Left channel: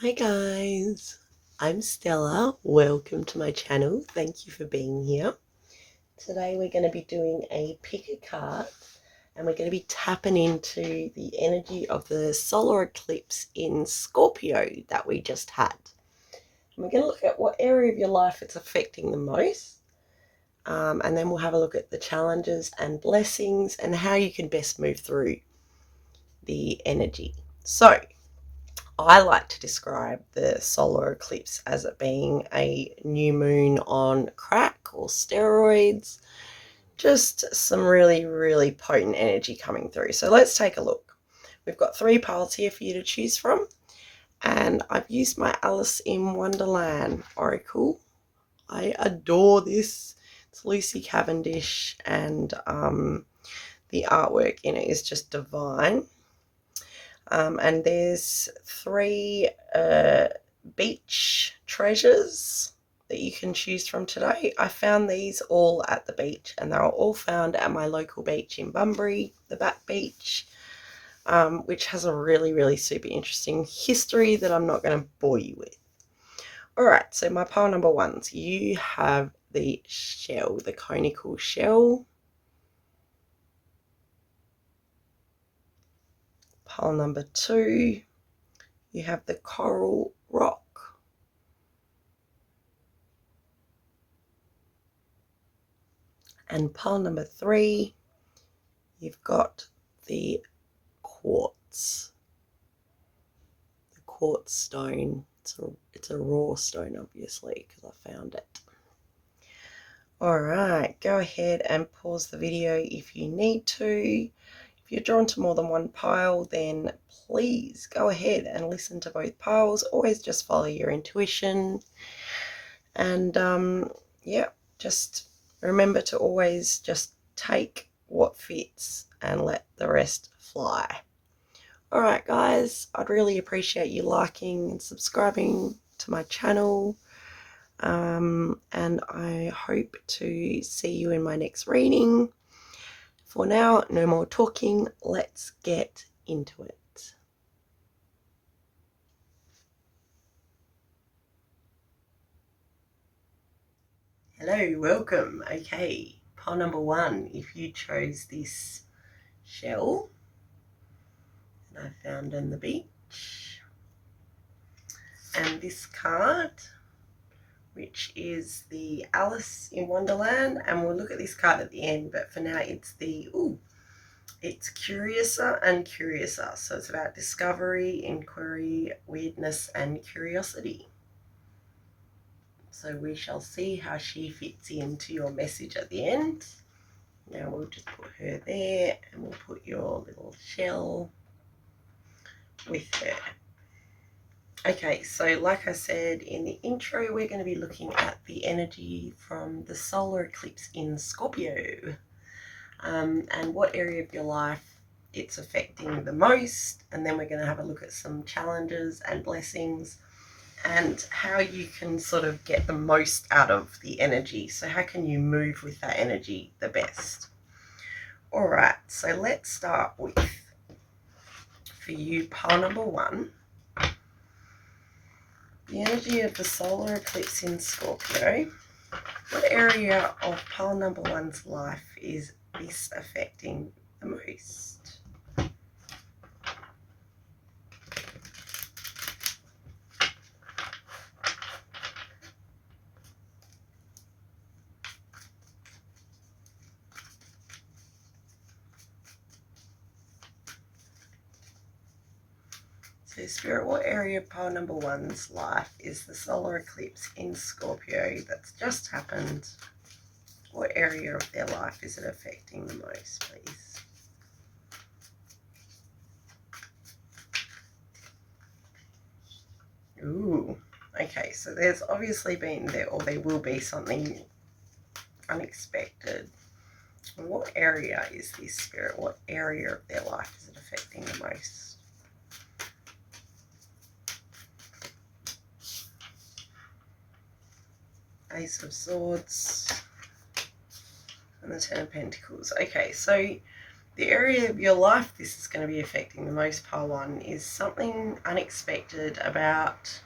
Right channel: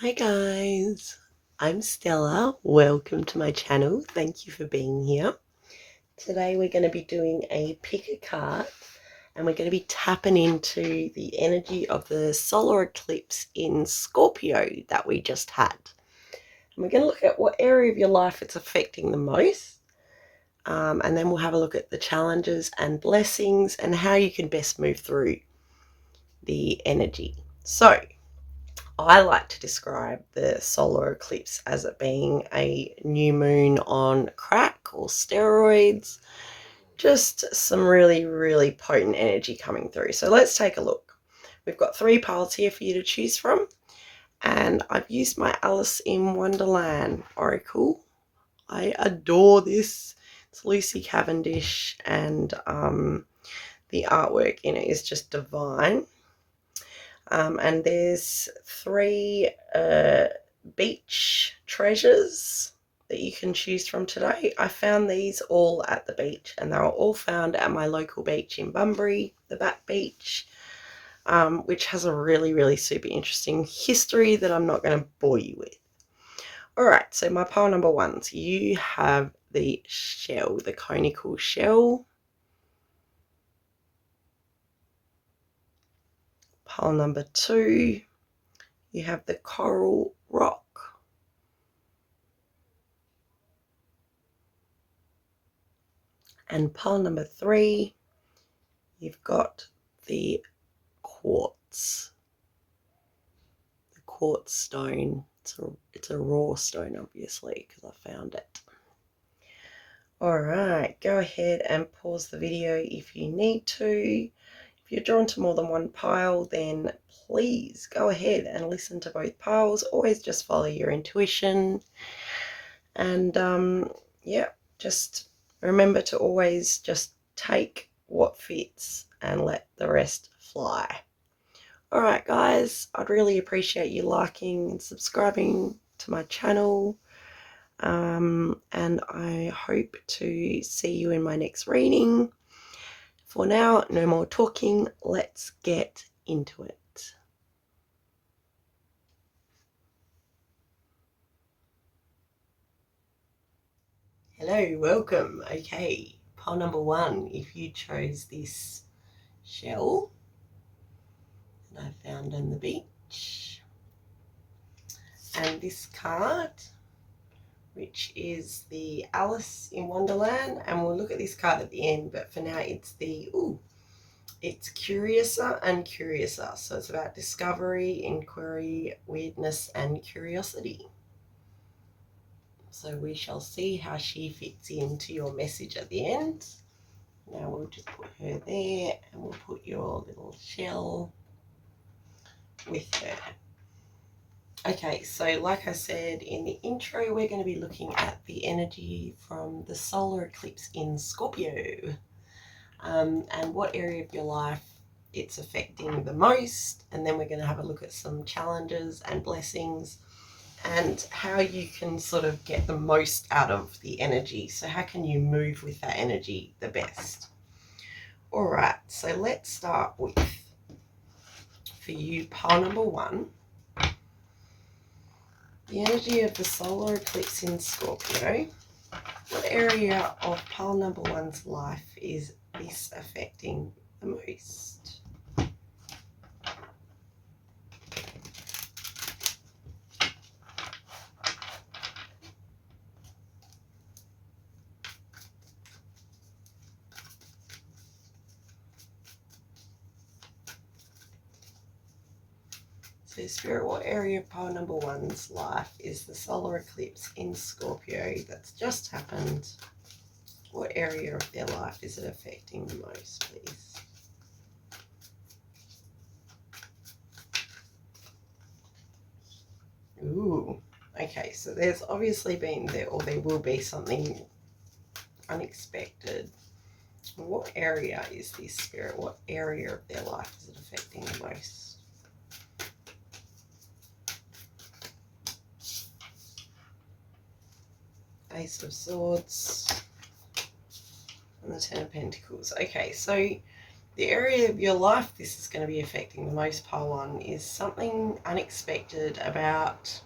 Hi guys, I'm Stella. Welcome to my channel. Thank you for being here. Today we're going to be doing a pick a card and we're going to be tapping into the energy of the solar eclipse in Scorpio that we just had. And we're going to look at what area of your life it's affecting the most. And then we'll have a look at the challenges and blessings and how you can best move through the energy. So, I like to describe the solar eclipse as it being a new moon on crack or steroids. Just some really, really potent energy coming through. So let's take a look. We've got 3 piles here for you to choose from. And I've used my Alice in Wonderland Oracle. I adore this. It's Lucy Cavendish and the artwork in it is just divine. And there's 3 beach treasures that you can choose from today. I found these all at the beach and they were all found at my local beach in Bunbury, the Bat Beach, which has a really, really super interesting history that I'm not going to bore you with. All right, so my pile number 1s, you have the shell, the conical shell. Pile number 2, you have the coral rock. And pile number 3, you've got the quartz stone. It's a raw stone, obviously, because I found it. All right, go ahead and pause the video if you need to. If you're drawn to more than one pile, then please go ahead and listen to both piles. Always just follow your intuition. And yeah, just remember to always just take what fits and let the rest fly. All right, guys, I'd really appreciate you liking and subscribing to my channel. And I hope to see you in my next reading. For now, no more talking. Let's get into it. Hello, welcome. Okay, pile number 1, if you chose this shell that I found on the beach, and this card, which is the Alice in Wonderland, and we'll look at this card at the end, but for now it's the, it's Curiouser and Curiouser, so it's about discovery, inquiry, weirdness and curiosity. So we shall see how she fits into your message at the end. Now we'll just put her there and we'll put your little shell with her. Okay, so like I said in the intro, we're going to be looking at the energy from the solar eclipse in Scorpio, and what area of your life it's affecting the most. And then we're going to have a look at some challenges and blessings and how you can sort of get the most out of the energy. So how can you move with that energy the best? All right, so let's start with, for you, pile number 1, the energy of the solar eclipse in Scorpio. What area of pile number 1's life is this affecting the most? So Spirit, what area of pile number 1's life is the solar eclipse in Scorpio that's just happened? What area of their life is it affecting the most, please? Ooh, okay, so there's obviously been there, or there will be something unexpected. What area is this, Spirit? What area of their life is it affecting the most? Ace of Swords and the 10 of Pentacles. Okay, so the area of your life this is going to be affecting the most, pile one, is something unexpected about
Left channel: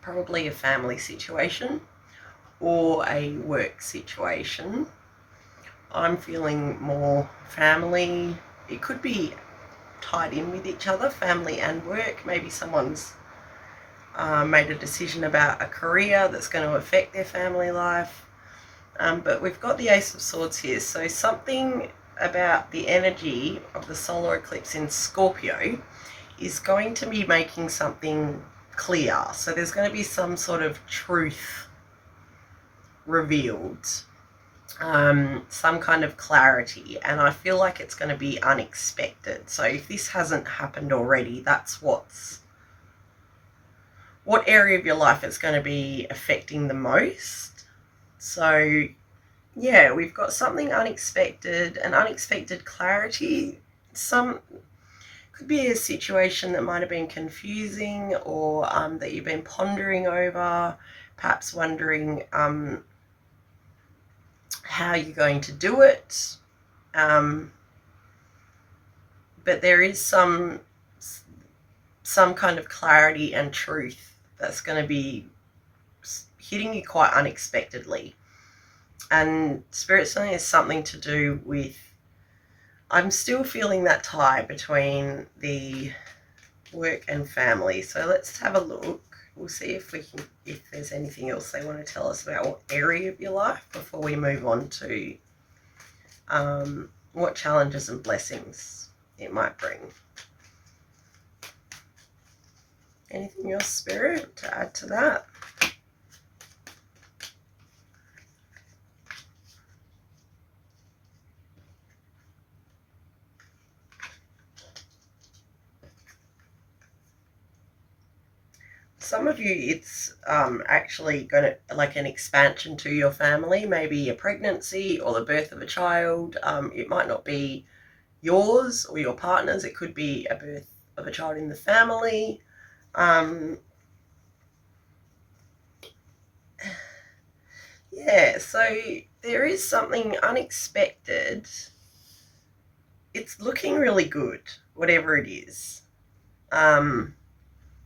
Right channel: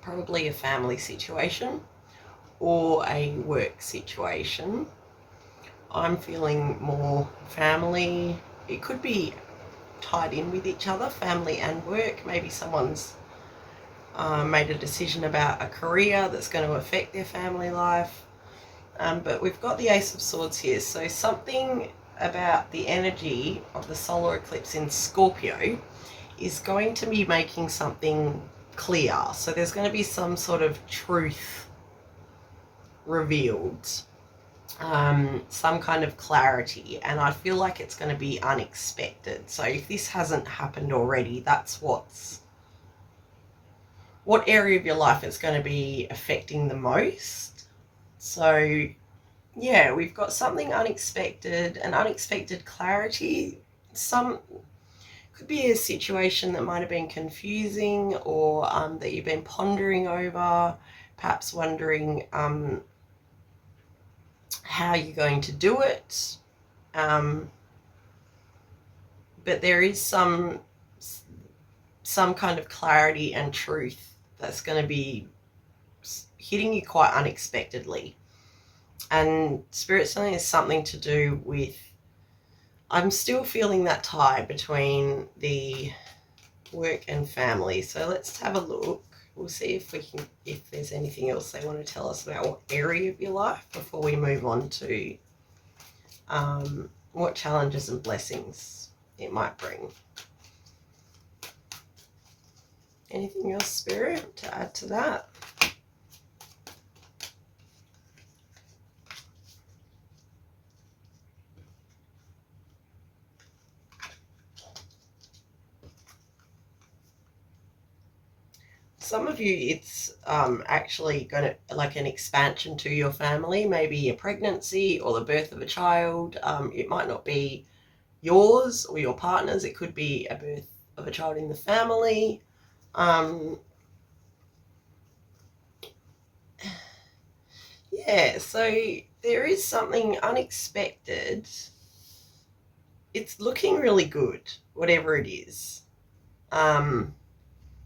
probably a family situation or a work situation. I'm feeling more family. It could be tied in with each other, family and work. Maybe someone's made a decision about a career that's going to affect their family life. But we've got the Ace of Swords here, so something about the energy of the solar eclipse in Scorpio is going to be making something clear. So there's going to be some sort of truth revealed, some kind of clarity, and I feel like it's going to be unexpected. So if this hasn't happened already, that's what area of your life it's going to be affecting the most. So yeah, we've got something unexpected, an unexpected clarity. Some could be a situation that might have been confusing, or that you've been pondering over, perhaps wondering how you're going to do it. But there is some kind of clarity and truth that's going to be hitting you quite unexpectedly. And Spirit saying is something to do with, I'm still feeling that tie between the work and family. So let's have a look. We'll see if there's anything else they want to tell us about what area of your life before we move on to what challenges and blessings it might bring. Anything else, Spirit, to add to that? Some of you, it's actually going to, like, an expansion to your family, maybe a pregnancy or the birth of a child. It might not be yours or your partner's. It could be a birth of a child in the family. Yeah, so there is something unexpected. It's looking really good, whatever it is.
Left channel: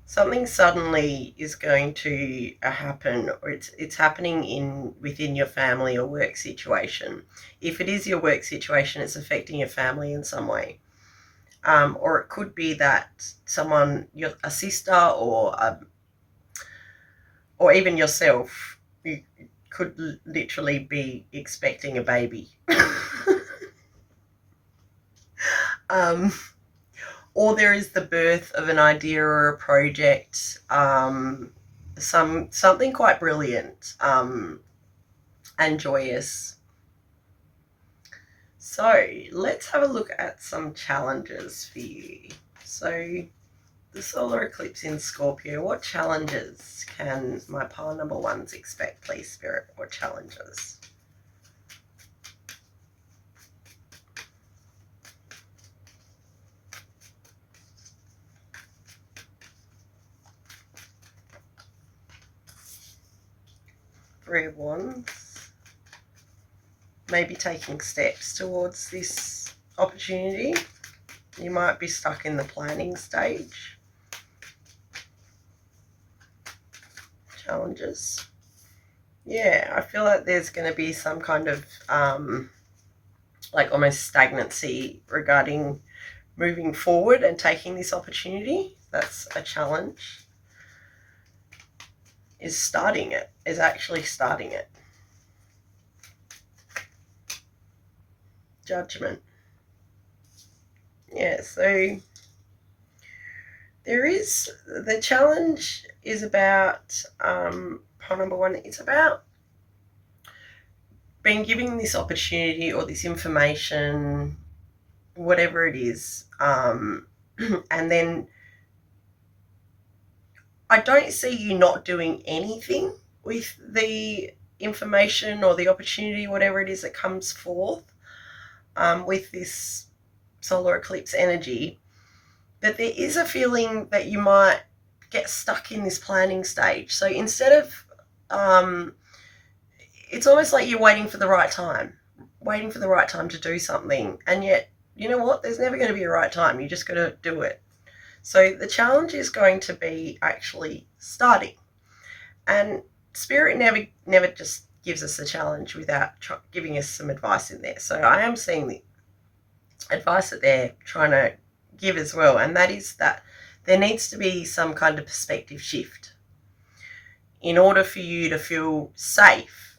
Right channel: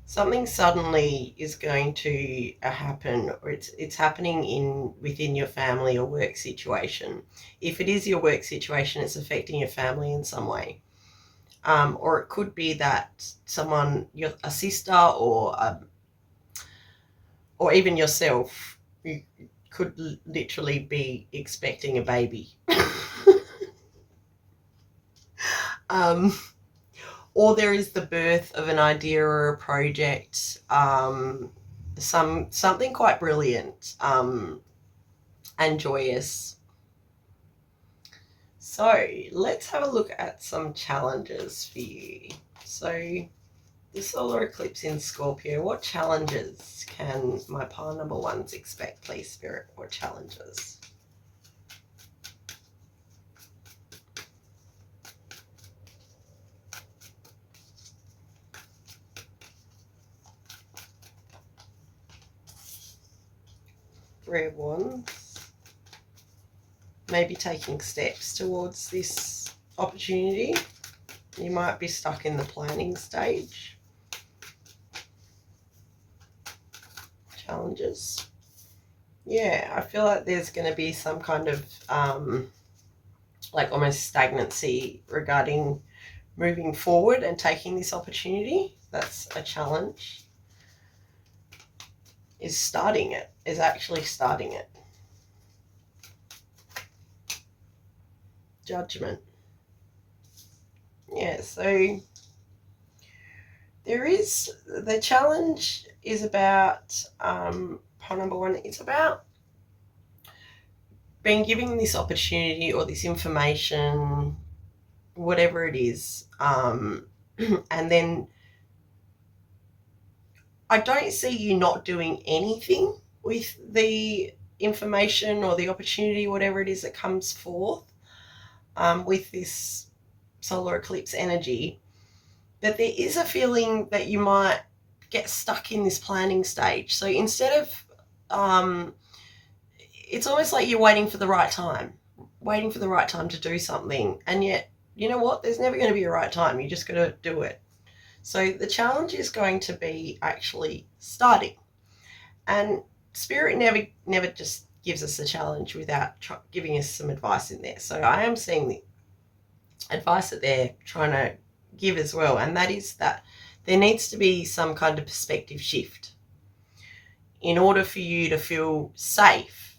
Something suddenly is going to happen, or it's happening within your family or work situation. If it is your work situation, it's affecting your family in some way. Or it could be that someone, a sister or even yourself, you could literally be expecting a baby. Or there is the birth of an idea or a project, something quite brilliant and joyous. So let's have a look at some challenges for you. So the solar eclipse in Scorpio, what challenges can my pile number ones expect, please, Spirit? What challenges? Three of Wands. Maybe taking steps towards this opportunity. You might be stuck in the planning stage. Challenges. Yeah, I feel like there's going to be some kind of like almost stagnancy regarding moving forward and taking this opportunity. That's a challenge. Is actually starting it. Judgment. Yeah, so the challenge is about pile number one, it's about being given this opportunity or this information, whatever it is, and then I don't see you not doing anything with the information or the opportunity, whatever it is that comes forth with this solar eclipse energy. But there is a feeling that you might get stuck in this planning stage. So instead of, it's almost like you're waiting for the right time. waiting for the right time to do something. And yet, you know what? There's never going to be a right time. You just got to do it. So the challenge is going to be actually starting. And Spirit never just gives us a challenge without giving us some advice in there. So I am seeing the advice that they're trying to give as well, and that is that there needs to be some kind of perspective shift in order for you to feel safe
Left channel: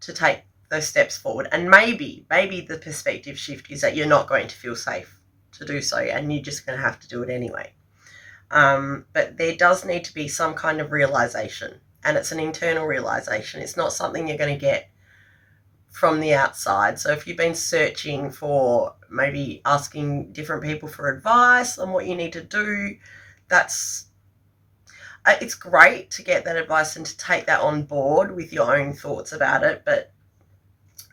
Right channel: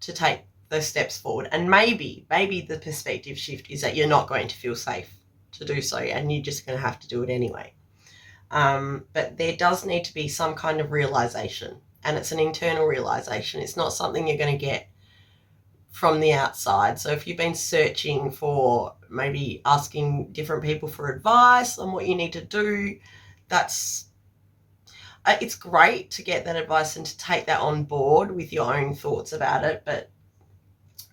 to take those steps forward. And maybe the perspective shift is that you're not going to feel safe to do so, and you're just going to have to do it anyway. But there does need to be some kind of realization, and it's an internal realization. It's not something you're going to get from the outside. So if you've been searching for, maybe asking different people for advice on what you need to do, it's great to get that advice and to take that on board with your own thoughts about it. But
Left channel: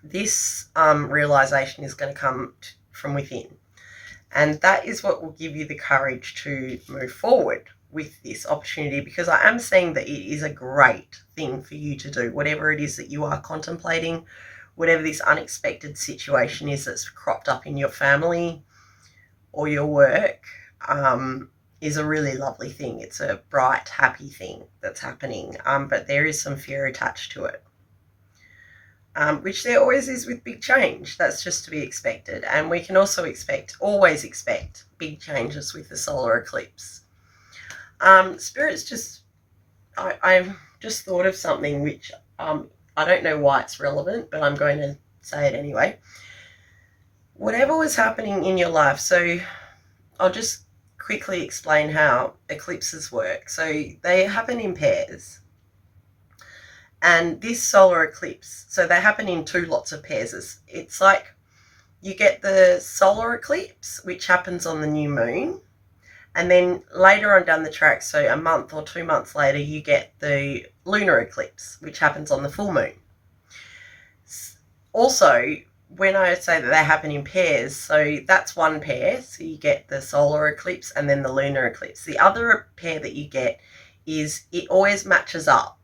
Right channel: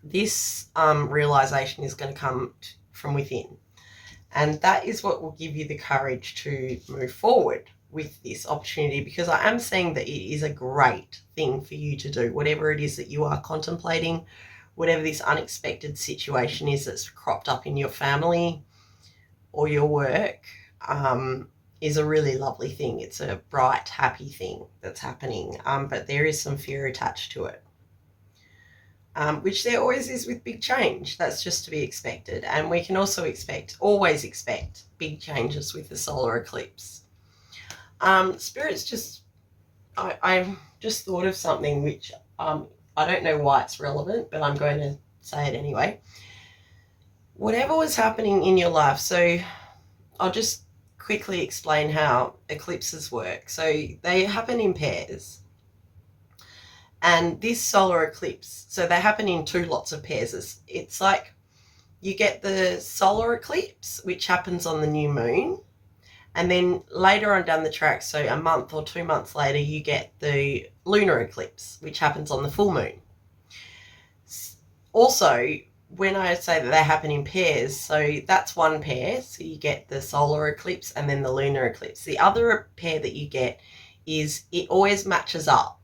this realization is going to come from within. And that is what will give you the courage to move forward with this opportunity, because I am seeing that it is a great thing for you to do, whatever it is that you are contemplating, whatever this unexpected situation is that's cropped up in your family or your work, is a really lovely thing. It's a bright, happy thing that's happening, but there is some fear attached to it. Which there always is with big change. That's just to be expected. And we can also always expect big changes with the solar eclipse. Spirit's just, I've just thought of something which I don't know why it's relevant, but I'm going to say it anyway. Whatever was happening in your life, so I'll just quickly explain how eclipses work. So they happen in pairs. And this solar eclipse, so they happen in two lots of pairs. It's like you get the solar eclipse, which happens on the new moon. And then later on down the track, so a month or 2 months later, you get the lunar eclipse, which happens on the full moon. Also, when I say that they happen in pairs, so that's one pair. So you get the solar eclipse and then the lunar eclipse. The other pair that you get is it always matches up.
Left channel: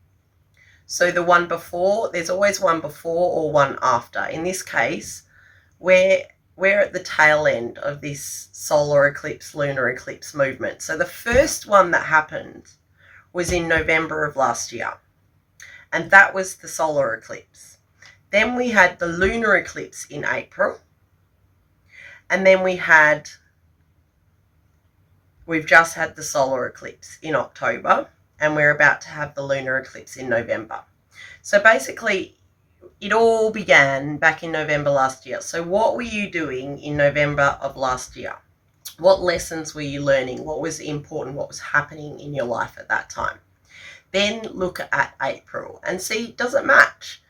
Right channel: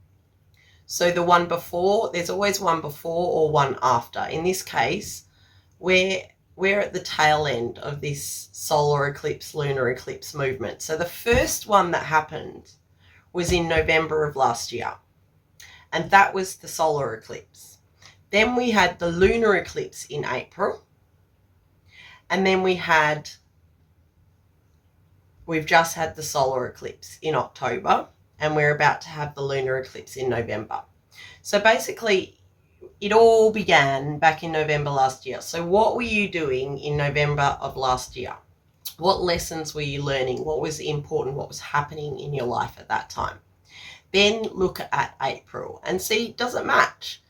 So the one before, there's always one before or one after. In this case, we're at the tail end of this solar eclipse, lunar eclipse movement. So the first one that happened was in November of last year, and that was the solar eclipse. Then we had the lunar eclipse in April, and then we've just had the solar eclipse in October, and we're about to have the lunar eclipse in November. So basically, it all began back in November last year. So what were you doing in November of last year? What lessons were you learning? What was important? What was happening in your life at that time? Then look at April and see, does it match?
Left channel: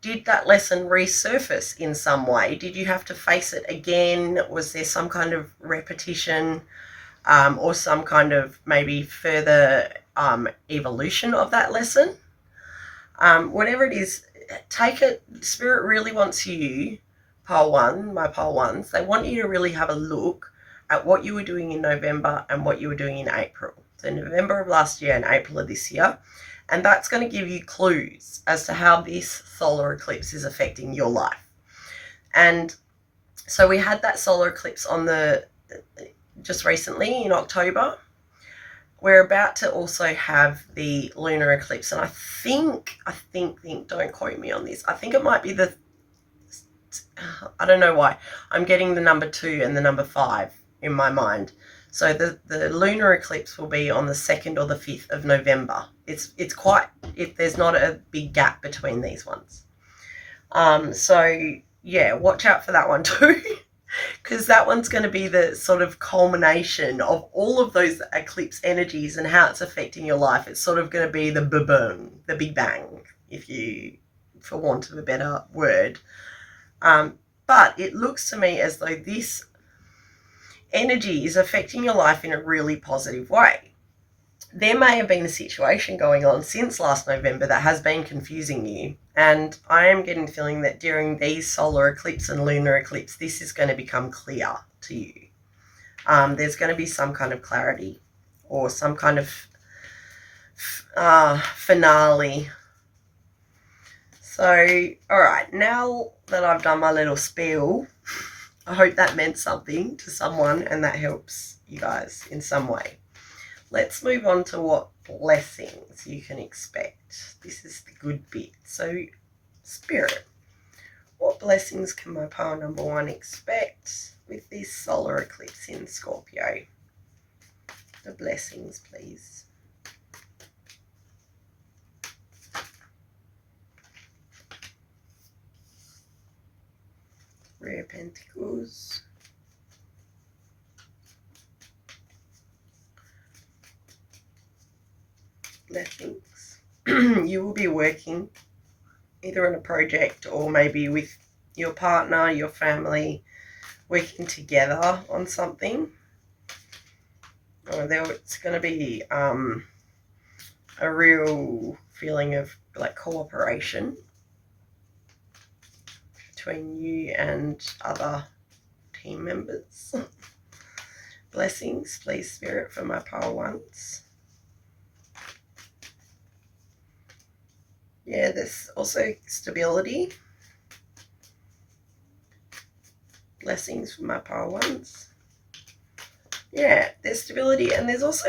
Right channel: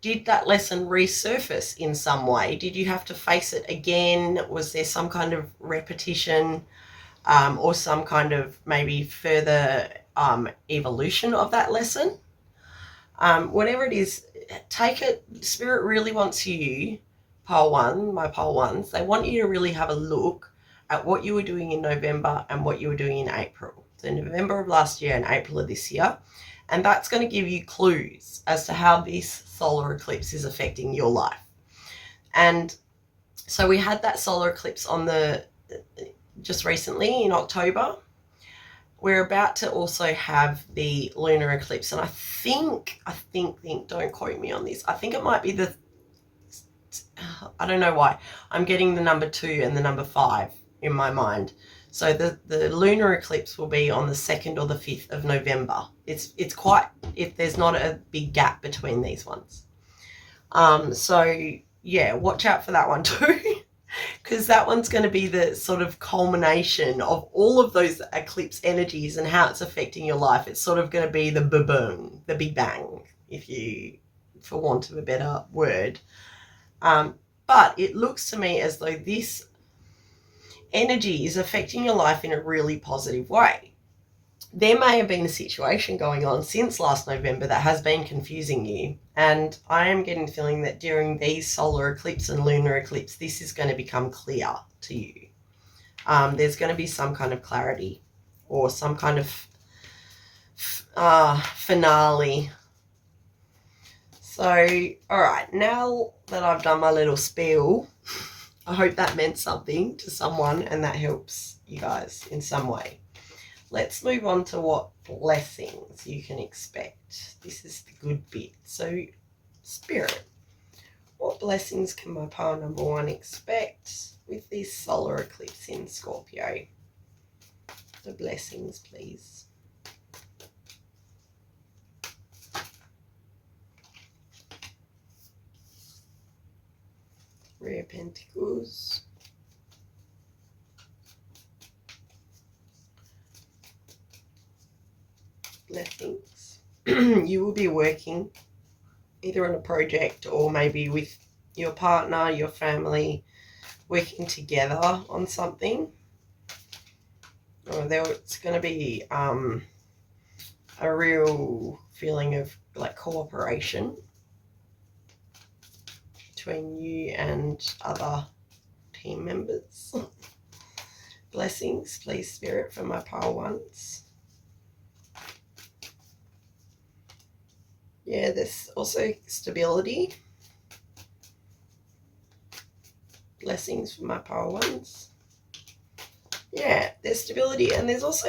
Did that lesson resurface in some way? Did you have to face it again? Was there some kind of repetition, or some kind of maybe further evolution of that lesson? Whatever it is, take it. Spirit really wants you, pole one, my pole ones, they want you to really have a look at what you were doing in November and what you were doing in April. So November of last year and April of this year. And that's going to give you clues as to how this solar eclipse is affecting your life. And so we had that solar eclipse just recently in October. We're about to also have the lunar eclipse, and I think, don't quote me on this, I think it might be I don't know why, I'm getting the number 2 and the number 5 in my mind. So the lunar eclipse will be on the 2nd or the 5th of November. There's not a big gap between these ones. So yeah, watch out for that one too. Because that one's going to be the sort of culmination of all of those eclipse energies and how it's affecting your life. It's sort of going to be the boom, the big bang, for want of a better word. But it looks to me as though this energy is affecting your life in a really positive way. There may have been a situation going on since last November that has been confusing you, and I am getting the feeling that during these solar eclipse and lunar eclipse, this is going to become clear to you. There's going to be some kind of clarity or some kind of finale, So, all right, now that I've done my little spiel, I hope that meant something to someone and that helps you guys in some way. Let's move on to what blessings you can expect. This is the good bit. So, Spirit, what blessings can my pile number one expect with this solar eclipse in Scorpio? The blessings, please. Rear Pentacles. Blessings. You will be working either on a project or maybe with your partner, your family, working together on something. It's going to be a real feeling of like cooperation between you and other team members. Blessings, please, Spirit, for my pile ones. Yeah, there's also stability. Blessings for my pile ones. Yeah, there's stability, and there's also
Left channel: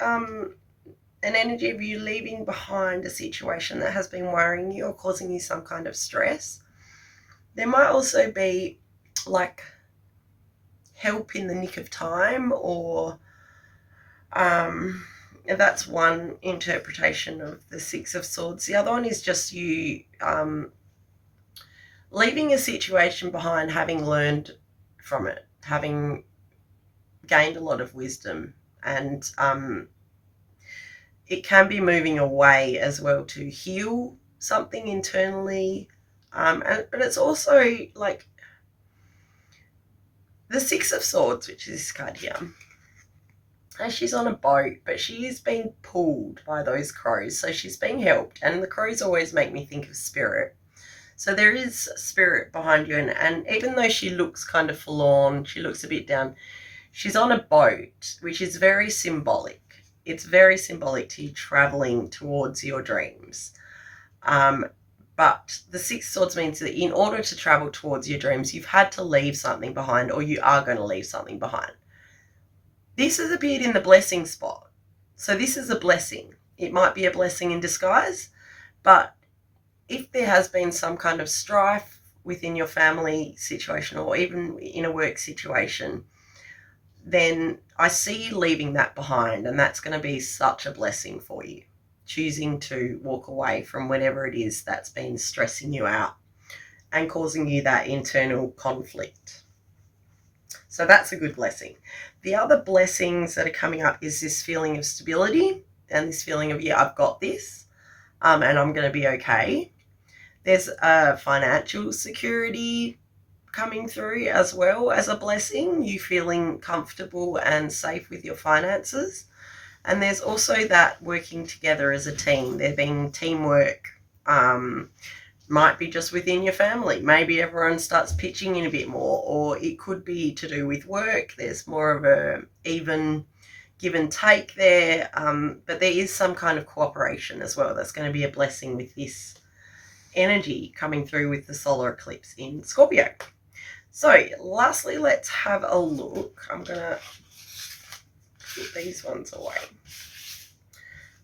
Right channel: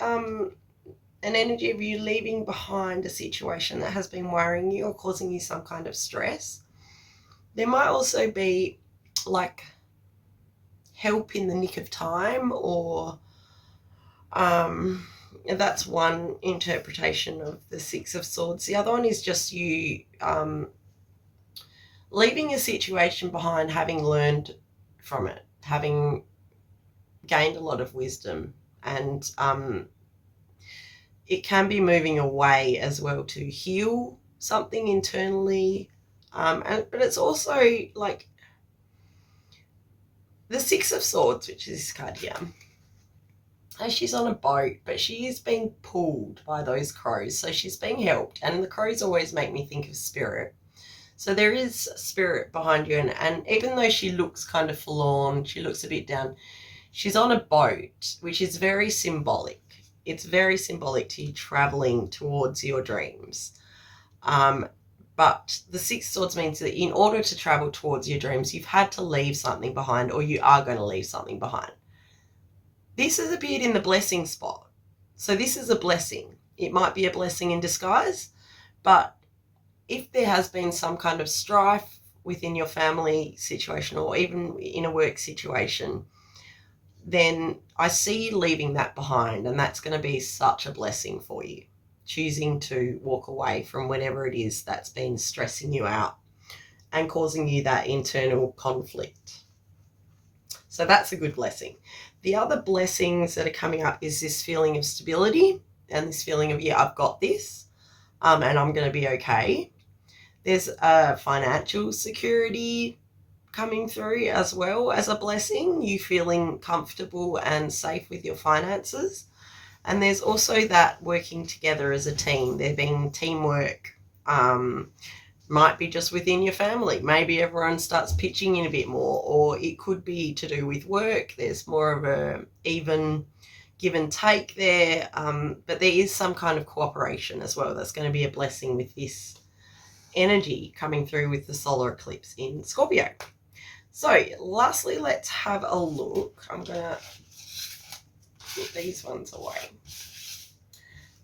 an energy of you leaving behind a situation that has been worrying you or causing you some kind of stress. There might also be like help in the nick of time, or that's one interpretation of the Six of Swords. The other one is just you leaving a situation behind, having learned from it, having gained a lot of wisdom, and it can be moving away as well to heal something internally. But it's also like the Six of Swords, which is this card here. And she's on a boat, but she is being pulled by those crows. So she's being helped. And the crows always make me think of spirit. So there is spirit behind you. And even though she looks kind of forlorn, she looks a bit down, she's on a boat, which is very symbolic. It's very symbolic to you traveling towards your dreams. But the Six of Swords means that in order to travel towards your dreams, you've had to leave something behind, or you are going to leave something behind. This has appeared in the blessing spot. So this is a blessing. It might be a blessing in disguise, but if there has been some kind of strife within your family situation or even in a work situation, then I see you leaving that behind, and that's going to be such a blessing for you, choosing to walk away from whatever it is that's been stressing you out and causing you that internal conflict. So that's a good blessing. The other blessings that are coming up is this feeling of stability and this feeling of, yeah, I've got this, and I'm going to be okay. There's a financial security coming through as well as a blessing, you feeling comfortable and safe with your finances. And there's also that working together as a team, there being teamwork, might be just within your family. Maybe everyone starts pitching in a bit more, or it could be to do with work. There's more of a even give and take there, but there is some kind of cooperation as well. That's going to be a blessing with this energy coming through with the solar eclipse in Scorpio. So lastly, let's have a look. I'm going to put these ones away.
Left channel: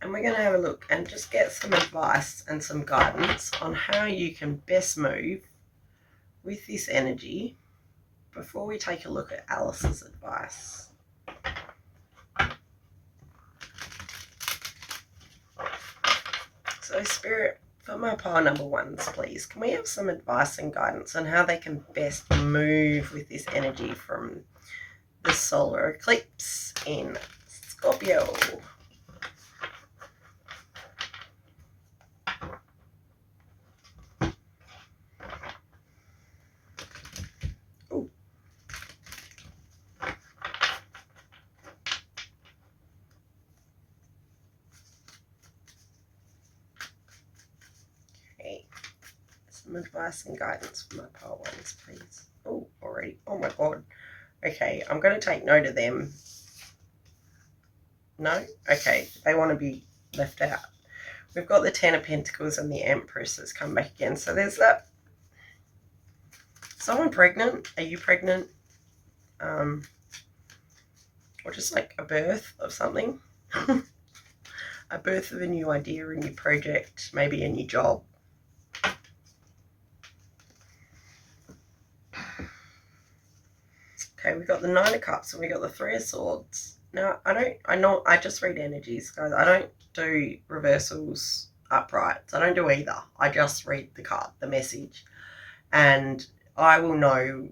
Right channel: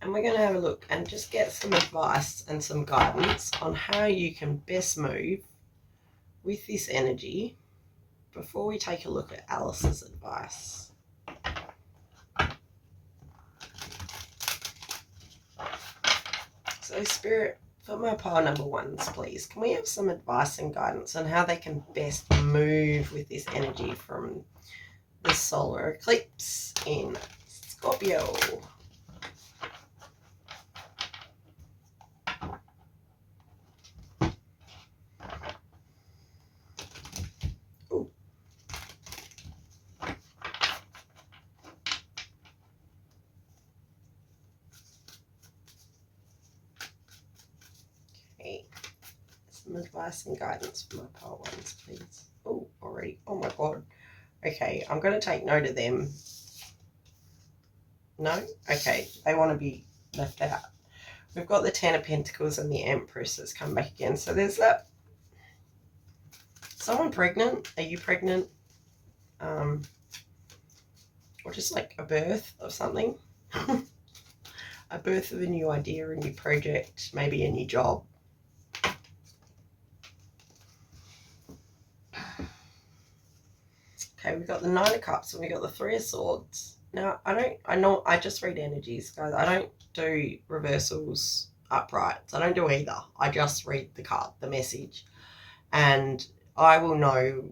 And we're going to have a look and just get some advice and some guidance on how you can best move with this energy before we take a look at Alice's advice. So Spirit, for my pile number ones, please, can we have some advice and guidance on how they can best move with this energy from the solar eclipse in Scorpio? Some advice and guidance for my pile ones, please. Oh, already. Oh my God. Okay, I'm going to take note of them. No? Okay, they want to be left out. We've got the Ten of Pentacles and the Empress has come back again. So there's that. Someone pregnant? Are you pregnant? Or just like a birth of something. A birth of a new idea, a new project, maybe a new job. Okay, we got the Nine of Cups and we got the Three of Swords. Now, I just read energies, guys. I don't do reversals, uprights. I don't do either. I just read the card, the message. And I will know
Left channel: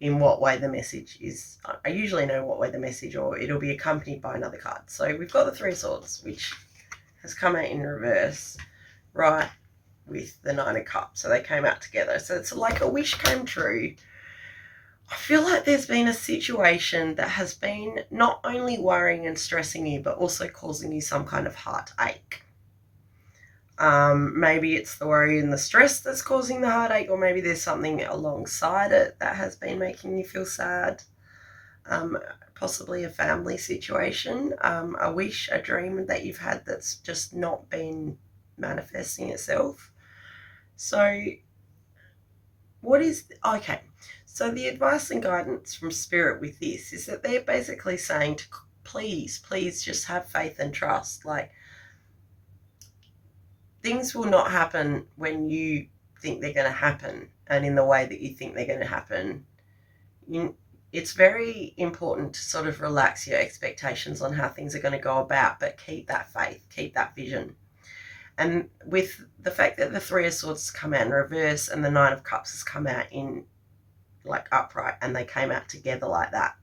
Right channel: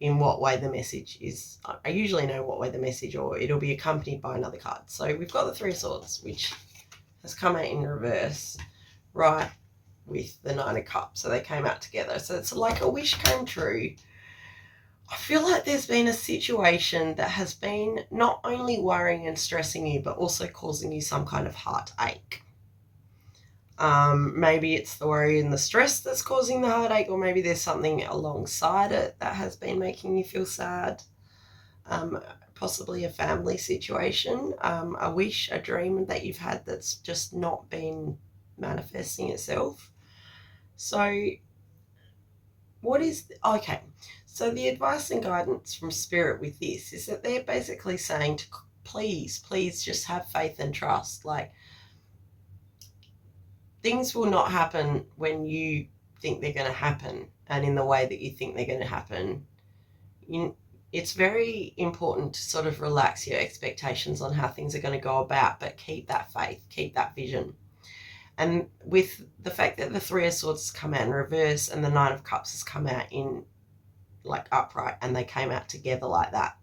in what way the message is. I usually know what way the message, or it'll be accompanied by another card. So we've got the Three of Swords, which has come out in reverse, right, with the Nine of Cups. So they came out together. So it's like a wish came true. I feel like there's been a situation that has been not only worrying and stressing you, but also causing you some kind of heartache. Maybe it's the worry and the stress that's causing the heartache, or maybe there's something alongside it that has been making you feel sad. Possibly a family situation, a wish, a dream that you've had that's just not been manifesting itself. So okay, so the advice and guidance from Spirit with this is that they're basically saying to please just have faith and trust. Like, things will not happen when you think they're going to happen and in the way that you think they're going to happen. It's very important to sort of relax your expectations on how things are going to go about, but keep that faith, keep that vision. And with the fact that the Three of Swords has come out in reverse and the Nine of Cups has come out in like upright, and they came out together like that,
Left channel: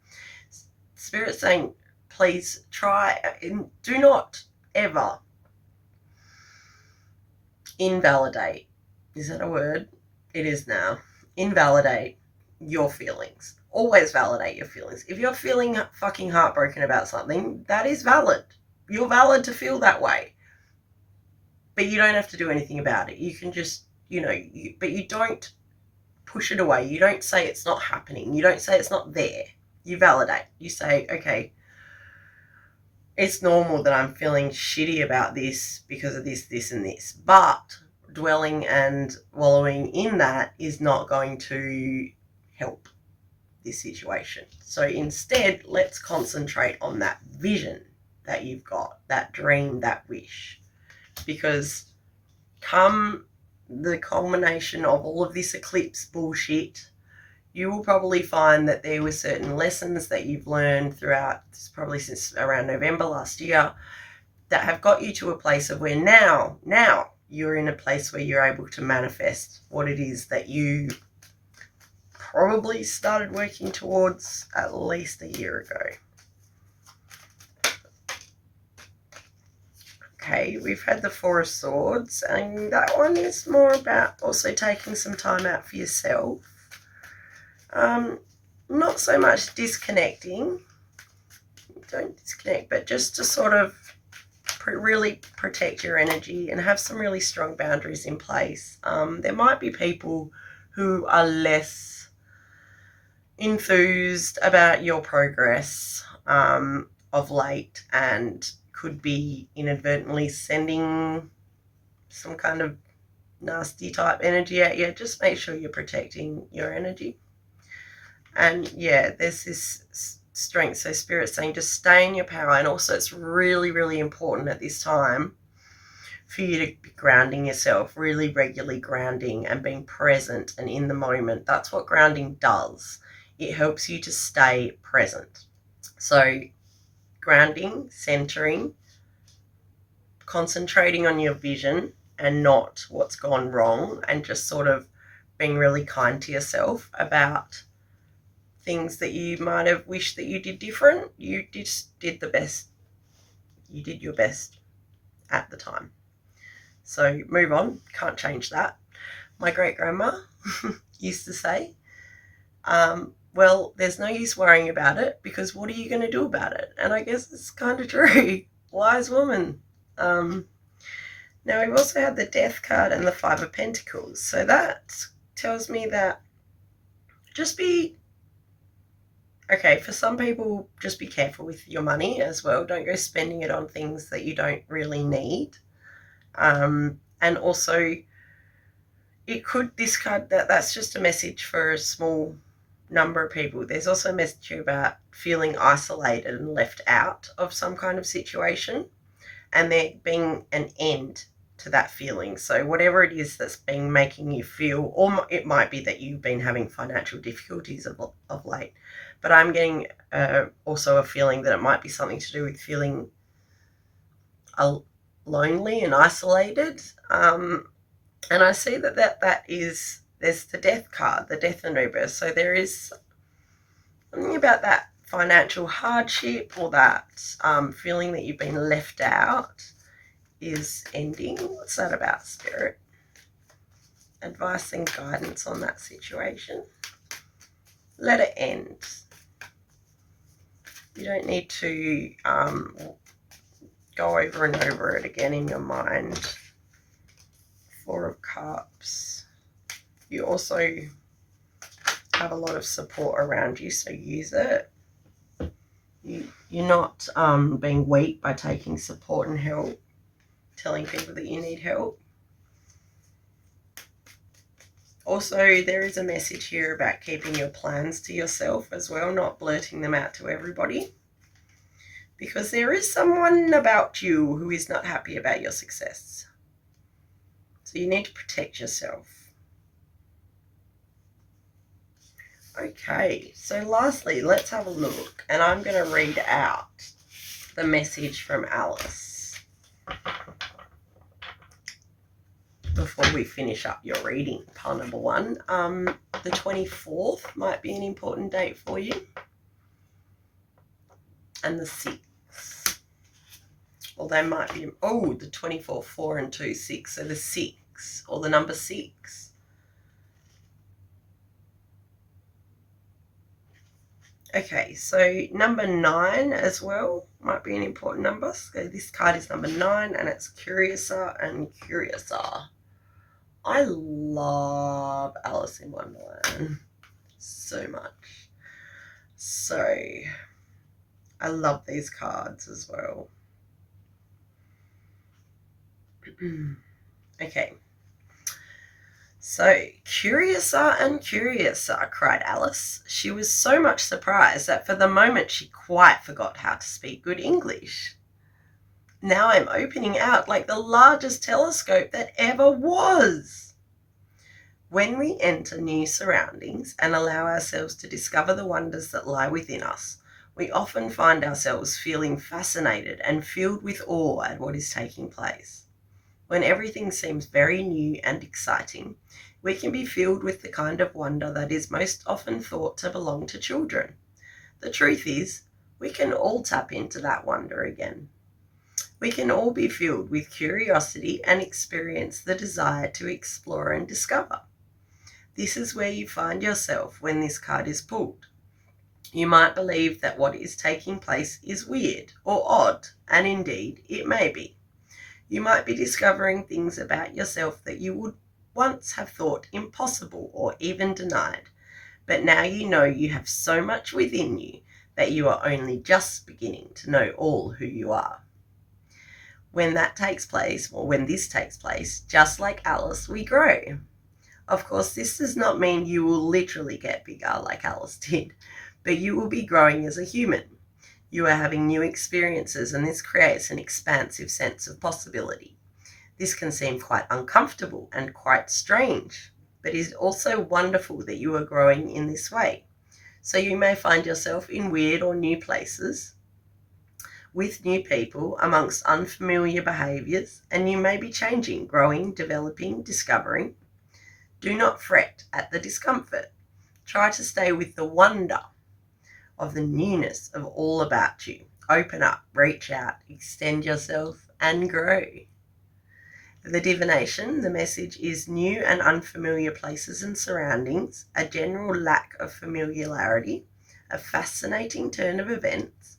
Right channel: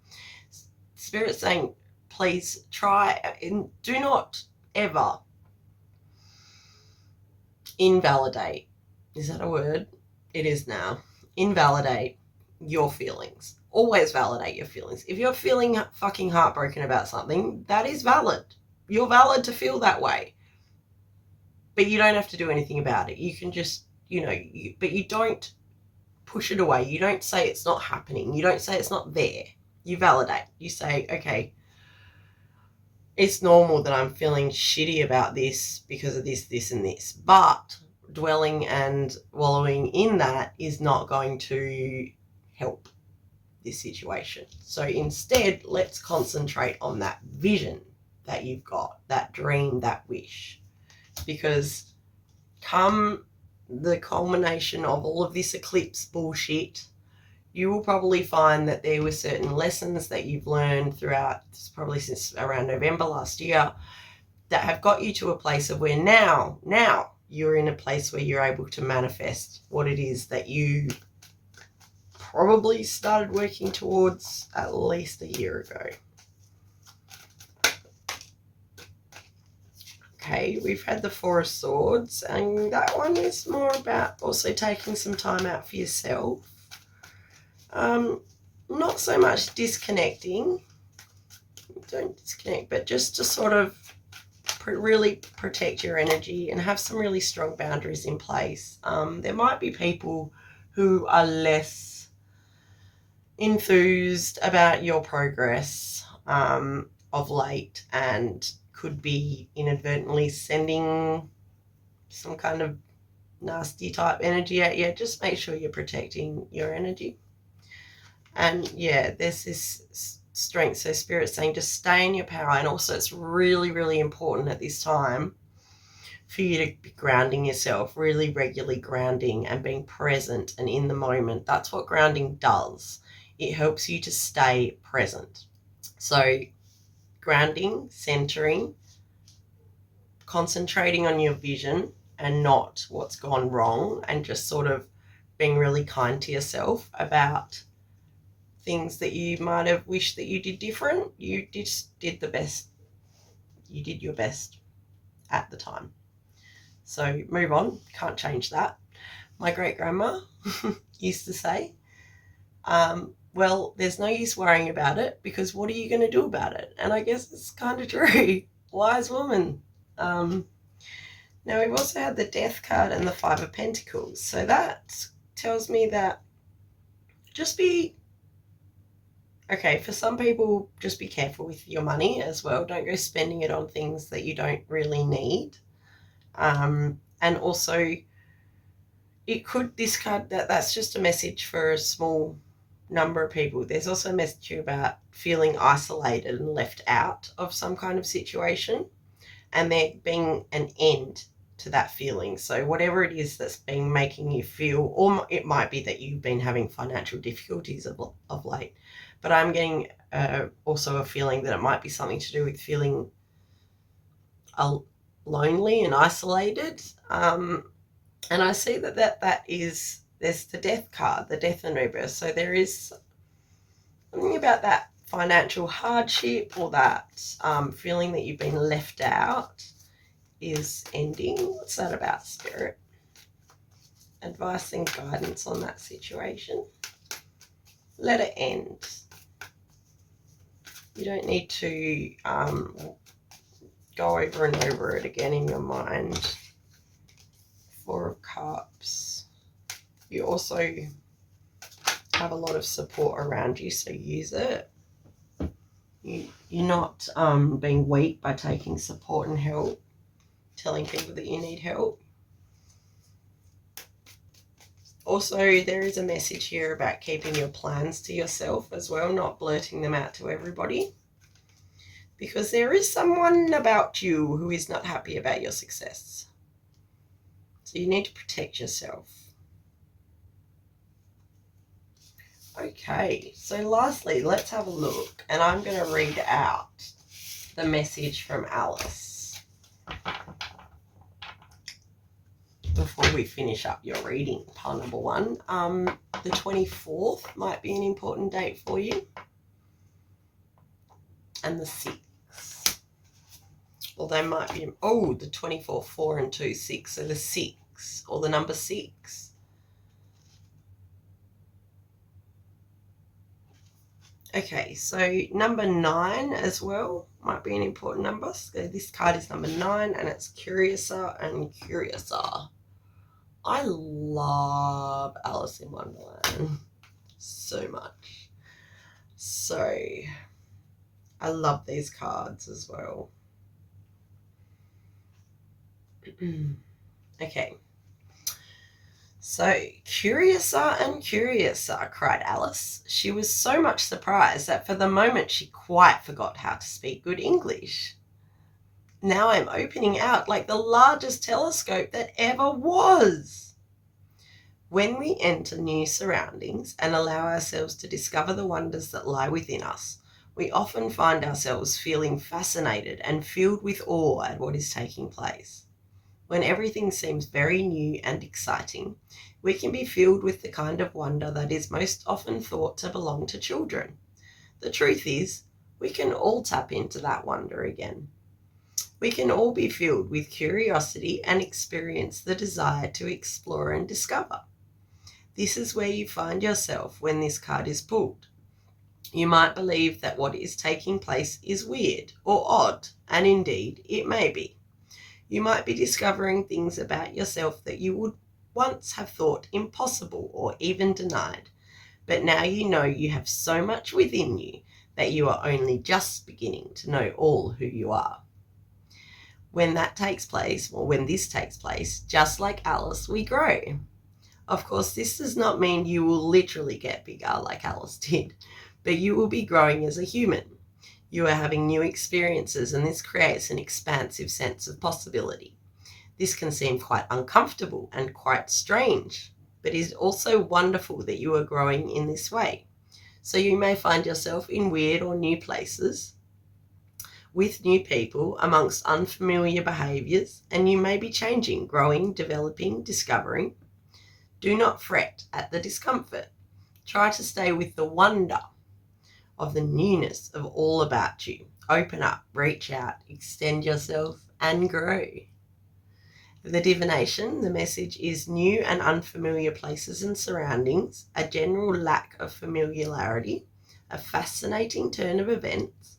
Spirit's saying, please try and do not ever invalidate. Is that a word? It is now. Invalidate your feelings. Always validate your feelings. If you're feeling fucking heartbroken about something, that is valid. You're valid to feel that way. But you don't have to do anything about it. You can just, but you don't push it away. You don't say it's not happening. You don't say it's not there. You validate. You say, okay, it's normal that I'm feeling shitty about this because of this, this, and this. But dwelling and wallowing in that is not going to help this situation. So instead, let's concentrate on that vision that you've got, that dream, that wish. Because come the culmination of all of this eclipse bullshit, you will probably find that there were certain lessons that you've learned throughout, probably since around November last year, that have got you to a place of where now you're in a place where you're able to manifest what it is that you probably started working towards at least a year ago. Okay, we've had the Four of Swords, and that one is more about also taking some time out for yourself. Not so much disconnecting. Don't disconnect, but just to sort of really protect your energy and have some really strong boundaries in place. There might be people who are less enthused about your progress of late and could be inadvertently sending some kind of nasty type energy at you. Just make sure you're protecting your energy. And yeah, there's this strength. So Spirit's saying just stay in your power. And also it's really, really important at this time for you to be grounding yourself, really regularly grounding and being present and in the moment. That's what grounding does. It helps you to stay present. So grounding, centering, concentrating on your vision and not what's gone wrong, and just sort of being really kind to yourself about things that you might have wished that you did different. You just did the best. You did your best at the time. So move on. Can't change that. My great-grandma used to say, well, there's no use worrying about it because what are you going to do about it? And I guess it's kind of true. Wise woman. Now we've also had the Death card and the Five of Pentacles. So that tells me that just be, okay, for some people, just be careful with your money as well. Don't go spending it on things that you don't really need. And also it could, this card, that's just a message for a small number of people. There's also a message about feeling isolated and left out of some kind of situation, and there being an end to that feeling. So whatever it is that's been making you feel, or it might be that you've been having financial difficulties of late, but I'm getting also a feeling that it might be something to do with feeling lonely and isolated. And I see that is, there's the death card, the death and rebirth. So there is something about that financial hardship, or that feeling that you've been left out is ending. What's that about, Spirit? Advice and guidance on that situation. Let it end. You don't need to go over and over it again in your mind. Four of Cups. You also have a lot of support around you, so use it. You're not being weak by taking support and help, telling people that you need help. Also, there is a message here about keeping your plans to yourself as well, not blurting them out to everybody, because there is someone about you who is not happy about your success. So you need to protect yourself. Okay, so lastly, let's have a look, and I'm going to read out the message from Alice before we finish up your reading, pile number one. The 24th might be an important date for you, and the 6th. Well, they might be, oh, the 24th, 4 and 2, 6, so the 6, or the number 6. Okay, so number 9 as well might be an important number. So this card is number 9, and it's Curiouser and Curiouser. I love Alice in Wonderland so much. So I love these cards as well. Okay. So, Curiouser and Curiouser, cried Alice. She was so much surprised that for the moment she quite forgot how to speak good English. Now I'm opening out like the largest telescope that ever was. When we enter new surroundings and allow ourselves to discover the wonders that lie within us, we often find ourselves feeling fascinated and filled with awe at what is taking place. When everything seems very new and exciting, we can be filled with the kind of wonder that is most often thought to belong to children. The truth is, we can all tap into that wonder again. We can all be filled with curiosity and experience the desire to explore and discover. This is where you find yourself when this card is pulled. You might believe that what is taking place is weird or odd, and indeed it may be. You might be discovering things about yourself that you would once have thought impossible or even denied, but now you know you have so much within you that you are only just beginning to know all who you are. When that takes place, or when this takes place, just like Alice, we grow. Of course, this does not mean you will literally get bigger like Alice did, but you will be growing as a human. You are having new experiences, and this creates an expansive sense of possibility. This can seem quite uncomfortable and quite strange, but it is also wonderful that you are growing in this way. So you may find yourself in weird or new places, with new people, amongst unfamiliar behaviours, and you may be changing, growing, developing, discovering. Do not fret at the discomfort. Try to stay with the wonder of the newness of all about you. Open up, reach out, extend yourself, and grow. The divination, the message is new and unfamiliar places and surroundings, a general lack of familiarity, a fascinating turn of events,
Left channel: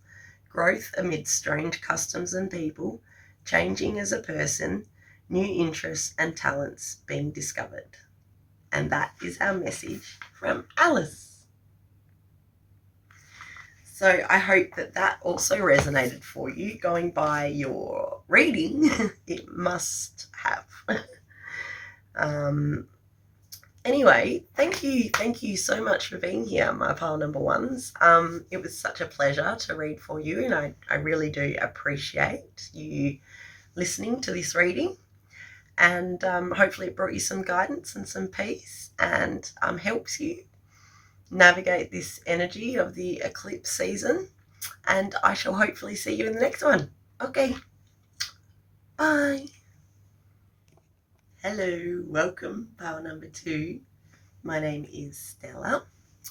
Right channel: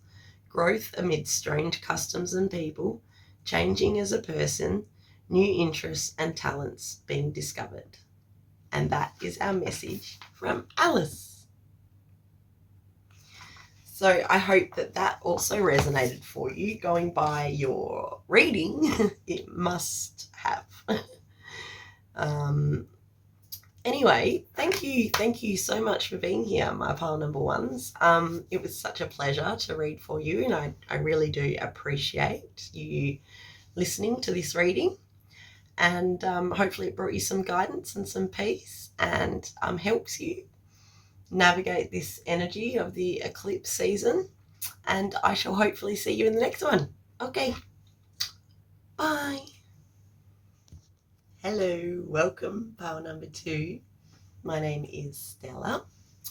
growth amid strange customs and people, changing as a person, new interests and talents being discovered. And that is our message from Alice. So I hope that that also resonated for you. Going by your reading, it must have. Anyway, thank you so much for being here, my pile number ones. It was such a pleasure to read for you, and I really do appreciate you listening to this reading. And hopefully it brought you some guidance and some peace, and helps you navigate this energy of the eclipse season. And I shall hopefully see you in the next one. Okay, bye. Hello, welcome, pile number 2. My name is Stella,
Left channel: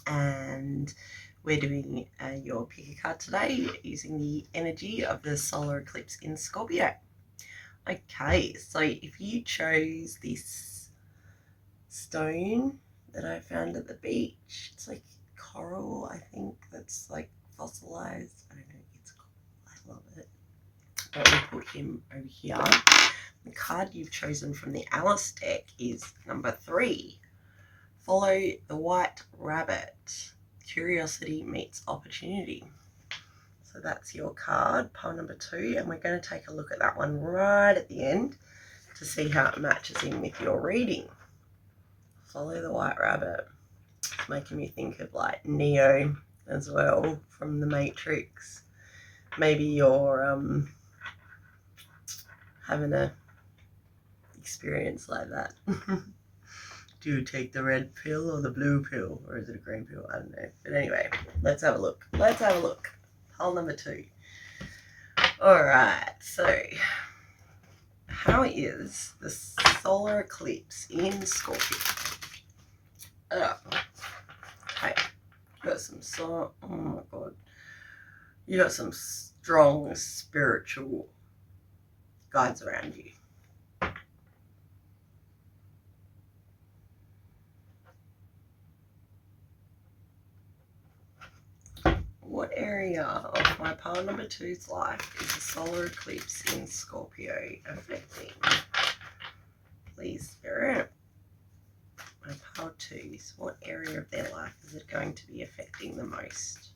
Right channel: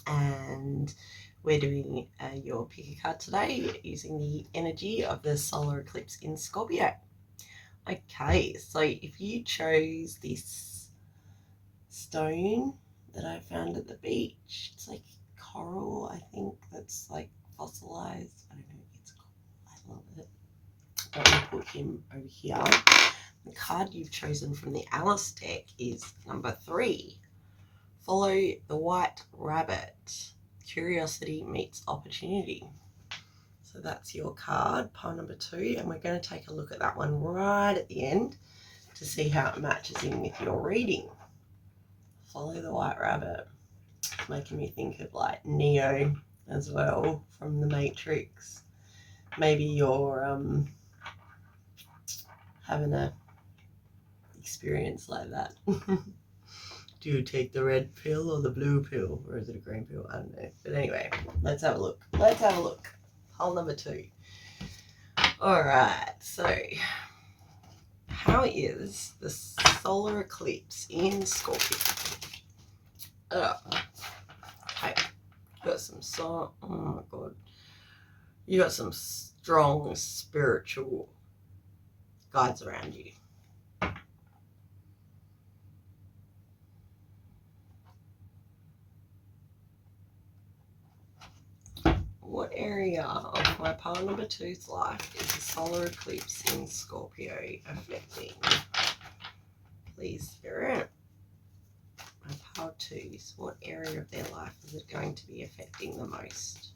and we're doing your pick a card today using the energy of the solar eclipse in Scorpio. Okay, so if you chose this stone that I found at the beach, it's like coral, I think, that's like fossilized. I don't know, it's cool. I love it. Let me put him over here. The card you've chosen from the Alice deck is number 3. Follow the white rabbit. Curiosity meets opportunity. So that's your card, pile number 2, and we're going to take a look at that one right at the end to see how it matches in with your reading. Follow the white rabbit. It's making me think of like Neo as well from the Matrix. Maybe you're having a experience like that. Do you take the red pill or the blue pill, or is it a green pill? I don't know. But anyway, let's have a look. Pile number 2. All right, so how is the solar eclipse in Scorpio? Okay, got some oh my god, you got some strong spiritual guides around you. What area of my pile number 2's life is the solar eclipse in Scorpio affecting? Please, Spirit. My pile 2's, what area of their life is it going to be affecting the most?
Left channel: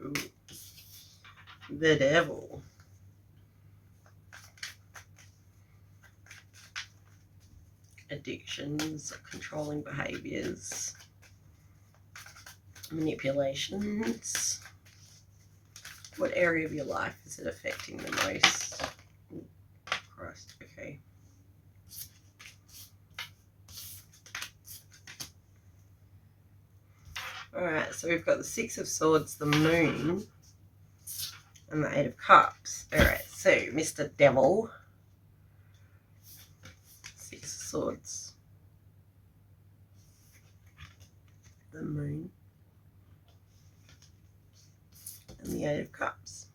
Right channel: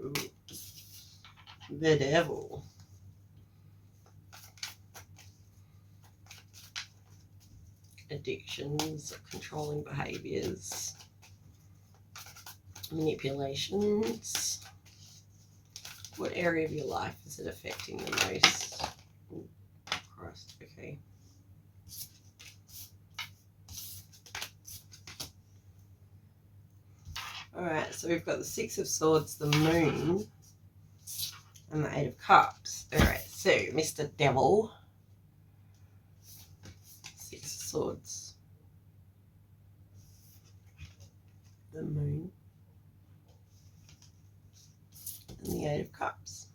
Ooh. The devil. Addictions, controlling behaviors, manipulations. What area of your life is it affecting the most? Ooh, Christ, okay. Alright, so we've got the 6 of Swords, the Moon, and the 8 of Cups. Alright, so Mr. Devil. 6 of Swords. The Moon. And the 8 of Cups.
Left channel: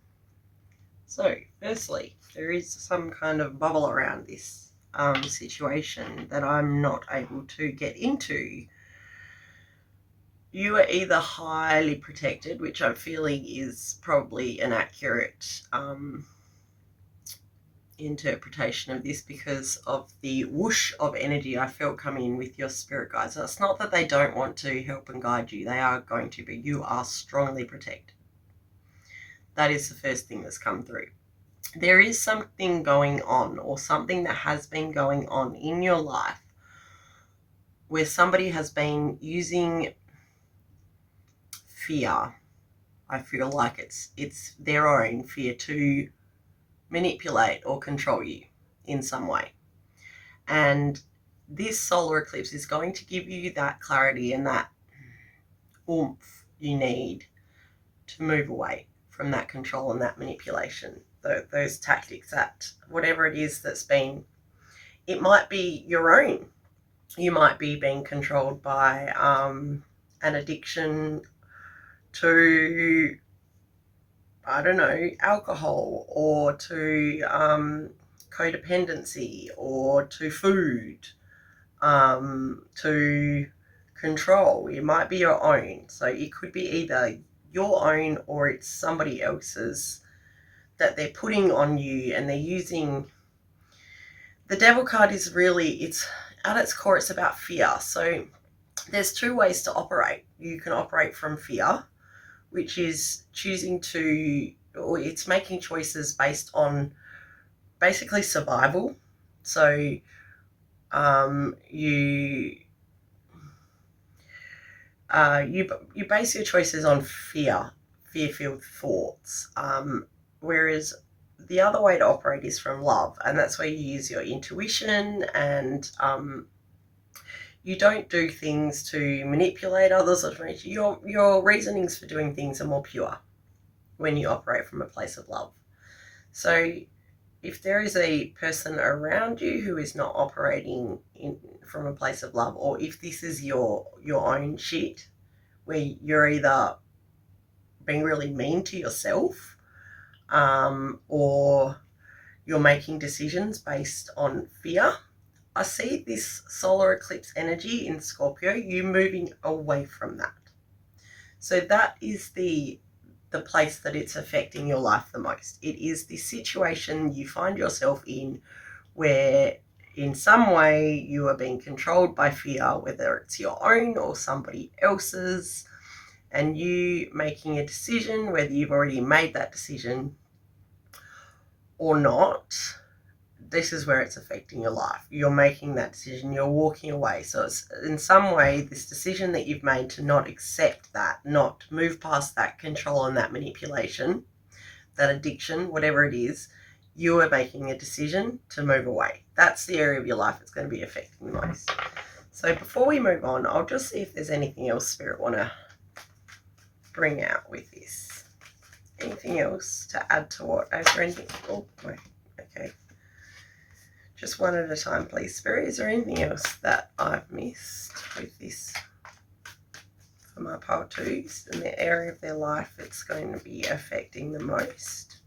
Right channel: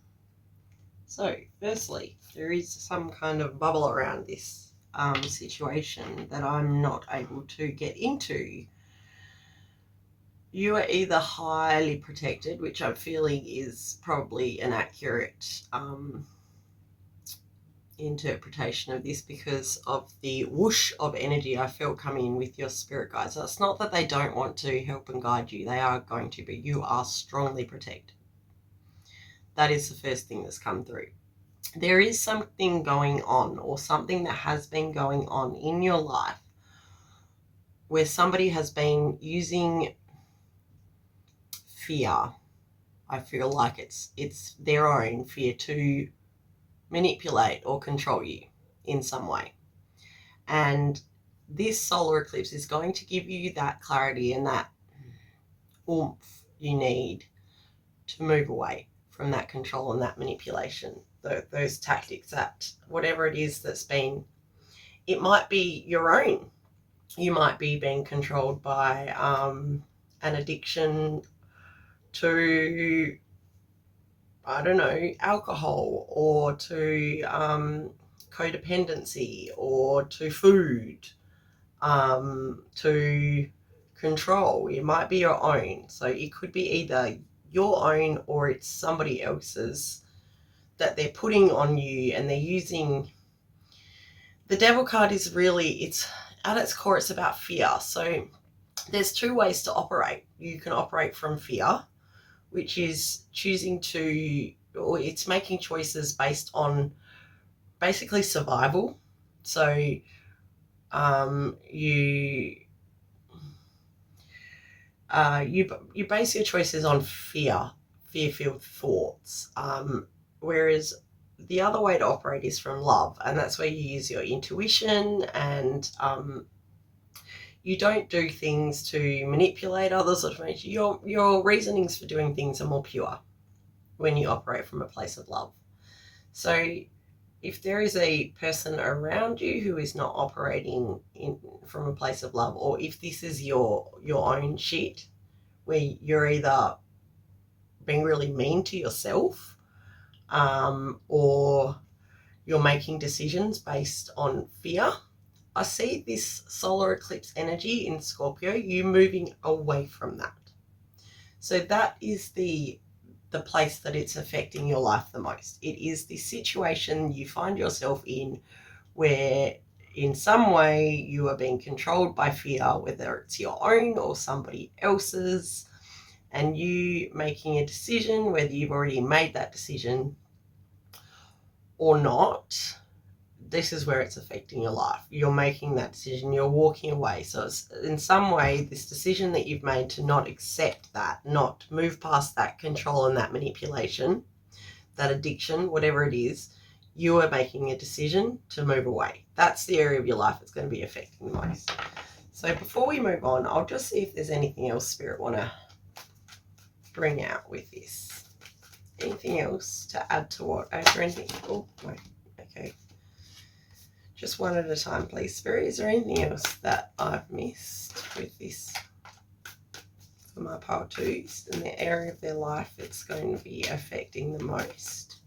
So, firstly, there is some kind of bubble around this situation that I'm not able to get into. You are either highly protected, which I'm feeling is probably an accurate interpretation of this because of the whoosh of energy I feel coming in with your spirit guides. So it's not that they don't want to help and guide you. They are going to, but you are strongly protected. That is the first thing that's come through. There is something going on, or something that has been going on in your life where somebody has been using fear. I feel like it's their own fear to manipulate or control you in some way. And this solar eclipse is going to give you that clarity and that oomph you need to move away from that control and that manipulation, those tactics, that whatever it is that's been, it might be your own. You might be being controlled by an addiction to, I don't know, alcohol, or to codependency, or to food, to control. It might be your own. So it could be either your own or it's somebody else's that they're putting on you, and they're using. The Devil card is really, it's at its core, it's about fear. So there's two ways to operate. You can operate from fear, which is choosing to, or it's making choices based on basically survival. So you base your choices on fear-filled thoughts, whereas the other way to operate is from love, and that's where you use your intuition, and you don't do things to manipulate others or to your reasonings for doing things are more pure when you operate from a place of love. So if there is a person around you who is not operating from a place of love, or if this is your own shit, where you're either being really mean to yourself, or you're making decisions based on fear, I see this solar eclipse energy in Scorpio, you moving away from that. So that is the place that it's affecting your life the most. It is the situation you find yourself in where in some way you are being controlled by fear, whether it's your own or somebody else's, and you making a decision, whether you've already made that decision or not. This is where it's affecting your life. You're making that decision, you're walking away. So it's in some way this decision that you've made to not accept that, not move past that control and that manipulation, that addiction, whatever it is, you are making a decision to move away. That's the area of your life that's going to be affecting the most. So before we move on, I'll just see if there's anything else Spirit want to bring out with this. Anything else to add to what? Is there anything? Oh, no. Okay. Just one at a time, please, Spirit. Is there anything else that I've missed with this for my pile twos in the area of their life it's going to be affecting the most?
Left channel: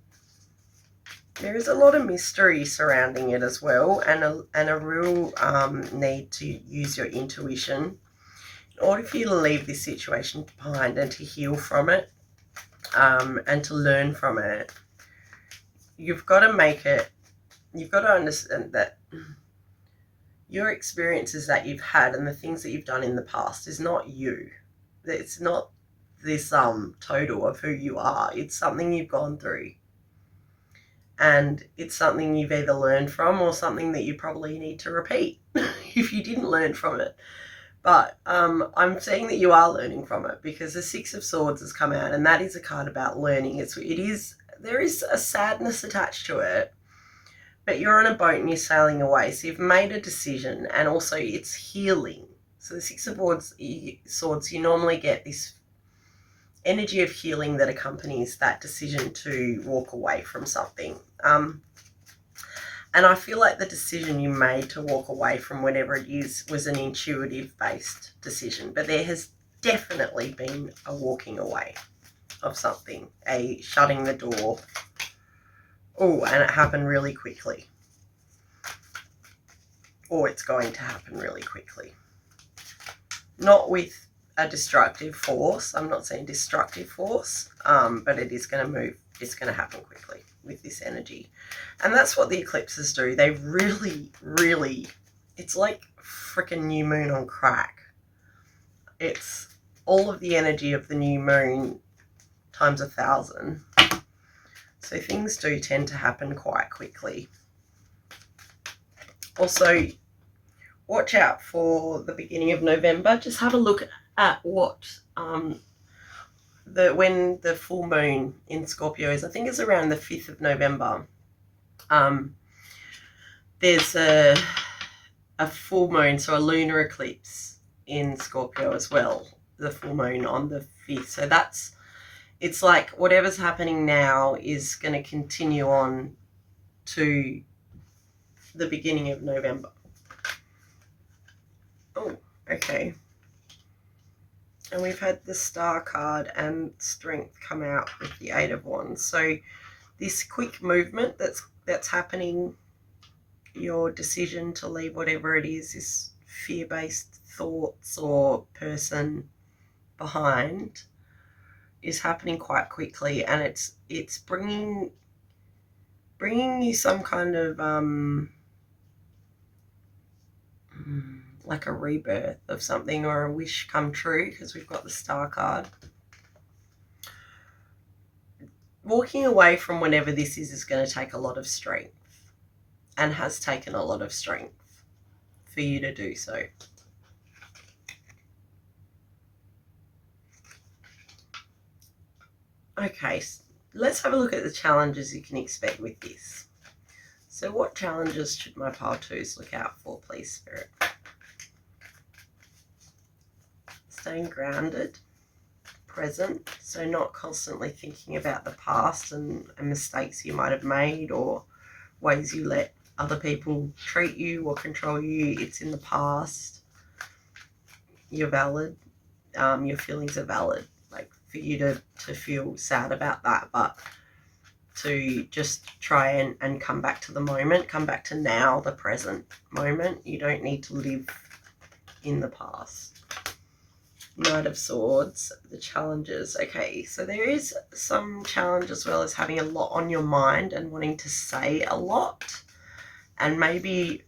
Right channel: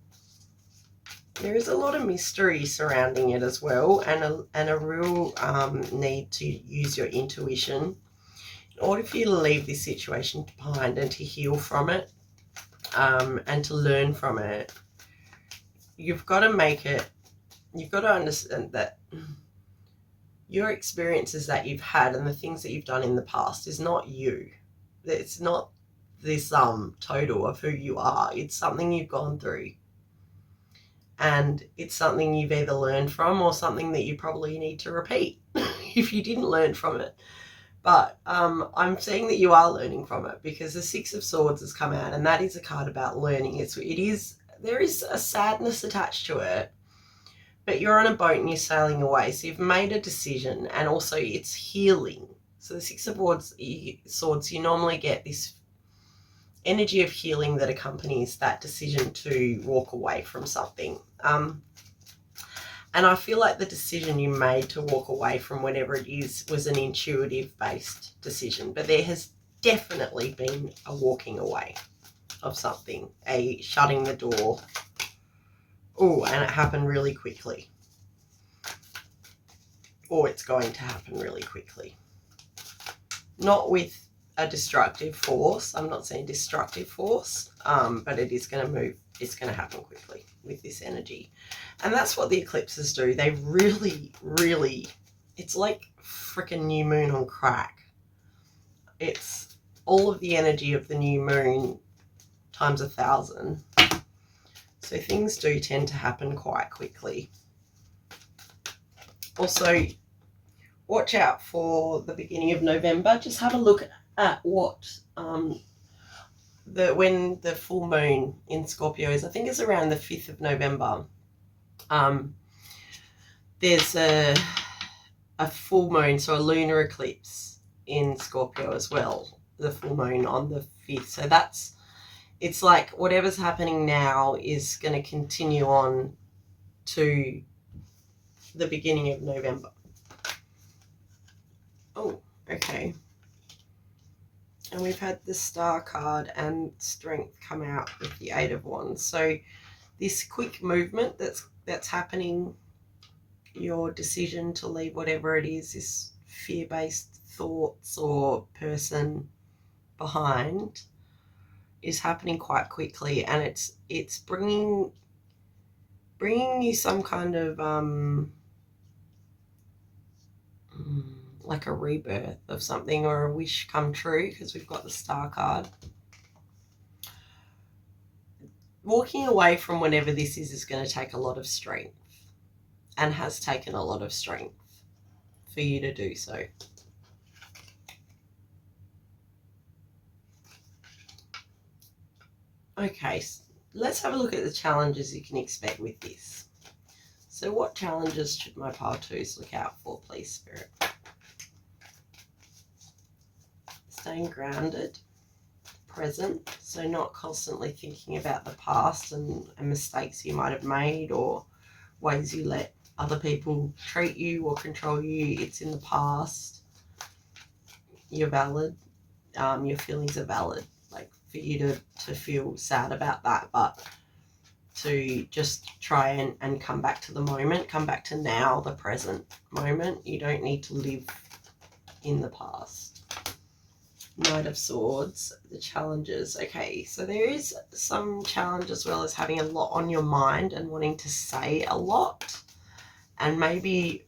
There is a lot of mystery surrounding it as well, and a real need to use your intuition in order for you to leave this situation behind and to heal from it, and to learn from it. You've got to understand that your experiences that you've had and the things that you've done in the past is not you. It's not this total of who you are. It's something you've gone through. And it's something you've either learned from or something that you probably need to repeat if you didn't learn from it. But I'm saying that you are learning from it, because the Six of Swords has come out, and that is a card about learning. There is a sadness attached to it, but you're on a boat and you're sailing away. So you've made a decision, and also it's healing. So the Six of Swords, you normally get this energy of healing that accompanies that decision to walk away from something. And I feel like the decision you made to walk away from whatever it is was an intuitive-based decision, but there has definitely been a walking away of something, a shutting the door. Oh, and it happened really quickly. Or it's going to happen really quickly. Not with a destructive force. I'm not saying destructive force, but it is going to move. It's going to happen quickly with this energy. And that's what the eclipses do. They really, really, it's like freaking new moon on crack. It's all of the energy of the new moon times 1,000. So things do tend to happen quite quickly. Also, watch out for the beginning of November. Just have a look at what when the full moon in Scorpio is. I think it's around the 5th of November. There's a full moon, so a lunar eclipse in Scorpio as well. The full moon on the 5th. So it's like whatever's happening now is going to continue on to the beginning of November. Oh, okay. And we've had the Star card and Strength come out with the 8 of Wands. So this quick movement that's happening, your decision to leave whatever it is, this fear-based thoughts or person behind, is happening quite quickly, and it's bringing you some kind of like a rebirth of something, or a wish come true, because we've got the Star card. Walking away from whatever this is going to take a lot of strength, and has taken a lot of strength for you to do so. Okay, let's have a look at the challenges you can expect with this. So what challenges should my pile twos look out for, please, Spirit? Staying grounded, present, so not constantly thinking about the past and mistakes you might have made, or ways you let other people treat you or control you. It's in the past. You're valid. Your feelings are valid. Like, for you to feel sad about that, but to just try and come back to the moment, come back to now, the present moment. You don't need to live in the past. Knight of Swords, the challenges. Okay, so there is some challenge as well as having a lot on your mind and wanting to say a lot, and maybe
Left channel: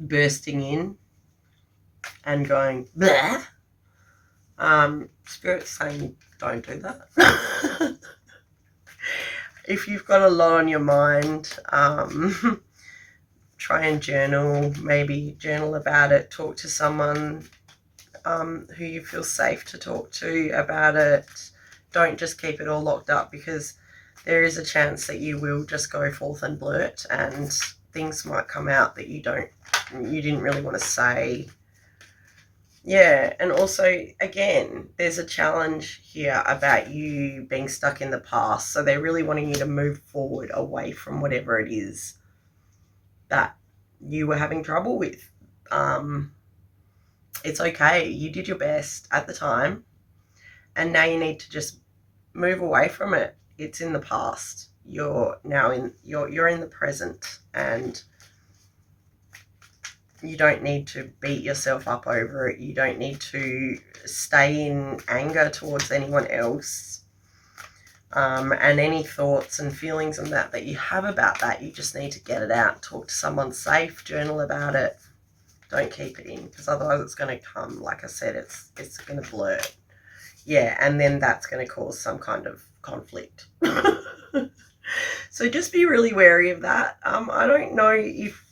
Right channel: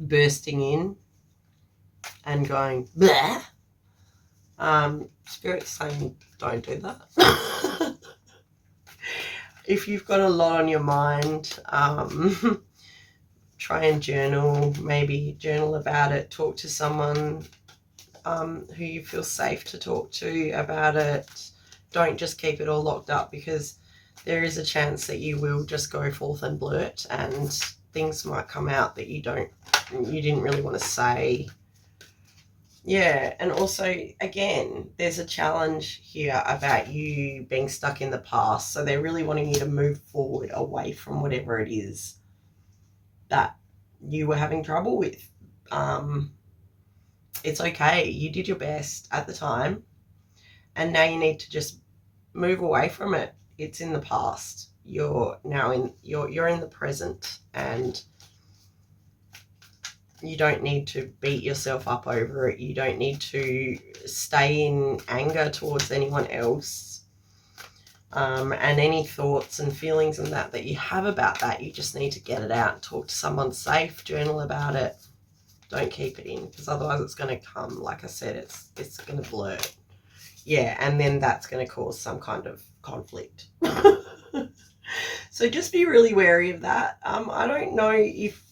bursting in and going blah. Spirit's saying don't do that. If you've got a lot on your mind, try and journal. Maybe journal about it. Talk to someone who you feel safe to talk to about it. Don't just keep it all locked up, because there is a chance that you will just go forth and blurt, and things might come out that you didn't really want to say. Yeah, and also, again, there's a challenge here about you being stuck in the past. So they're really wanting you to move forward away from whatever it is that you were having trouble with. It's okay. You did your best at the time, and now you need to just move away from it. It's in the past. You're now you're in the present, and you don't need to beat yourself up over it. You don't need to stay in anger towards anyone else. And any thoughts and feelings and that you have about that, you just need to get it out. Talk to someone safe, journal about it. Don't keep it in, because otherwise it's going to come, like I said, it's going to blurt. Yeah, and then that's going to cause some kind of conflict. So just be really wary of that. I don't know if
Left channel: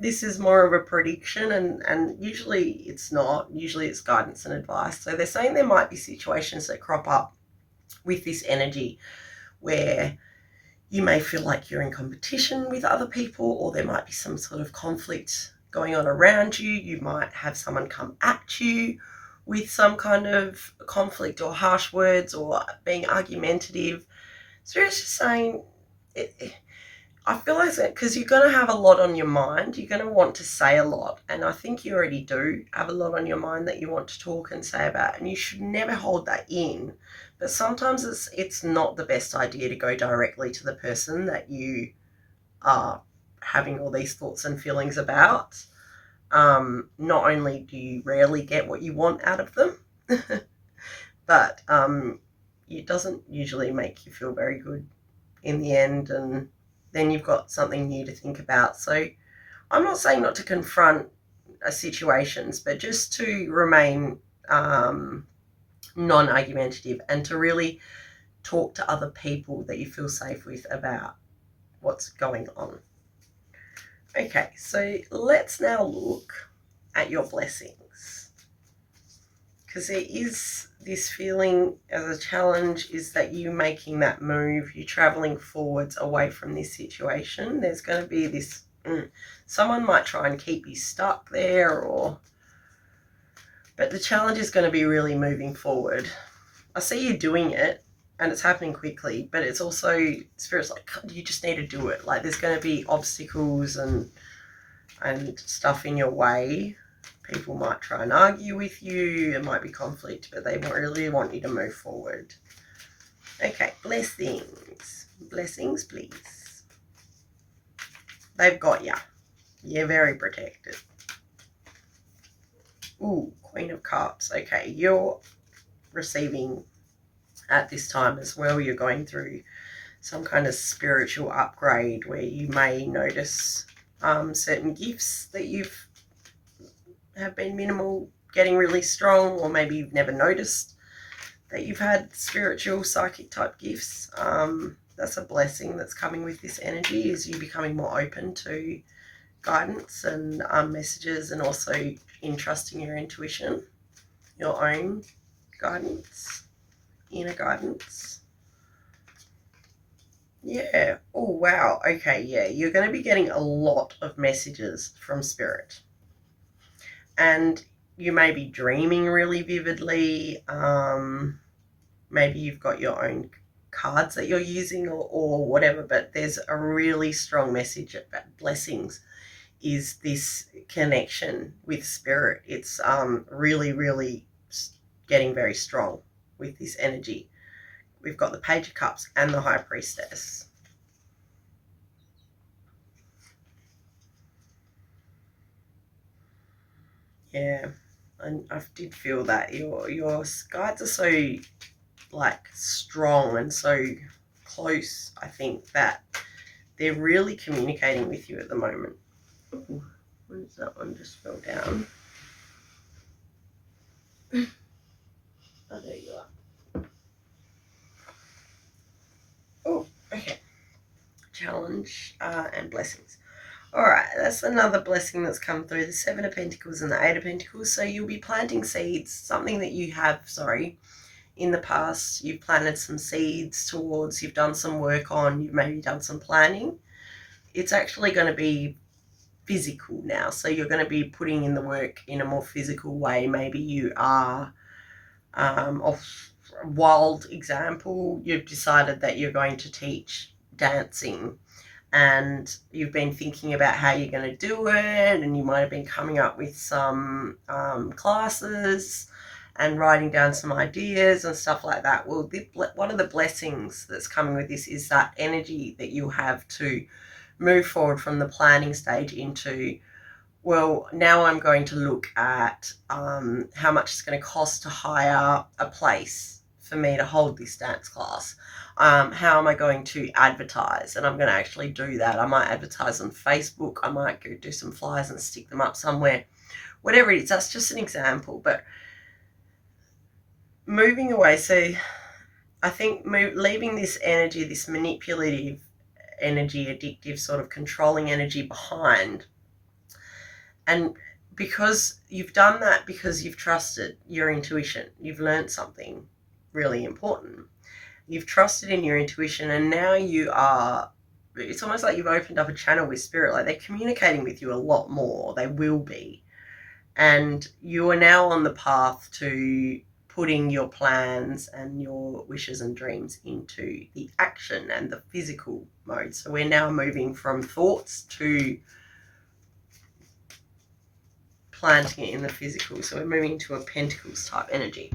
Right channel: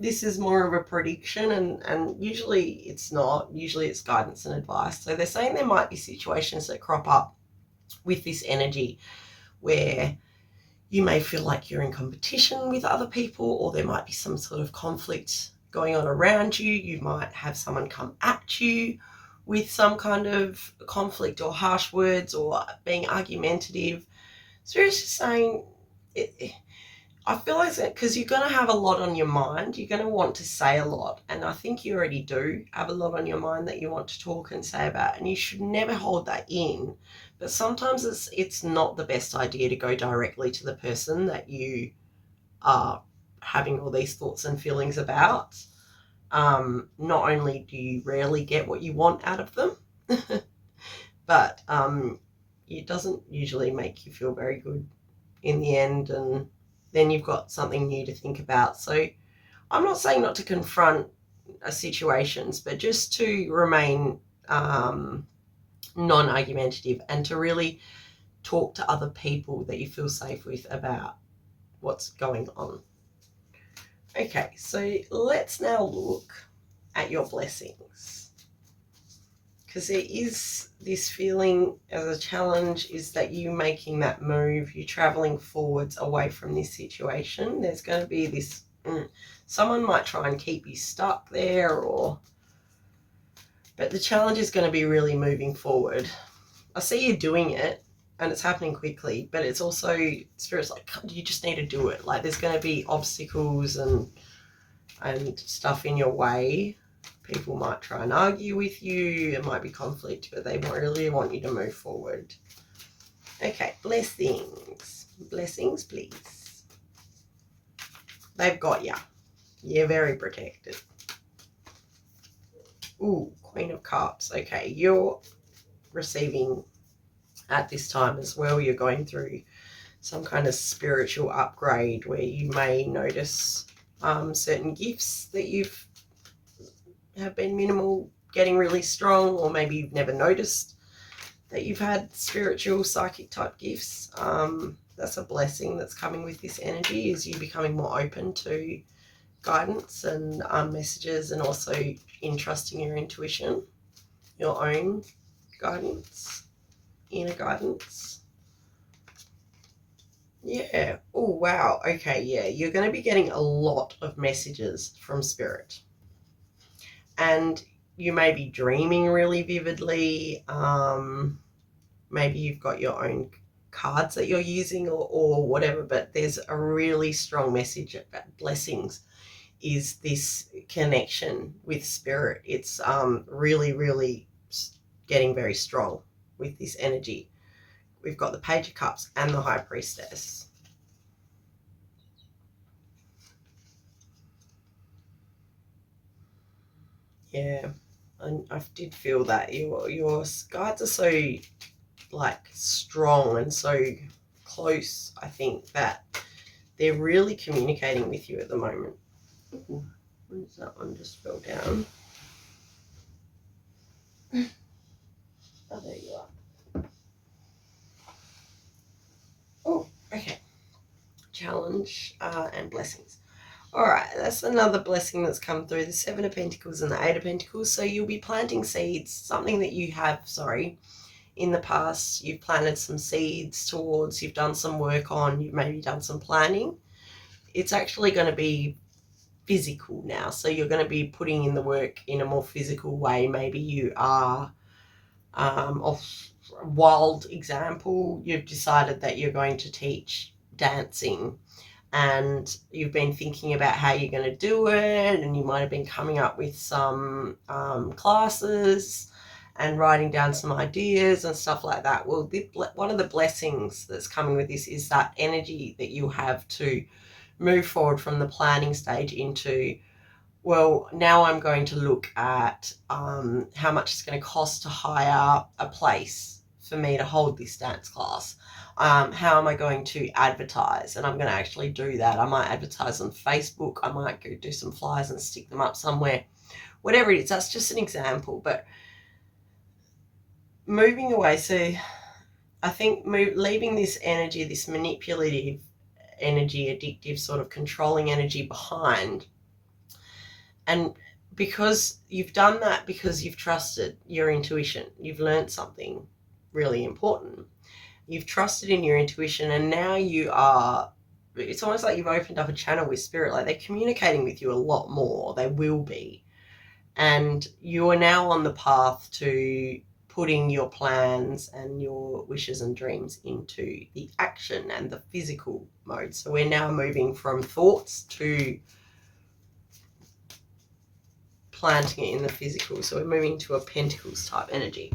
this is more of a prediction, and usually it's not. Usually it's guidance and advice. So they're saying there might be situations that crop up with this energy where you may feel like you're in competition with other people, or there might be some sort of conflict going on around you. You might have someone come at you with some kind of conflict or harsh words, or being argumentative. So it's just saying, I feel like that because you're going to have a lot on your mind. You're going to want to say a lot, and I think you already do have a lot on your mind that you want to talk and say about, and you should never hold that in. But sometimes it's not the best idea to go directly to the person that you are having all these thoughts and feelings about. Not only do you rarely get what you want out of them, but it doesn't usually make you feel very good in the end, and then you've got something new to think about. So I'm not saying not to confront situations, but just to remain non-argumentative, and to really talk to other people that you feel safe with about what's going on. Okay, so let's now look at your blessings, because there is this feeling as a challenge is that you making that move, you're traveling forwards away from this situation. There's going to be this, someone might try and keep you stuck there, but the challenge is going to be really moving forward. I see you doing it, and it's happening quickly, but it's also, Spirit's like, you just need to do it. Like, there's going to be obstacles and stuff in your way. People might try and argue with you. There might be conflict, but they really want you to move forward. Okay, blessings. Blessings, please. They've got ya. You're very protected. Ooh, Queen of Cups. Okay, you're receiving at this time as well. You're going through some kind of spiritual upgrade where you may notice certain gifts that have been minimal getting really strong, or maybe you've never noticed that you've had spiritual psychic type gifts. That's a blessing that's coming with this energy, is you becoming more open to guidance and messages, and also in trusting your intuition, your own guidance, inner guidance. Yeah. Oh, wow. Okay, yeah. You're going to be getting a lot of messages from spirit. And you may be dreaming really vividly. Maybe you've got your own cards that you're using, or whatever, but there's a really strong message about blessings, is this connection with spirit. It's really, really getting very strong with this energy. We've got the Page of Cups and the High Priestess. Yeah, and I did feel that your guides are so like strong and so close. I think that they're really communicating with you at the moment. Ooh, what is that one? Just fell down. Oh, there you are. Oh, okay. Challenge and blessings. All right, that's another blessing that's come through, the Seven of Pentacles and the Eight of Pentacles. So you'll be planting seeds, something that you have, in the past, you've planted some seeds towards, you've done some work on, you've maybe done some planning. It's actually going to be physical now. So you're going to be putting in the work in a more physical way. Maybe you are, off a wild example, you've decided that you're going to teach dancing, and you've been thinking about how you're going to do it, and you might have been coming up with some classes and writing down some ideas and stuff like that. Well, one of the blessings that's coming with this is that energy that you have to move forward from the planning stage into, well, now I'm going to look at how much it's going to cost to hire a place for me to hold this dance class. How am I going to advertise? And I'm going to actually do that. I might advertise on Facebook. I might go do some flyers and stick them up somewhere. Whatever it is, that's just an example. But moving away, so I think leaving this energy, this manipulative energy, addictive sort of controlling energy behind. And because you've done that, because you've trusted your intuition, you've learned something really important. You've trusted in your intuition, and now it's almost like you've opened up a channel with spirit. Like, they're communicating with you a lot more. They will be. And you are now on the path to putting your plans and your wishes and dreams into the action and the physical mode. So we're now moving from thoughts to planting it in the physical. So we're moving to a Pentacles type energy.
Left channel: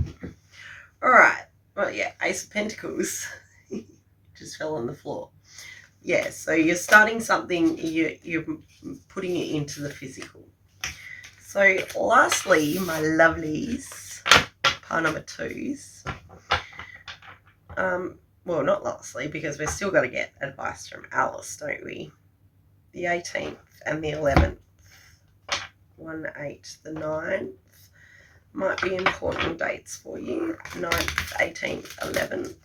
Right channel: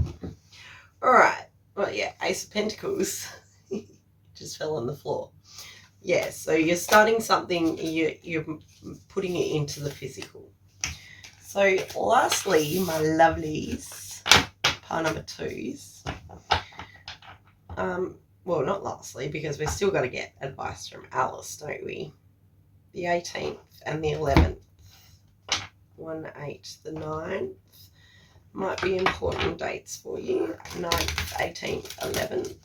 All right. Well, yeah, Ace of Pentacles just fell on the floor. Yeah, so you're starting something, you're putting it into the physical. So lastly, my lovelies, pile number 2s. Well, not lastly, because we're still got to get advice from Alice, don't we? The 18th and the 11th. 1, 8, the 9th. Might be important dates for you. 9th, 18th, 11th.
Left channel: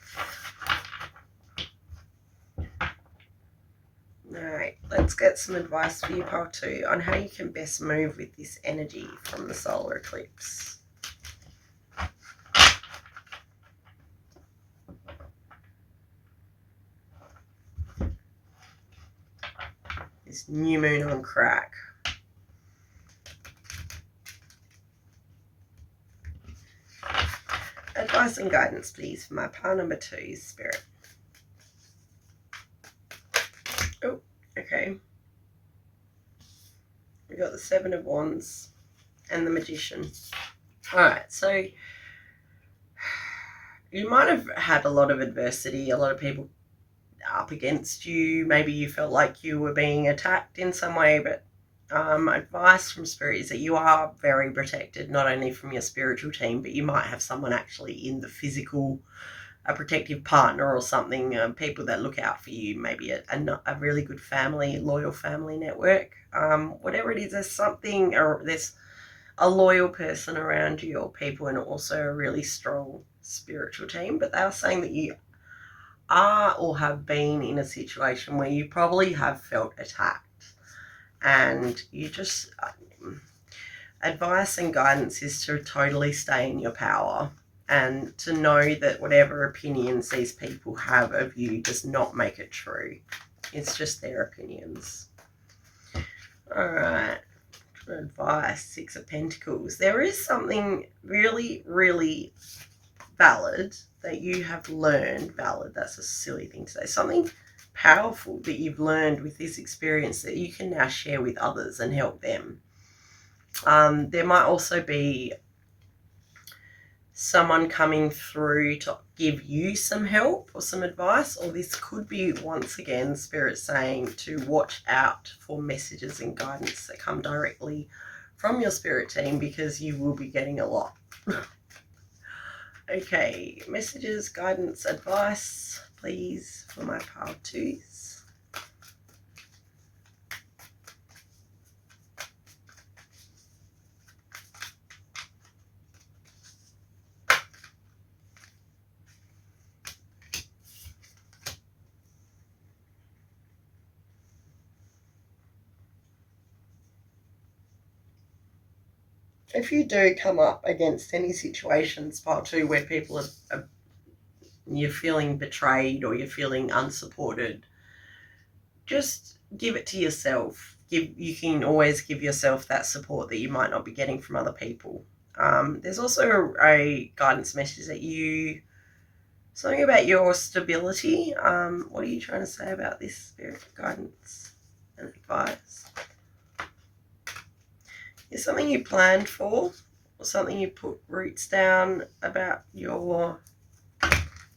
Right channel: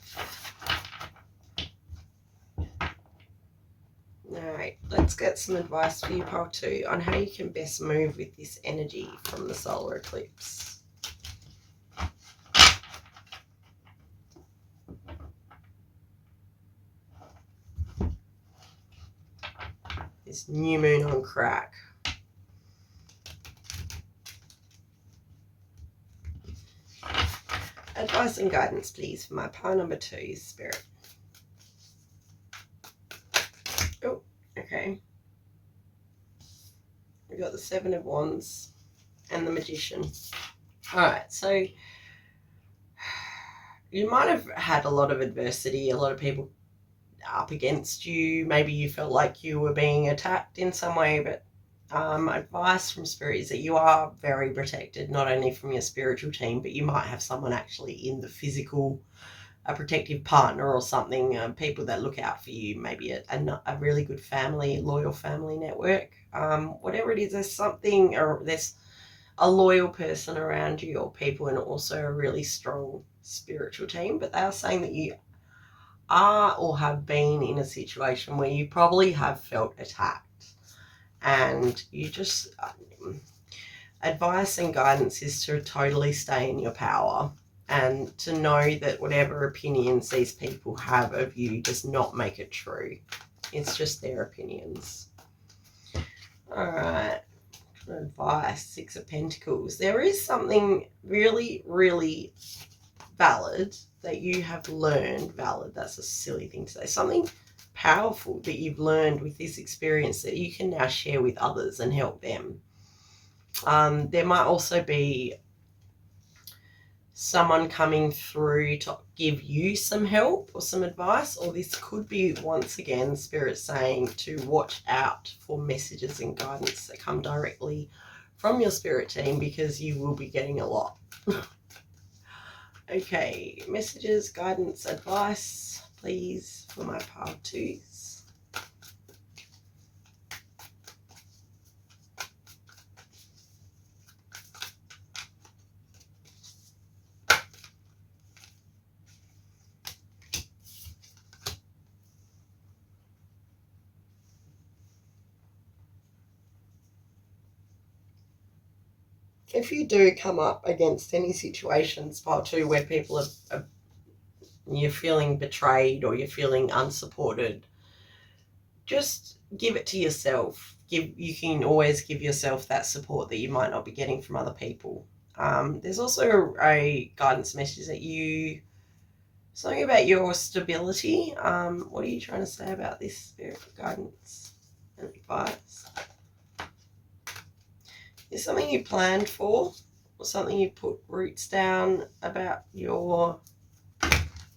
All right, let's get some advice for you, pile 2, on how you can best move with this energy from the solar eclipse. This new moon on crack. Advice and guidance, please, for my pile number 2, Spirit. Oh, okay. We got the 7 of Wands and the Magician. All right, so you might have had a lot of adversity, a lot of people up against you. Maybe you felt like you were being attacked in some way, but advice from Spirit is that you are very protected, not only from your spiritual team, but you might have someone actually in the physical a protective partner or something, people that look out for you, maybe a really good family, loyal family network, whatever it is, there's something, or there's a loyal person around you, or people, and also a really strong spiritual team. But they are saying that you are or have been in a situation where you probably have felt attacked, and you just advice and guidance is to totally stay in your power, and to know that whatever opinions these people have of you does not make it true. It's just their opinions. All right, advice, Six of Pentacles. There is something really, really valid that you have learned. Valid, that's a silly thing to say. Something powerful that you've learned with this experience that you can now share with others and help them. There might also be someone coming through to give you some help or some advice, or this could be, once again, Spirit saying to watch out for messages and guidance that come directly from your spirit team, because you will be getting a lot. Okay, messages, guidance, advice, please, for my pile twos. If you do come up against any situations, part two, where people are you're feeling betrayed or you're feeling unsupported, just give it to yourself. You can always give yourself that support that you might not be getting from other people. There's also a guidance message that something about your stability. What are you trying to say about this, Spirit? Guidance and advice. Is something you planned for, or something you put roots down about your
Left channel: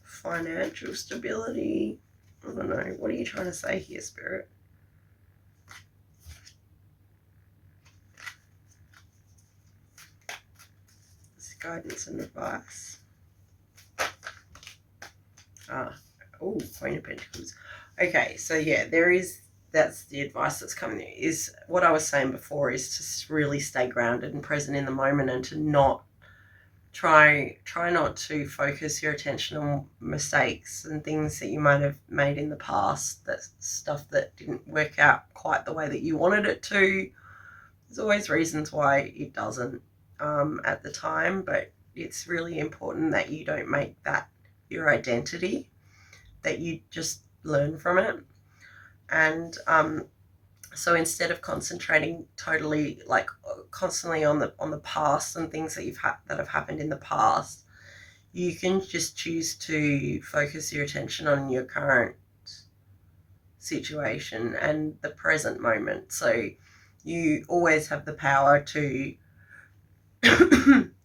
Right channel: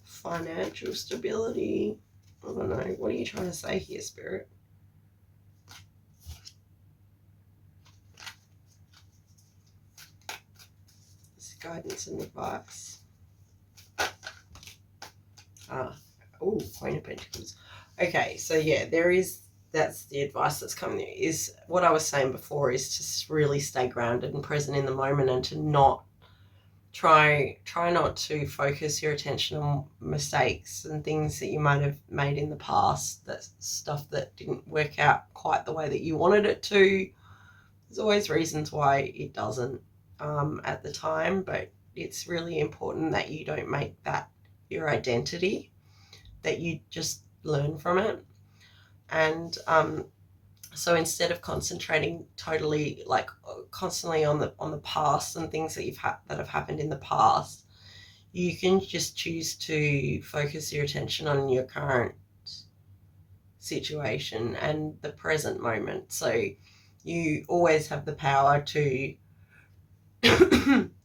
financial stability? I don't know. What are you trying to say here, Spirit? This guidance and advice. Queen of Pentacles. Okay, so yeah, that's the advice that's coming. Is what I was saying before, is to really stay grounded and present in the moment, and to not try not to focus your attention on mistakes and things that you might have made in the past. That's stuff that didn't work out quite the way that you wanted it to. There's always reasons why it doesn't at the time, but it's really important that you don't make that your identity, that you just learn from it. And so instead of concentrating totally, like, constantly on the past and things that that have happened in the past, you can just choose to focus your attention on your current situation and the present moment. So you always have the power to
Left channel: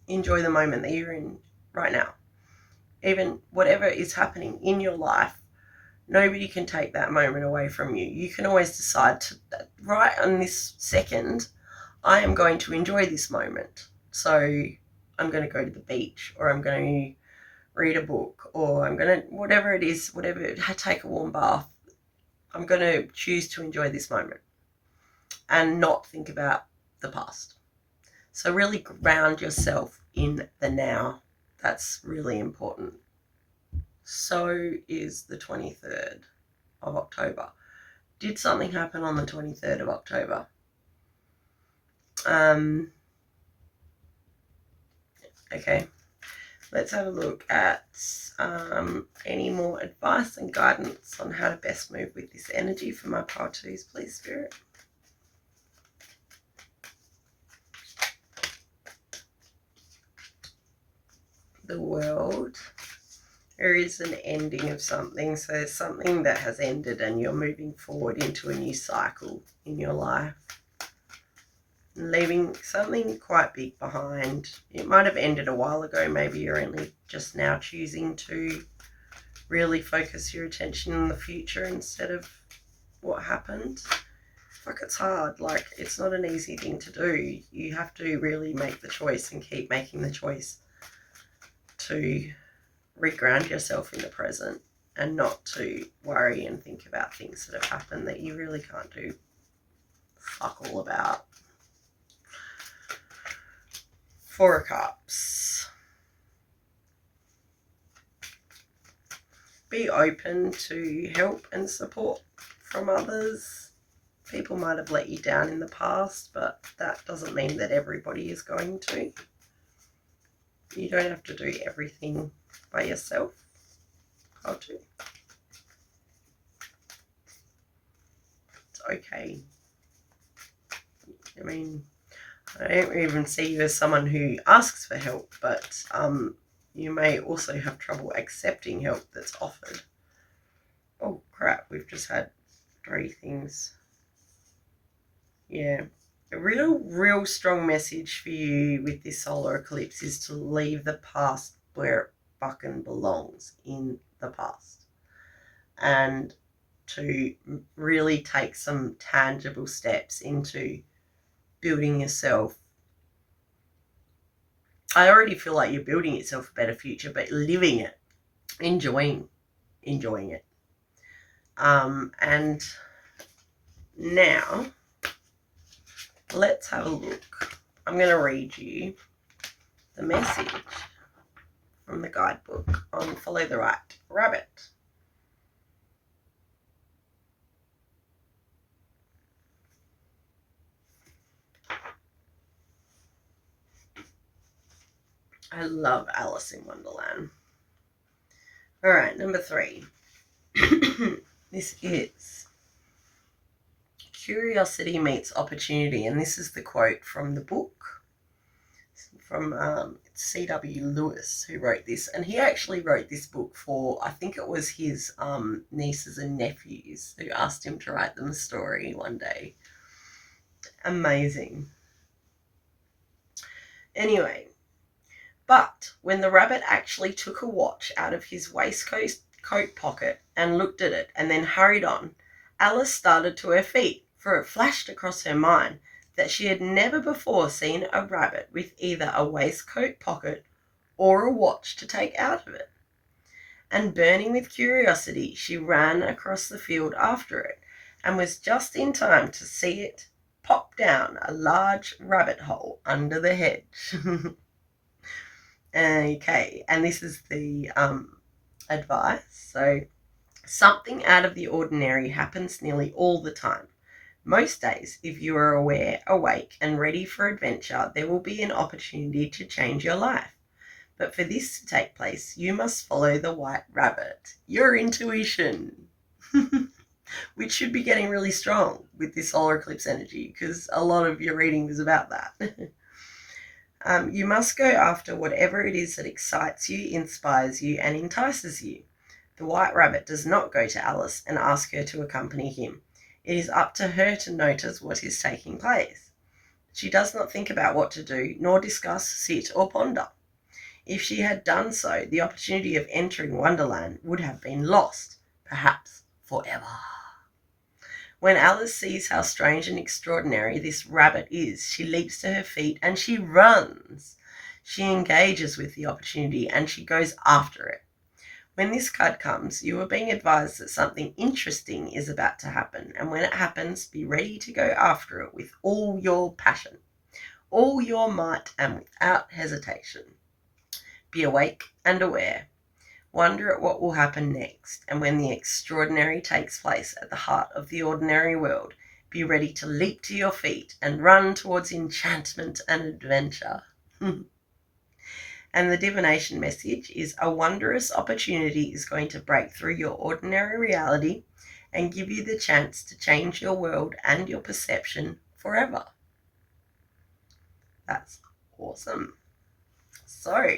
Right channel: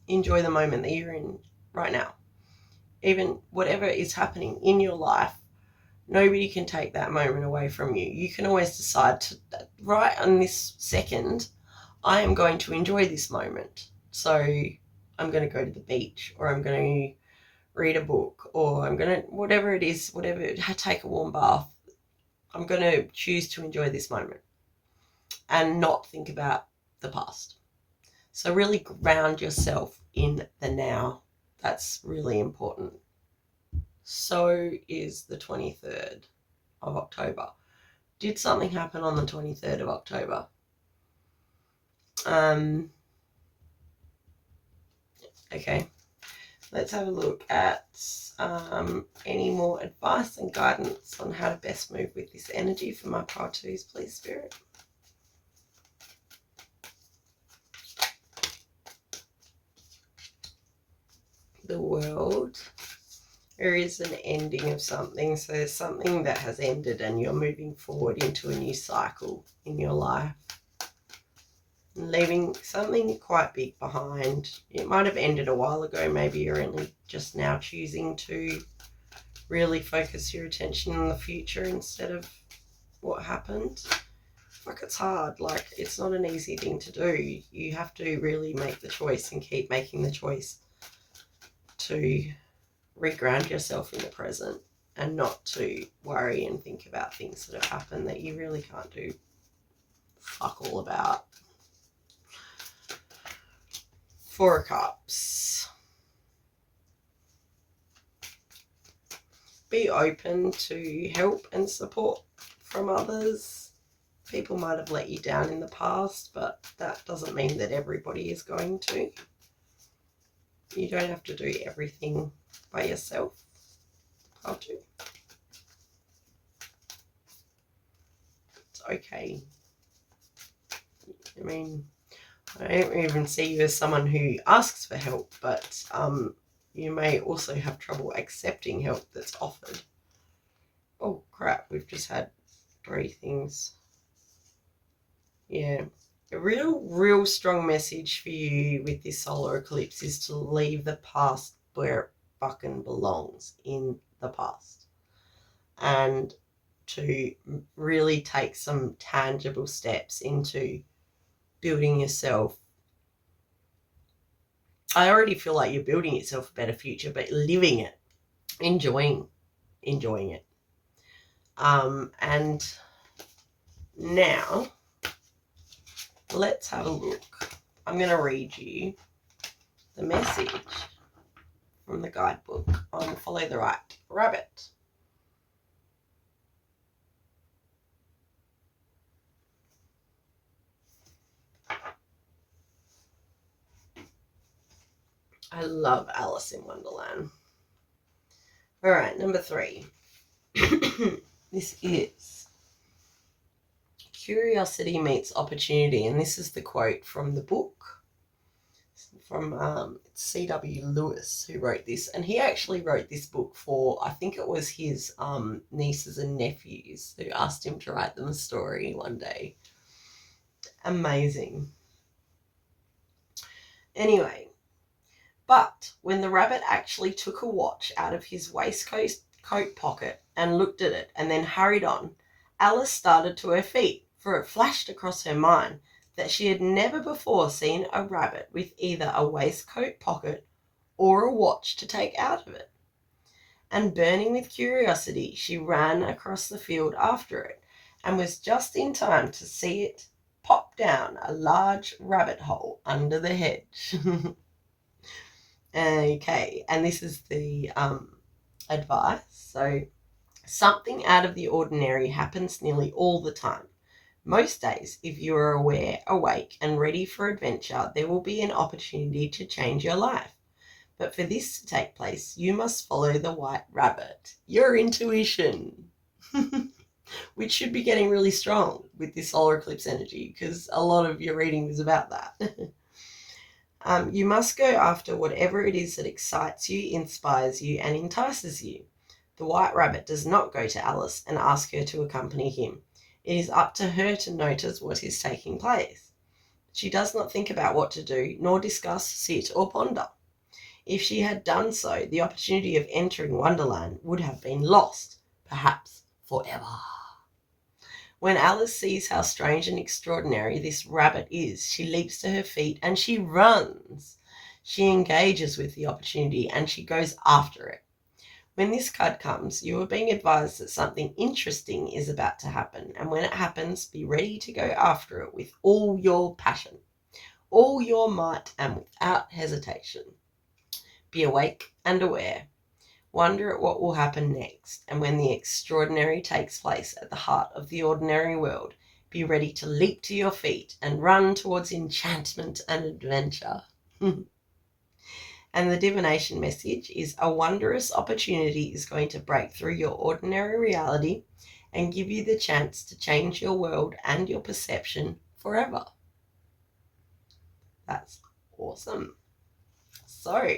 enjoy the moment that you're in right now. Even whatever is happening in your life, nobody can take that moment away from you. You can always decide to, right on this second, I am going to enjoy this moment. So I'm going to go to the beach, or I'm going to read a book, or I'm going to, whatever it is, take a warm bath. I'm going to choose to enjoy this moment and not think about the past. So really ground yourself in the now. That's really important. So is the 23rd of October. Did something happen on the 23rd of October? Okay, let's have a look at any more advice and guidance on how to best move with this energy for my pile twos, please, Spirit. The World. There is an ending of something. So something that has ended and you're moving forward into a new cycle in your life. Leaving something quite big behind. It might have ended a while ago. Maybe you're only just now choosing to really focus your attention on the future instead of what happened. Like, it's hard. Like, it's not an easy thing to do. You have to really make the choice and keep making the choice to reground yourself in the present and not to worry and think about things that have happened that you really can't do fuck all about. Four of Cups. Be open to help and support from others. People might have let you down in the past, but that doesn't mean that everybody is going to. You don't have to do everything by yourself. I'll do. It's okay. I mean, I don't even see you as someone who asks for help, but you may also have trouble accepting help that's offered. Oh crap, we've just had 3 things. Yeah, a real strong message for you with this solar eclipse is to leave the past where it fucking belongs, in the past, and to really take some tangible steps into building yourself. I already feel like you're building yourself a better future, but living it, enjoying it. And now let's have a look. I'm going to read you the message from the guidebook on Follow the Right Rabbit. I love Alice in Wonderland. All right, number 3. This is curiosity meets opportunity, and this is the quote from the book from C.W. Lewis, who wrote this, and he actually wrote this book for, I think it was his nieces and nephews who asked him to write them a story one day. Amazing. Anyway, but when the rabbit actually took a watch out of his waistcoat pocket and looked at it and then hurried on, Alice started to her feet, for it flashed across her mind that she had never before seen a rabbit with either a waistcoat pocket or a watch to take out of it. And burning with curiosity, she ran across the field after it and was just in time to see it pop down a large rabbit hole under the hedge. Okay, and this is the advice. So, something out of the ordinary happens nearly all the time. Most days, if you are aware, awake, and ready for adventure, there will be an opportunity to change your life. But for this to take place, you must follow the white rabbit, your intuition, which should be getting really strong with this solar eclipse energy, because a lot of your reading was about that. You must go after whatever it is that excites you, inspires you, and entices you. The white rabbit does not go to Alice and ask her to accompany him. It is up to her to notice what is taking place. She does not think about what to do, nor discuss, sit, or ponder. If she had done so, the opportunity of entering Wonderland would have been lost, perhaps forever. When Alice sees how strange and extraordinary this rabbit is, she leaps to her feet and she runs. She engages with the opportunity and she goes after it. When this card comes, you are being advised that something interesting is about to happen, and when it happens, be ready to go after it with all your passion, all your might, and without hesitation. Be awake and aware. Wonder at what will happen next, and when the extraordinary takes place at the heart of the ordinary world, be ready to leap to your feet and run towards enchantment and adventure. And the divination message is a wondrous opportunity is going to break through your ordinary reality and give you the chance to change your world and your perception forever. That's awesome. So,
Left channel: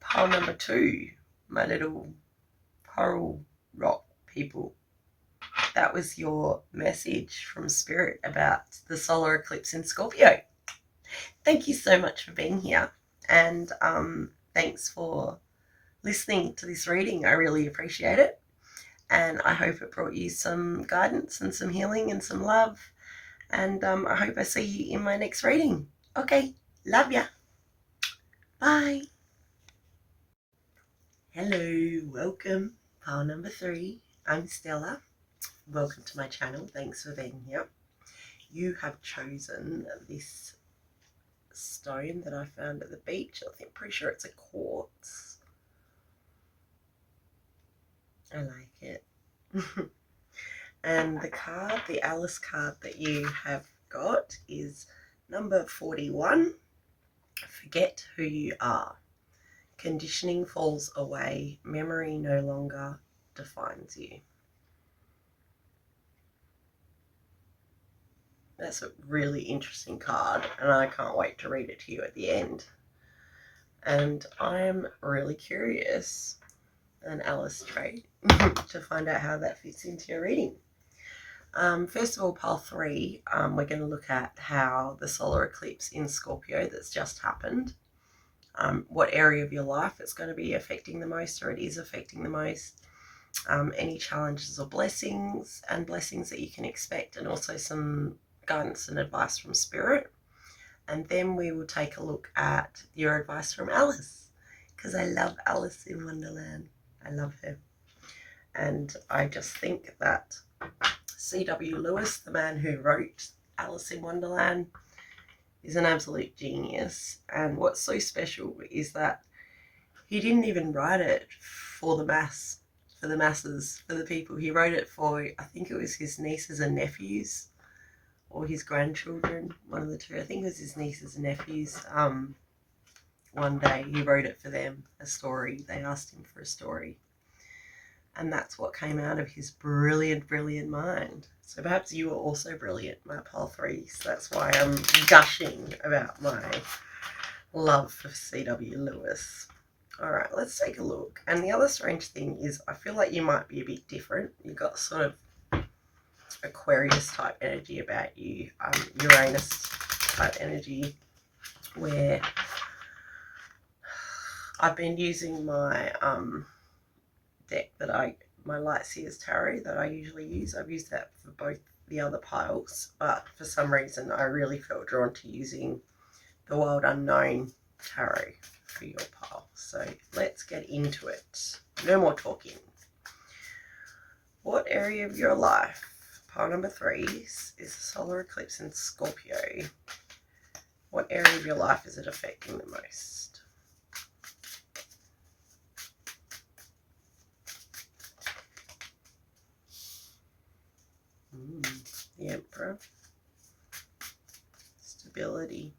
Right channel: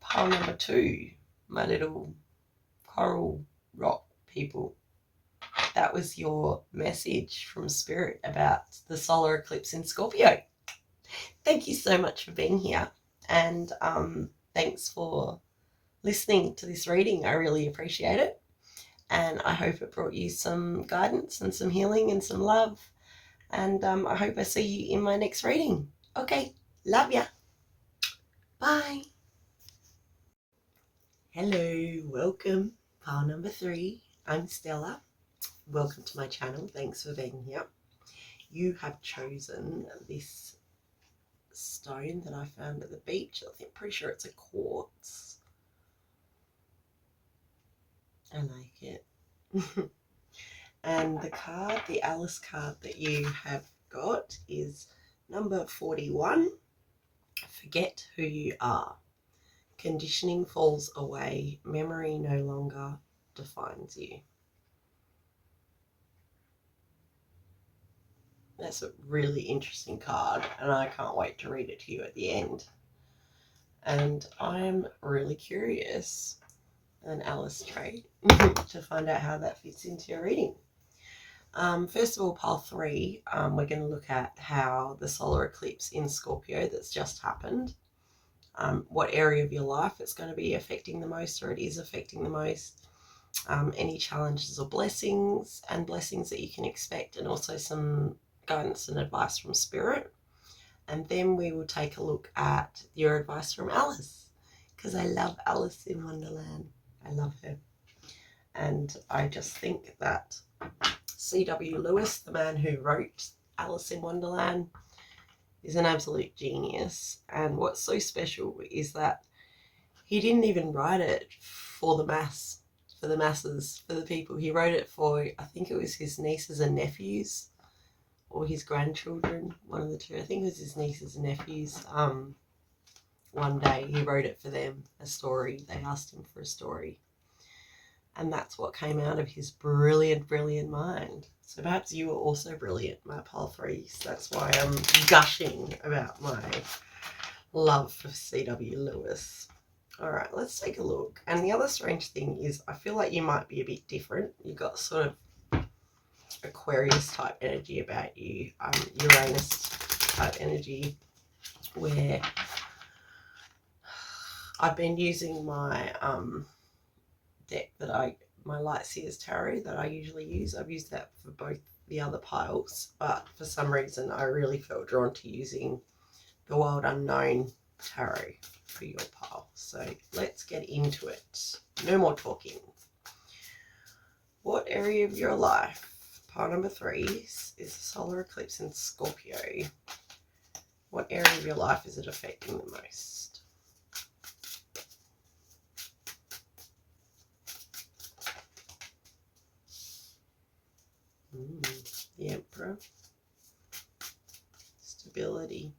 pile number 2, my little coral rock people. That was your message from Spirit about the solar eclipse in Scorpio. Thank you so much for being here, and thanks for listening to this reading. I really appreciate it, and I hope it brought you some guidance and some healing and some love, and I hope I see you in my next reading. Okay, love ya. Bye. Hello, welcome. Pile number 3. I'm Stella. Welcome to my channel. Thanks for being here. You have chosen this stone that I found at the beach. I'm pretty sure it's a quartz. I like it. And the card, the Alice card that you have got is number 41. Forget who you are. Conditioning falls away. Memory no longer defines you. That's a really interesting card, and I can't wait to read it to you at the end. And I'm really curious, an Alice trait, to find out how that fits into your reading. First of all, pile 3, we're going to look at how the solar eclipse in Scorpio that's just happened, what area of your life it's going to be affecting the most, or it is affecting the most, any challenges or blessings, and blessings that you can expect, and also some guidance and advice from Spirit. And then we will take a look at your advice from Alice, because I love Alice in Wonderland. I love her. And I just think that C.W. Lewis, the man who wrote Alice in Wonderland, is an absolute genius. And what's so special is that he didn't even write it for the masses, for the people. He wrote it for, I think it was his nieces and nephews, or his grandchildren, one of the two. I think it was his nieces and nephews. One day he wrote it for them, a story. They asked him for a story. And that's what came out of his brilliant, brilliant mind. So perhaps you are also brilliant, my pile 3. So that's why I'm gushing about my love for C.W. Lewis. All right, let's take a look. And the other strange thing is I feel like you might be a bit different. You've got sort of Aquarius type energy about you, Uranus type energy, where I've been using my deck that my Lightseers Tarot that I usually use. I've used that for both the other piles, but for some reason I really felt drawn to using the Wild Unknown Tarot for your pile. So let's get into it. No more talking. What area of your life? Pile number 3 is the solar eclipse in Scorpio. What area of your life is it affecting the most? The Emperor. Stability.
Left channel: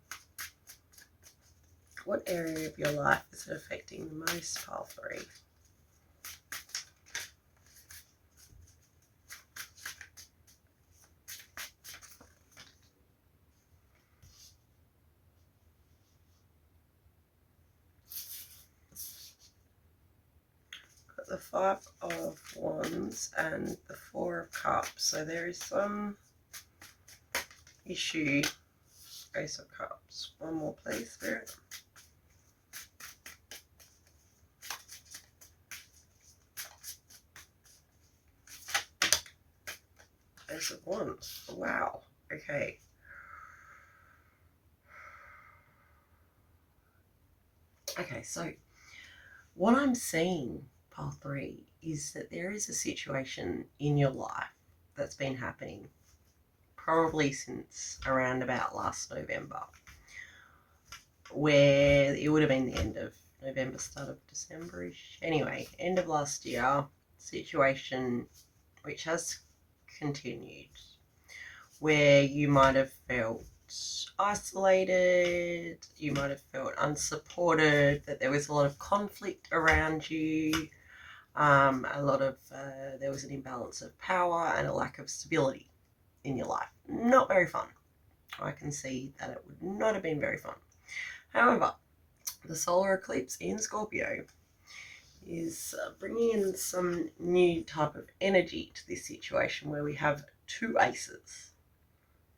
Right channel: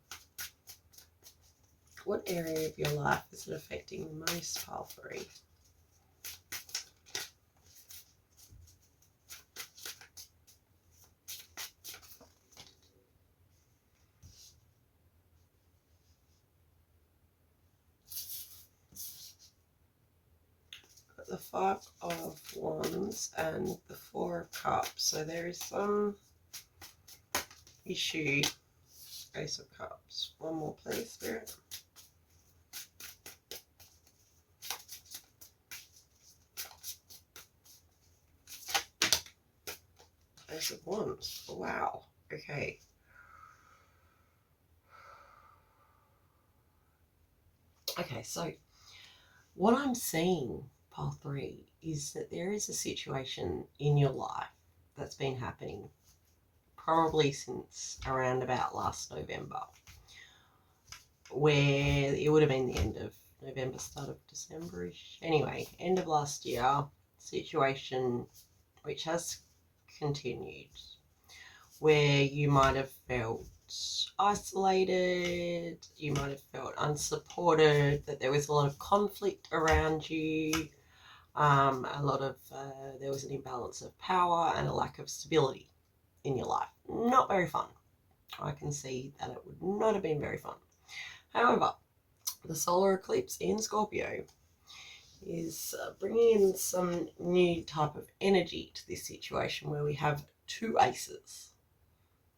What area of your life is it affecting the most, pile 3? Got the 5 of Wands and the 4 of Cups. So there is some issue. Ace of Cups. One more, please, Spirit. Ace of Wands. Wow. Okay. Okay, so what I'm seeing, pile 3, is that there is a situation in your life that's been happening probably since around about last November, where it would have been the end of November, start of December-ish. Anyway, end of last year, situation which has continued, where you might have felt isolated, you might have felt unsupported, that there was a lot of conflict around you, a lot of there was an imbalance of power and a lack of stability in your life. Not very fun. I can see that it would not have been very fun. However, the solar eclipse in Scorpio is bringing in some new type of energy to this situation, where we have 2 aces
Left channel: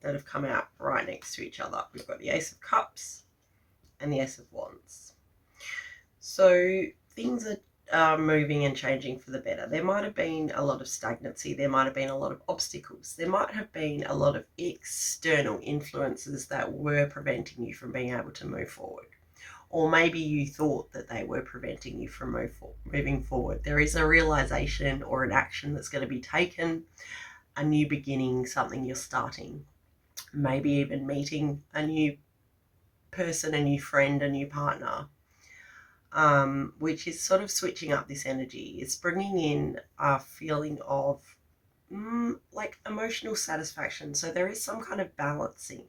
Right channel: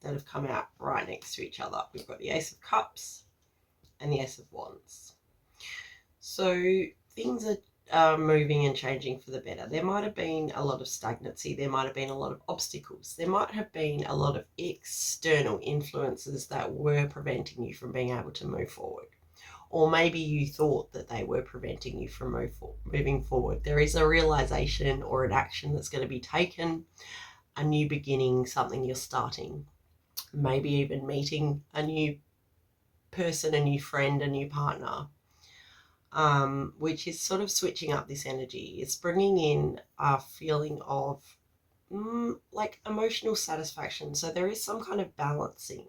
that have come out right next to each other. We've got the Ace of Cups and the Ace of Wands. So things are moving and changing for the better. There might have been a lot of stagnancy. There might have been a lot of obstacles. There might have been a lot of external influences that were preventing you from being able to move forward. or maybe you thought that they were preventing you from moving forward. There is a realization or an action that's going to be taken, a new beginning, something you're starting, maybe even meeting a new person, a new friend, a new partner, which is sort of switching up this energy. It's bringing in a feeling of like emotional satisfaction. So there is some kind of balancing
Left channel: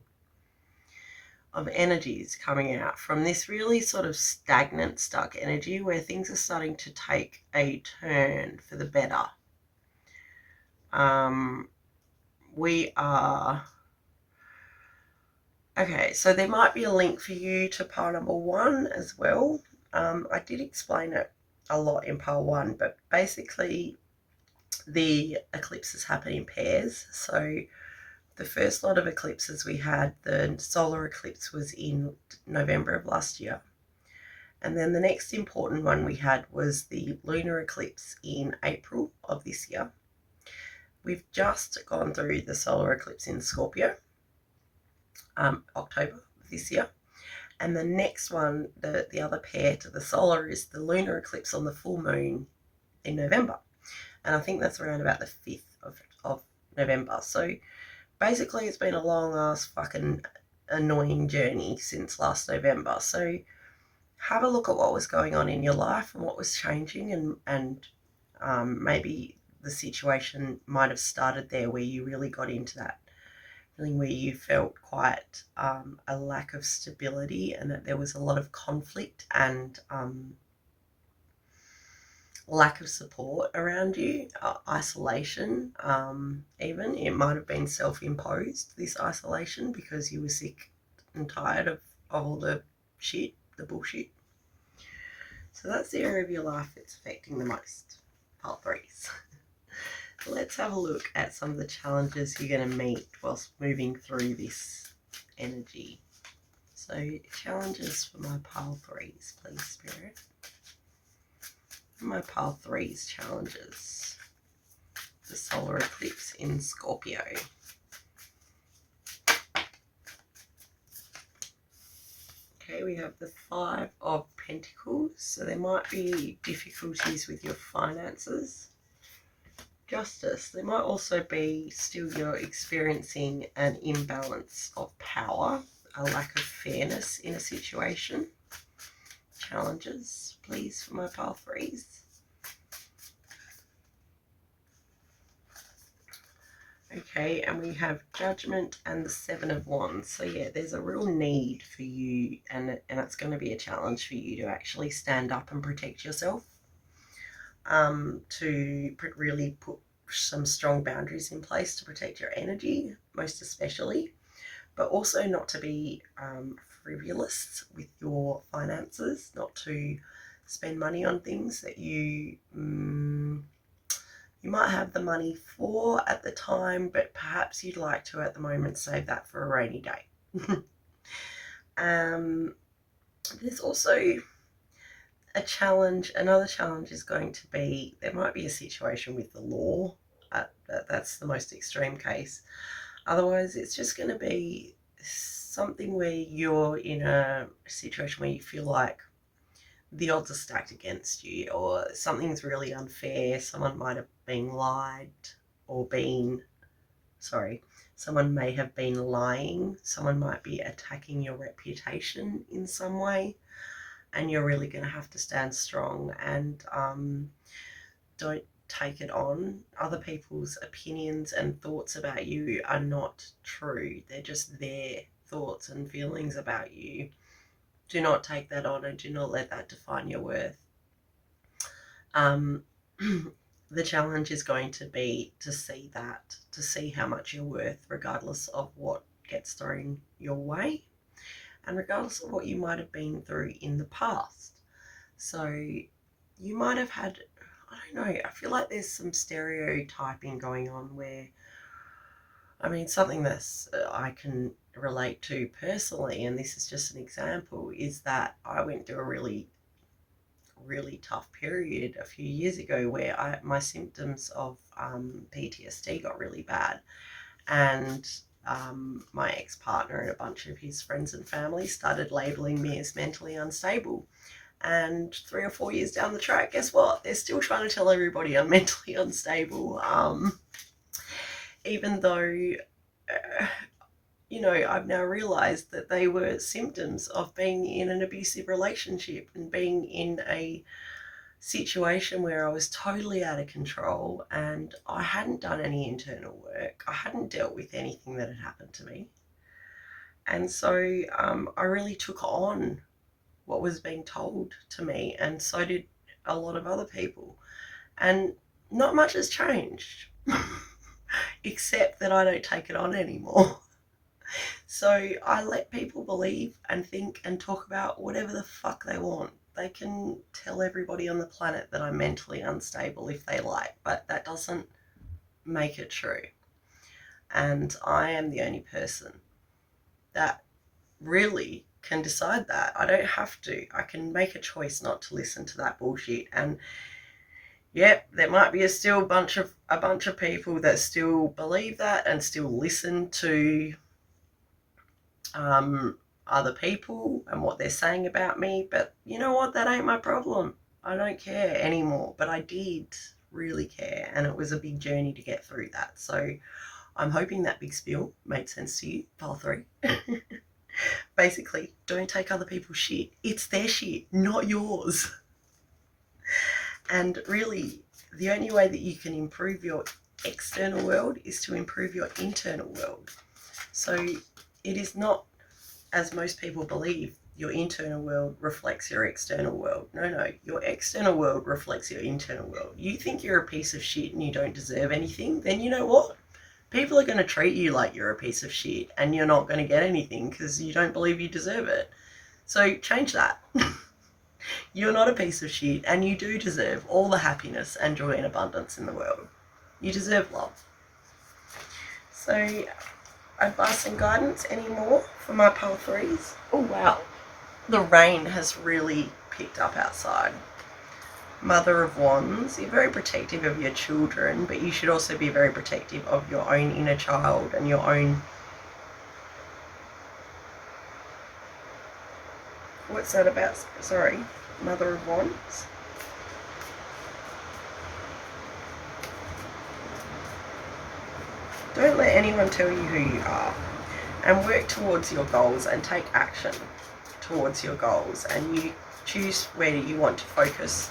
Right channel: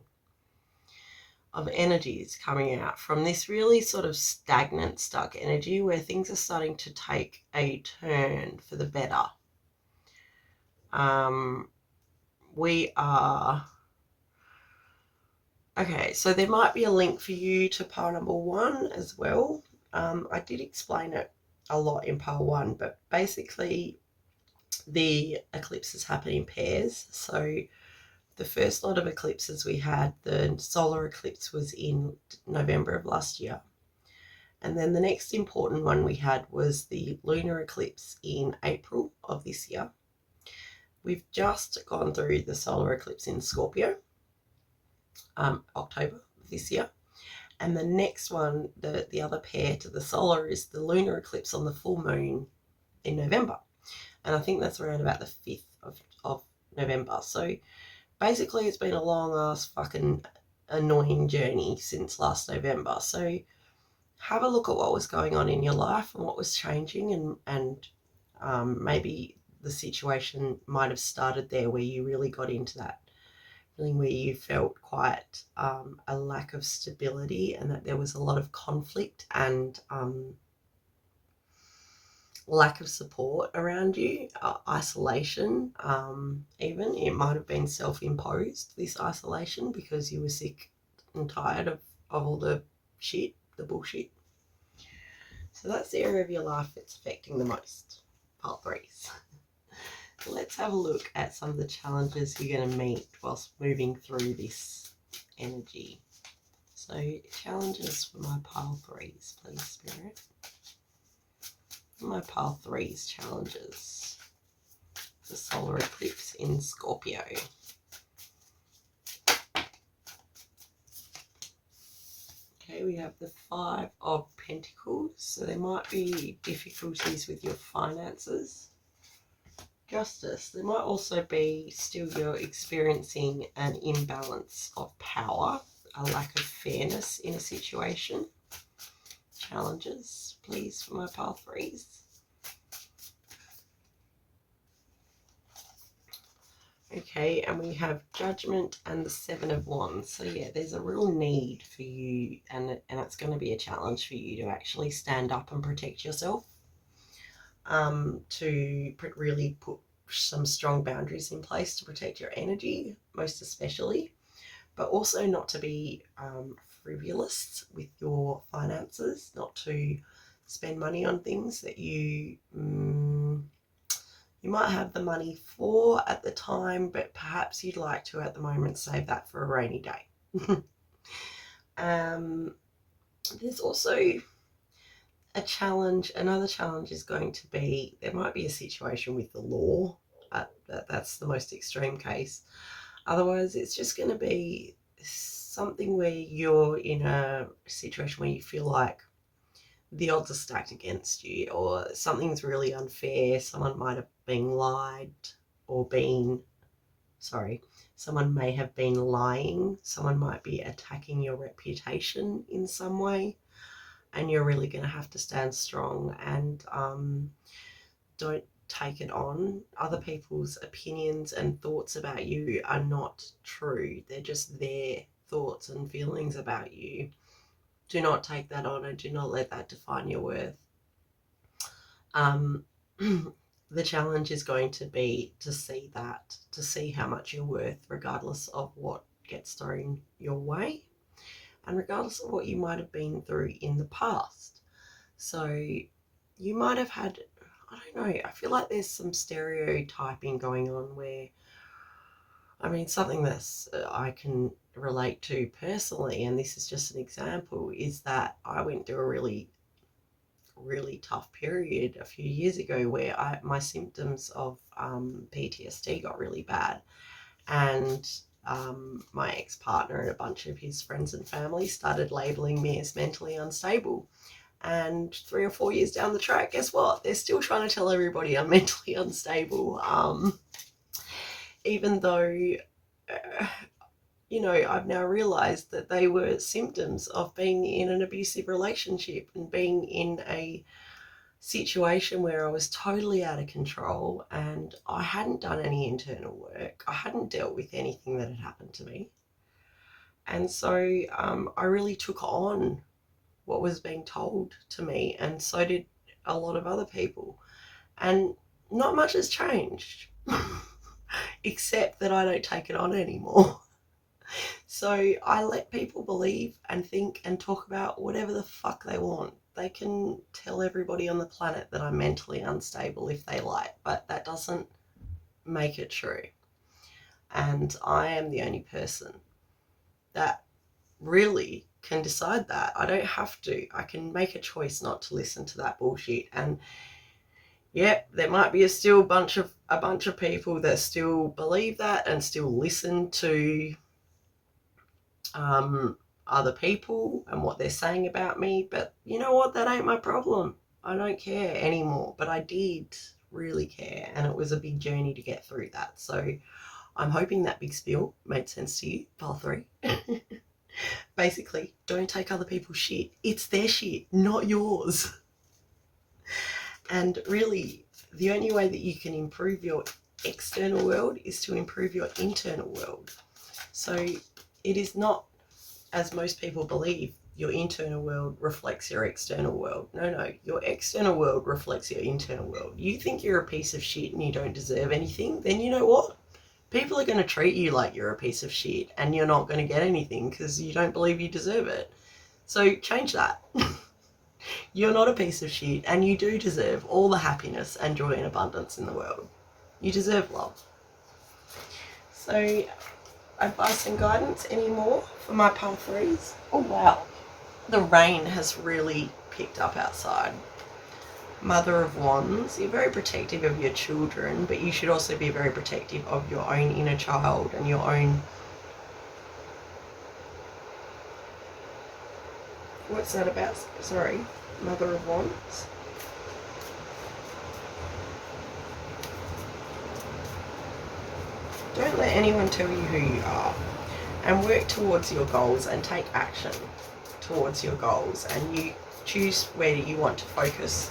of energies coming out from this really sort of stagnant, stuck energy where things are starting to take a turn for the better. We are... Okay, so there might be a link for you to pile number 1 as well. I did explain it a lot in pile 1, but basically the eclipses happen in pairs. So the first lot of eclipses we had, the solar eclipse was in November of last year. And then the next important one we had was the lunar eclipse in April of this year. We've just gone through the solar eclipse in Scorpio, October of this year. And the next one, the other pair to the solar, is the lunar eclipse on the full moon in November. And I think that's around about the 5th of November. So basically it's been a long ass fucking annoying journey since last November. So have a look at what was going on in your life and what was changing, and maybe the situation might have started there where you really got into that feeling where you felt quite a lack of stability, and that there was a lot of conflict and lack of support around you, isolation. Even it might have been self-imposed, this isolation, because you were sick and tired of all the shit, the bullshit. So that's the area of your life that's affecting the most, part 3s. Let's have a look at some of the challenges you're going to meet whilst moving through this energy. So challenges for my pile 3s, please, Spirit. My pile 3's challenges. The solar eclipse in Scorpio. Okay, we have the 5 of Pentacles. So there might be difficulties with your finances. Justice. There might also be still you're experiencing an imbalance of power, a lack of fairness in a situation. Challenges, please, for my pile 3's. Okay, and we have Judgment and the 7 of Wands. So yeah, there's a real need for you, and it's going to be a challenge for you to actually stand up and protect yourself, to really put some strong boundaries in place to protect your energy, most especially, but also not to be frivolous with your finances, not to spend money on things that you might have the money for at the time, but perhaps you'd like to at the moment save that for a rainy day. There's also a challenge. Another challenge is going to be, there might be a situation with the law. That's the most extreme case. Otherwise, it's just going to be something where you're in a situation where you feel like the odds are stacked against you, or something's really unfair. Someone might have been lied, or someone may have been lying. Someone might be attacking your reputation in some way, and you're really going to have to stand strong and don't take it on. Other people's opinions and thoughts about you are not true. They're just their thoughts and feelings about you. Do not take that on, and do not let that define your worth. The challenge is going to be to see that, to see how much you're worth, regardless of what gets thrown your way, and regardless of what you might have been through in the past. So you might have had, I don't know, I feel like there's some stereotyping going on where, I mean, something that's I can relate to personally, and this is just an example, is that I went through a really tough period a few years ago where my symptoms of PTSD got really bad, and my ex-partner and a bunch of his friends and family started labeling me as mentally unstable. And 3 or 4 years down the track, guess what? They're still trying to tell everybody I'm mentally unstable. Even though, I've now realized that they were symptoms of being in an abusive relationship and being in a situation where I was totally out of control and I hadn't done any internal work. I hadn't dealt with anything that had happened to me. And so I really took on what was being told to me, and so did a lot of other people. And not much has changed, except that I don't take it on anymore. So I let people believe and think and talk about whatever the fuck they want. They can tell everybody on the planet that I'm mentally unstable if they like, but that doesn't make it true. And I am the only person that really can decide that. I don't have to. I can make a choice not to listen to that bullshit. And yep, there might be a bunch of people that still believe that and still listen to other people and what they're saying about me. But you know what? That ain't my problem. I don't care anymore. But I did really care, and it was a big journey to get through that. So I'm hoping that big spiel made sense to you, pile 3. Basically, don't take other people's shit. It's their shit, not yours. And really, the only way that you can improve your external world is to improve your internal world. So it is not, as most people believe, your internal world reflects your external world. No, your external world reflects your internal world. You think you're a piece of shit and you don't deserve anything, then you know what? People are going to treat you like you're a piece of shit and you're not going to get anything because you don't believe you deserve it. So change that. You're not a piece of shit and you do deserve all the happiness and joy and abundance in the world. You deserve love. So advice and guidance anymore for my pile 3s? Oh wow, the rain has really picked up outside. Mother of Wands, you're very protective of your children, but you should also be very protective of your own inner child and your own... What's that about? Sorry, Mother of Wands. Don't let anyone tell you who you are, and work towards your goals and take action towards your goals, and you choose where you want to focus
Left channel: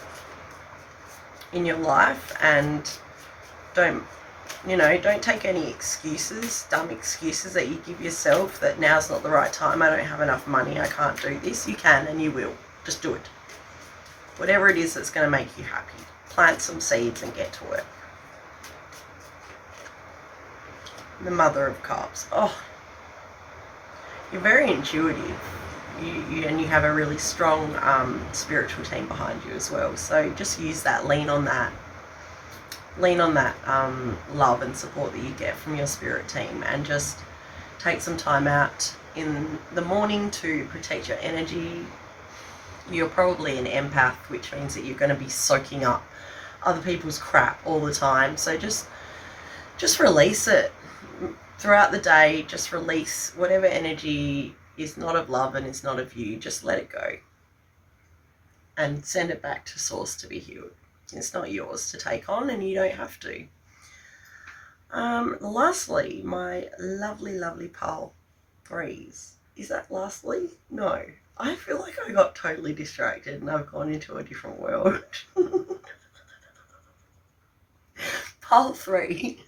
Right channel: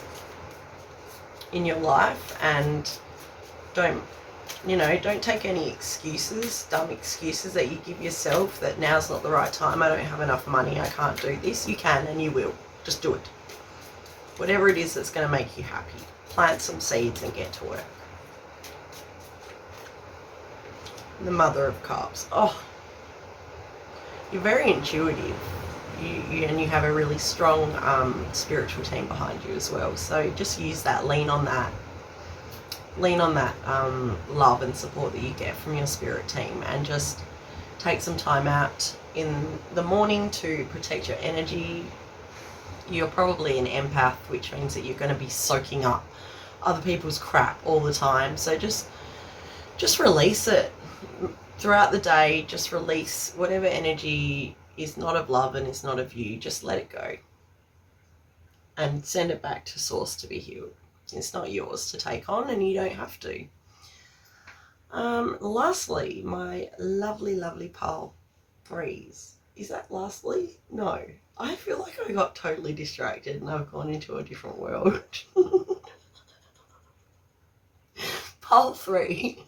in your life. And don't take any excuses, dumb excuses that you give yourself that now's not the right time, I don't have enough money, I can't do this. You can and you will. Just do it. Whatever it is that's going to make you happy. Plant some seeds and get to work. The Mother of Cups. Oh, you're very intuitive. You have a really strong spiritual team behind you as well. So just use that, lean on that love and support that you get from your spirit team, and just take some time out in the morning to protect your energy. You're probably an empath, which means that you're going to be soaking up other people's crap all the time. So just release it throughout the day. Just release whatever energy is not of love and is not of you. Just let it go and send it back to source to be healed. It's not yours to take on, and you don't have to. Lastly, my lovely pile 3s. Is that lastly? No. I feel like I got totally distracted and I've gone into a different world. Pile 3.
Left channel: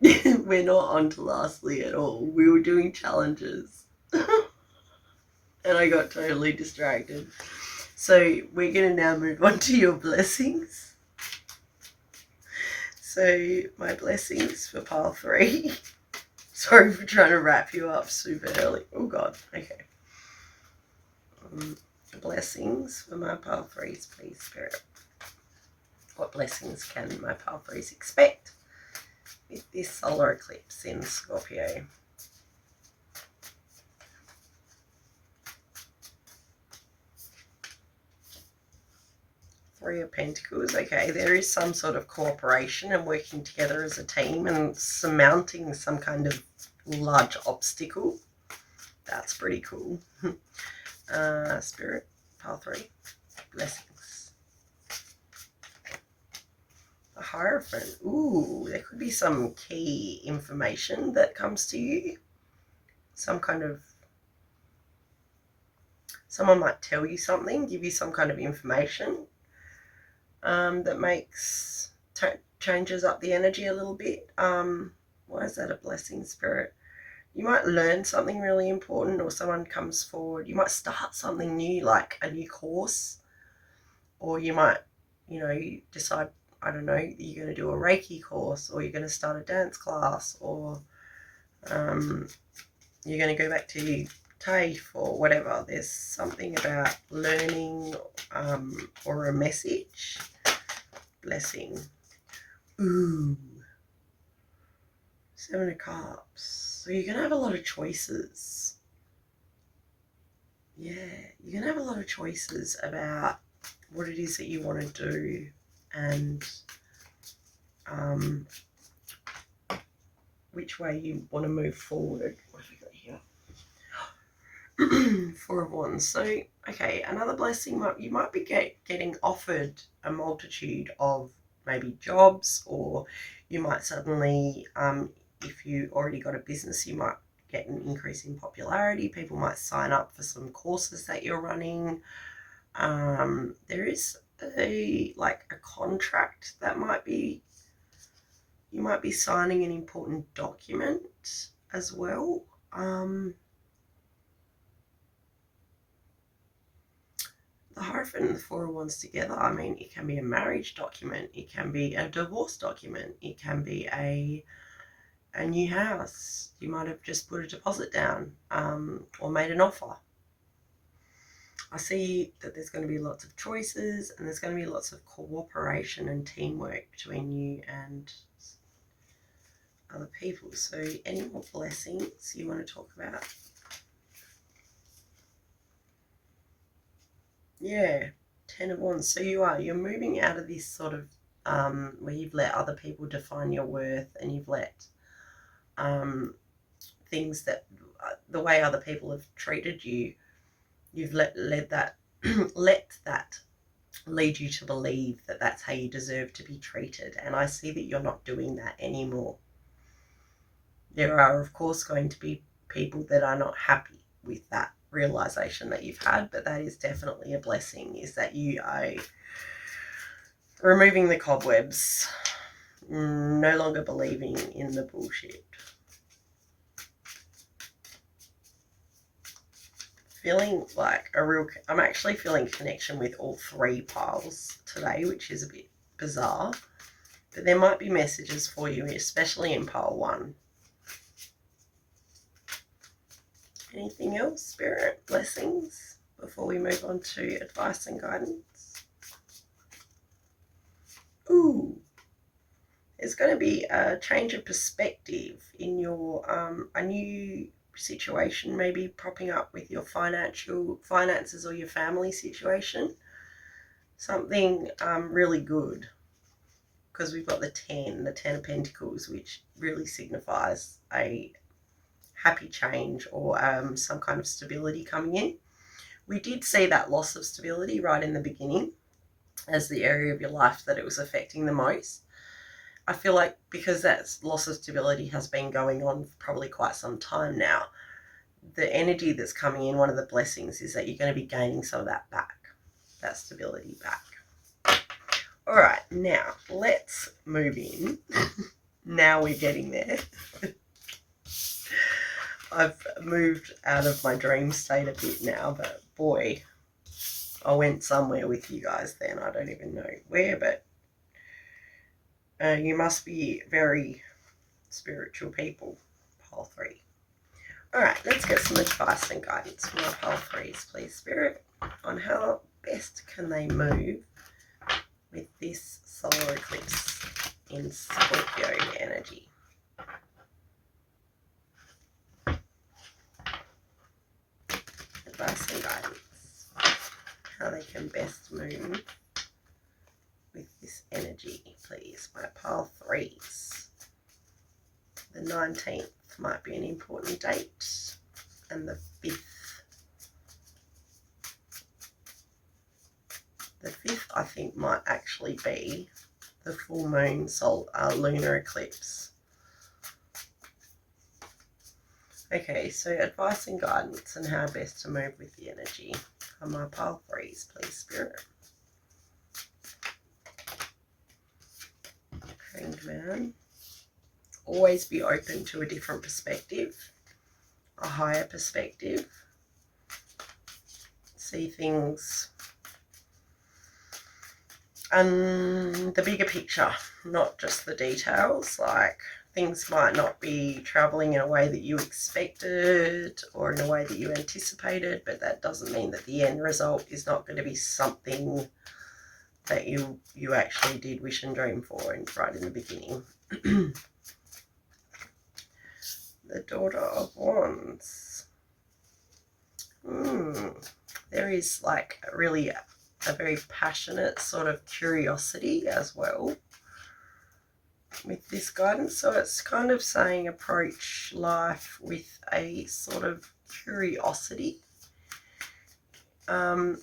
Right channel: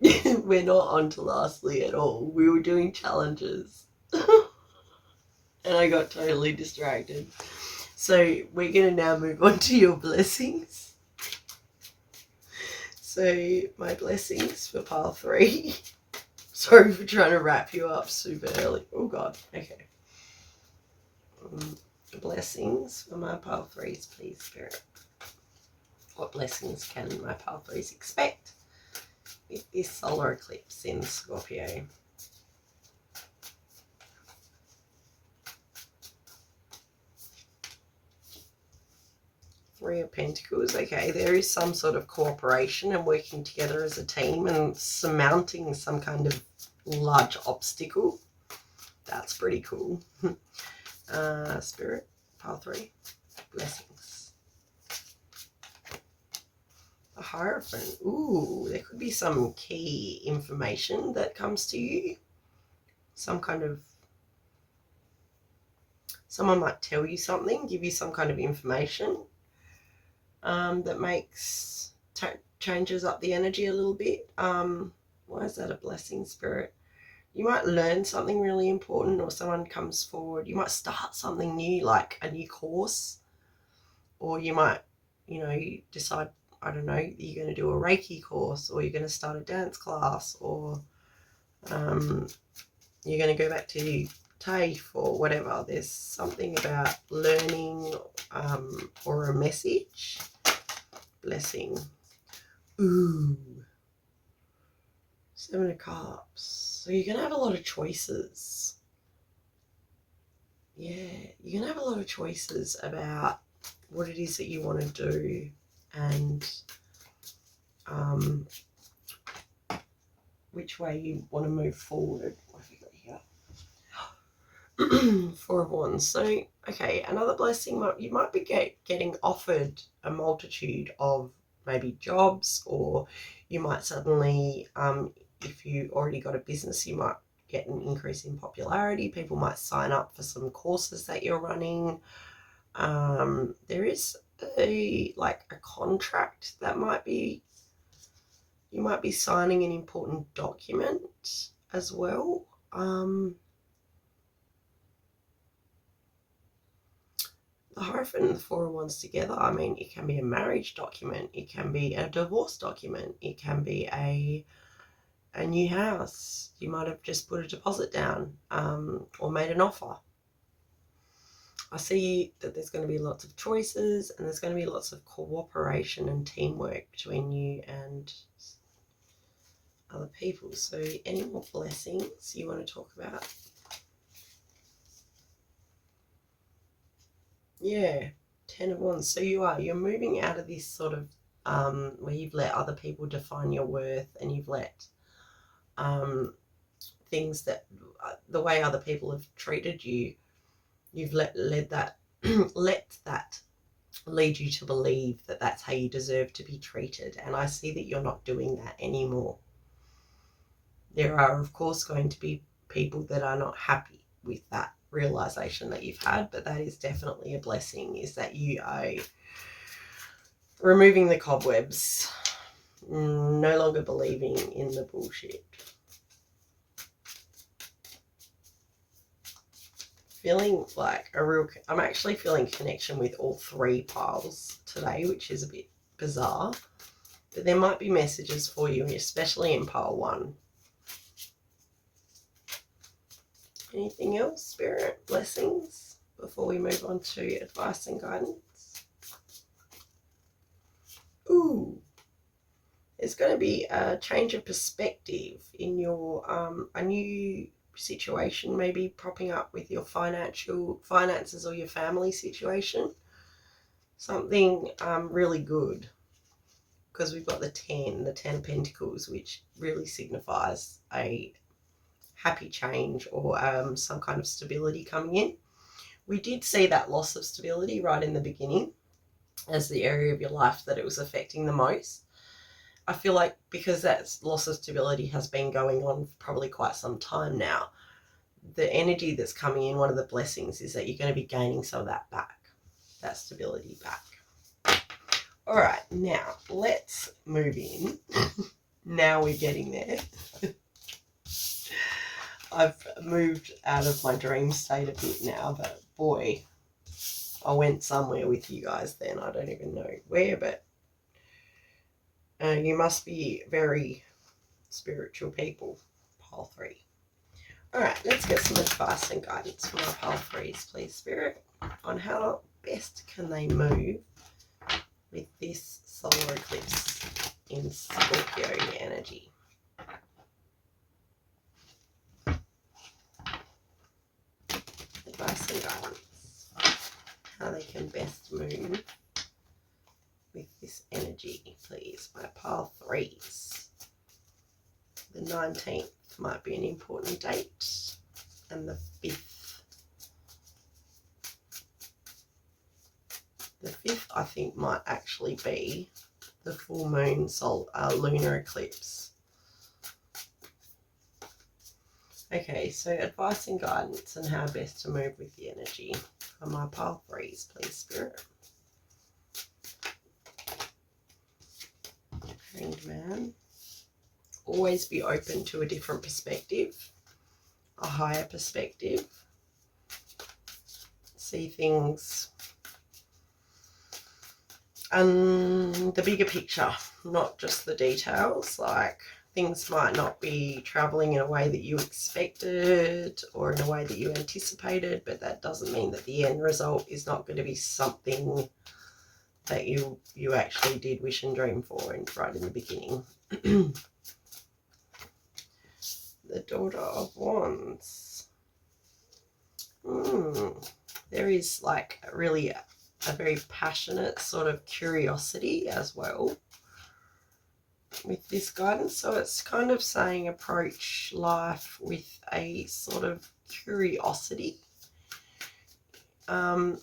We're not on to lastly at all. We were doing challenges. And I got totally distracted. So we're going to now move on to your blessings. So my blessings for pile 3. Sorry for trying to wrap you up super early. Oh God. Okay. Blessings for my pile 3s, please, Spirit. What blessings can my pile 3s expect with this solar eclipse in Scorpio? Three of Pentacles. Okay, there is some sort of cooperation and working together as a team and surmounting some kind of large obstacle. That's pretty cool. Spirit, pile 3, blessings. The Hierophant. Ooh, there could be some key information that comes to you. Some kind of, someone might tell you something, give you some kind of information that makes, changes up the energy a little bit. Why is that a blessing, Spirit? You might learn something really important, or someone comes forward. You might start something new, like a new course, or you might, you decide, I don't know, you're going to do a Reiki course, or you're going to start a dance class, or you're going to go back to TAFE or whatever. There's something about learning or a message. Blessing. Ooh. 7 of Cups. So you're going to have a lot of choices. Yeah, you're going to have a lot of choices about what it is that you want to do, and which way you want to move forward. What have we got here? 4 of Wands. So, okay, another blessing, you might be getting offered a multitude of maybe jobs, or you might suddenly, if you already got a business, you might get an increase in popularity. People might sign up for some courses that you're running. There is a contract that you might be signing an important document as well. The Hierophant and the 4 of Wands together, I mean, it can be a marriage document, it can be a divorce document, it can be a new house. You might have just put a deposit down, or made an offer. I see that there's going to be lots of choices, and there's going to be lots of cooperation and teamwork between you and other people. So any more blessings you want to talk about? Yeah, 10 of Wands. So you're moving out of this sort of where you've let other people define your worth, and you've let things that the way other people have treated you, you've let that let that lead you to believe that that's how you deserve to be treated. And I see that you're not doing that anymore. There are, of course, going to be people that are not happy with that realization that you've had, but that is definitely a blessing, is that you are removing the cobwebs, no longer believing in the bullshit. Feeling like I'm actually feeling connection with all 3 piles today, which is a bit bizarre, but there might be messages for you, especially in pile 1. Anything else, Spirit? Blessings before we move on to advice and guidance? Ooh, there's going to be a change of perspective in your a new situation maybe propping up with your finances or your family situation. Something really good, because we've got the 10 of Pentacles, which really signifies a happy change or some kind of stability coming in. We did see that loss of stability right in the beginning as the area of your life that it was affecting the most. I feel like because that loss of stability has been going on for probably quite some time now, the energy that's coming in, one of the blessings, is that you're going to be gaining some of that back, that stability back. All right, now let's move in. Now we're getting there. I've moved out of my dream state a bit now, but boy, I went somewhere with you guys then. I don't even know where, but you must be very spiritual people, pile 3. All right, let's get some advice and guidance from our pile 3s, please, Spirit, on how best can they move with this solar eclipse in Scorpio energy. Advice and guidance. How they can best move this energy, please? My pile threes. The 19th might be an important date, and the 5th. The 5th, I think, might actually be the full moon lunar eclipse. Okay, so advice and guidance and how best to move with the energy. On my pile threes, please, Spirit. Hanged Man. Always be open to a different perspective, a higher perspective. See things and the bigger picture, not just the details. Like, things might not be traveling in a way that you expected or in a way that you anticipated, but that doesn't mean that the end result is not going to be something that you actually did wish and dream for right in the beginning. The Daughter of Wands. There is like really a very passionate sort of curiosity as well with this guidance. So it's kind of saying approach life with a sort of curiosity.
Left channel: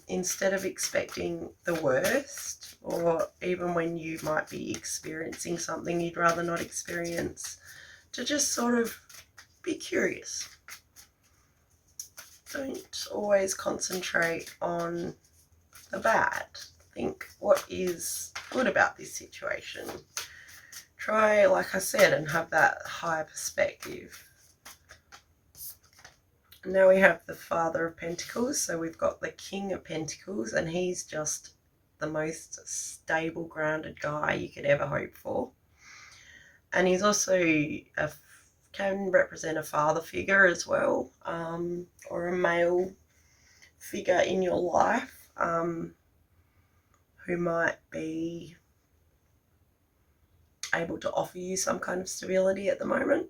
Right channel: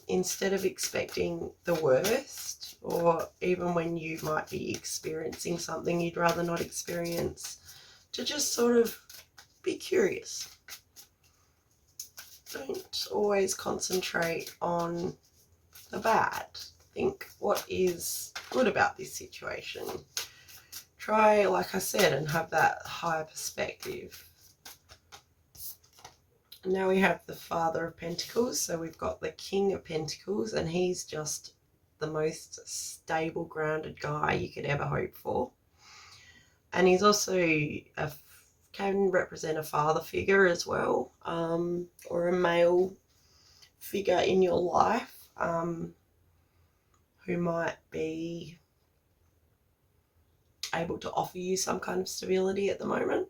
Instead of expecting the worst, or even when you might be experiencing something you'd rather not experience, to just sort of be curious. Don't always concentrate on the bad. Think what is good about this situation. Try, like I said, and have that higher perspective. And now we have the Father of Pentacles. So we've got the King of Pentacles, and he's just the most stable, grounded guy you could ever hope for. And he's also can represent a father figure as well, or a male figure in your life who might be able to offer you some kind of stability at the moment.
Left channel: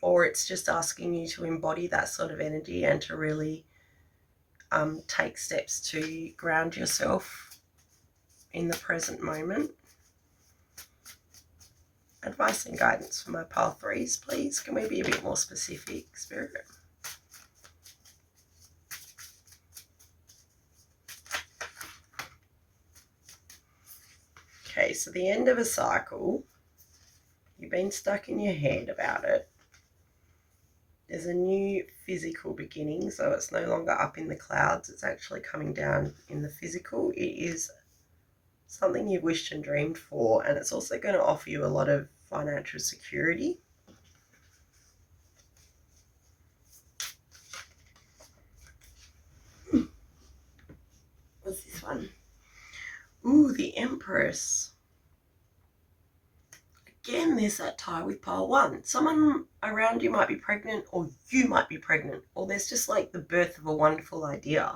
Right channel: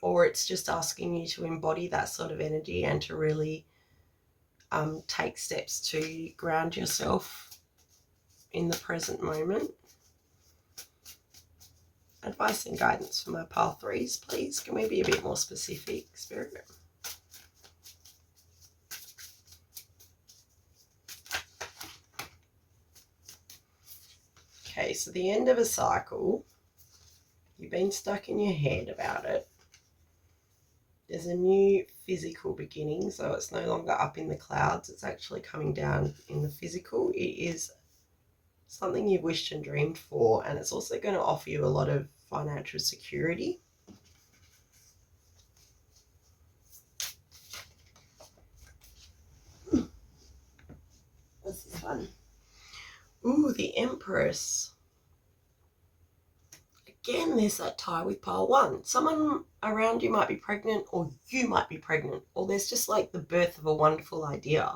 Or it's just asking you to embody that sort of energy and to really take steps to ground yourself in the present moment. Advice and guidance for my pile threes, please. Can we be a bit more specific, Spirit? Okay, so the end of a cycle, you've been stuck in your head about it. There's a new physical beginning, so it's no longer up in the clouds. It's actually coming down in the physical. It is something you've wished and dreamed for, and it's also going to offer you a lot of financial security. What's this one? Ooh, the Empress. Again, there's that tie with pile one. Someone around you might be pregnant, or you might be pregnant, or there's just like the birth of a wonderful idea.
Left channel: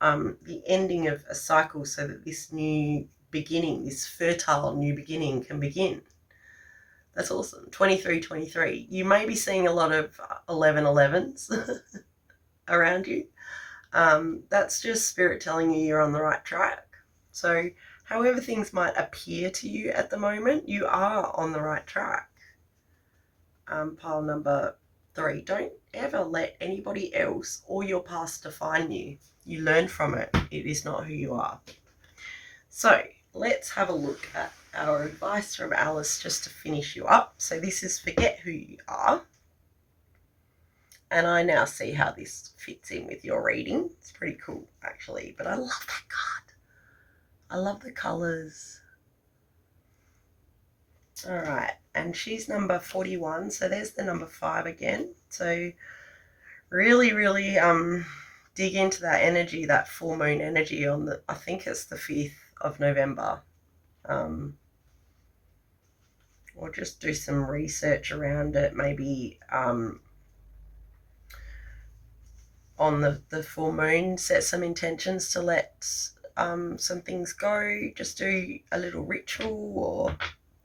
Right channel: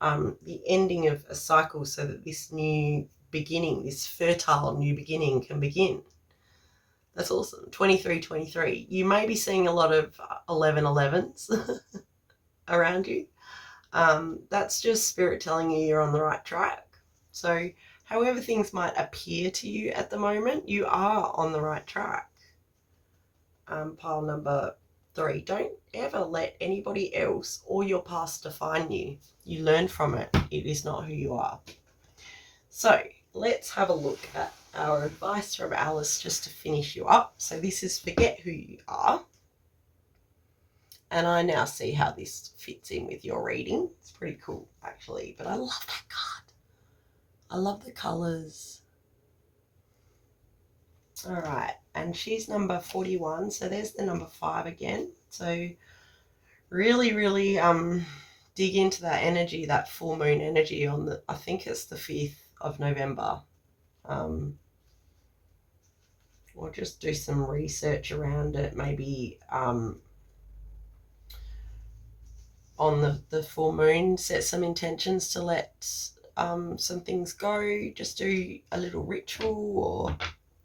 The ending of a cycle so that this new beginning, this fertile new beginning can begin. That's awesome. 23. You may be seeing a lot of 11s around you. That's just Spirit telling you you're on the right track. So however things might appear to you at the moment, you are on the right track. Pile number 3, don't ever let anybody else or your past define you. You learn from it. It is not who you are. So let's have a look at our advice from Alice just to finish you up. So this is forget who you are. And I now see how this fits in with your reading. It's pretty cool, actually. But I love that card. I love the colours. All right. And she's number 41. So there's the number 5 again. So really, really dig into that energy, that full moon energy on the, I think it's the 5th of November. Or just do some research around it. Maybe on the full moon, set some intentions to let some things go. Just do a little ritual, or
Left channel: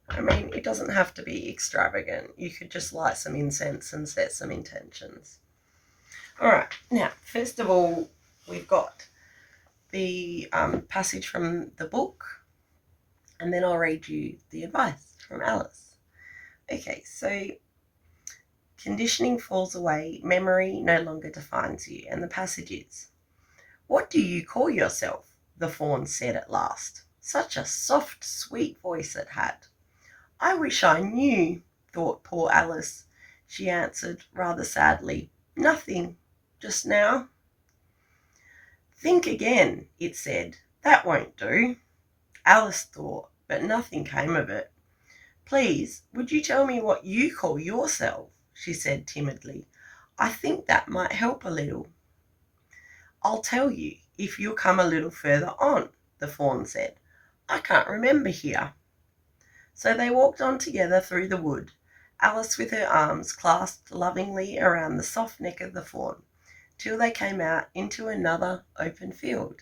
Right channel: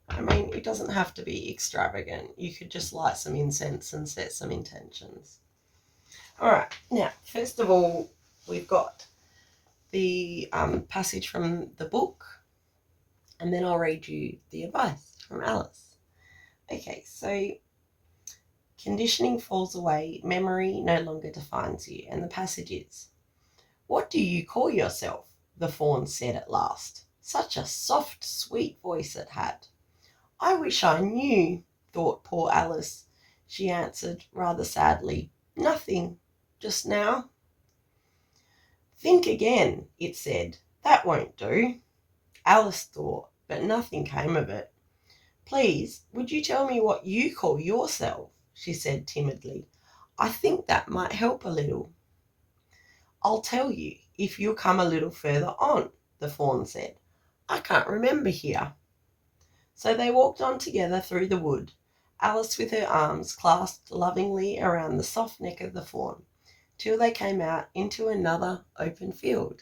I mean, it doesn't have to be extravagant. You could just light some incense and set some intentions. All right, now, first of all, we've got the passage from the book, and then I'll read you the advice from Alice. Okay, so conditioning falls away, memory no longer defines you, and the passage is, "What do you call yourself?" the fawn said at last. Such a soft, sweet voice it had. "I wish I knew," thought poor Alice. She answered rather sadly, "Nothing, just now." "Think again," it said. "That won't do." Alice thought, but nothing came of it. "Please, would you tell me what you call yourself?" she said timidly. "I think that might help a little." "I'll tell you if you'll come a little further on," the fawn said. "I can't remember here." So they walked on together through the wood, Alice with her arms clasped lovingly around the soft neck of the fawn, till they came out into another open field.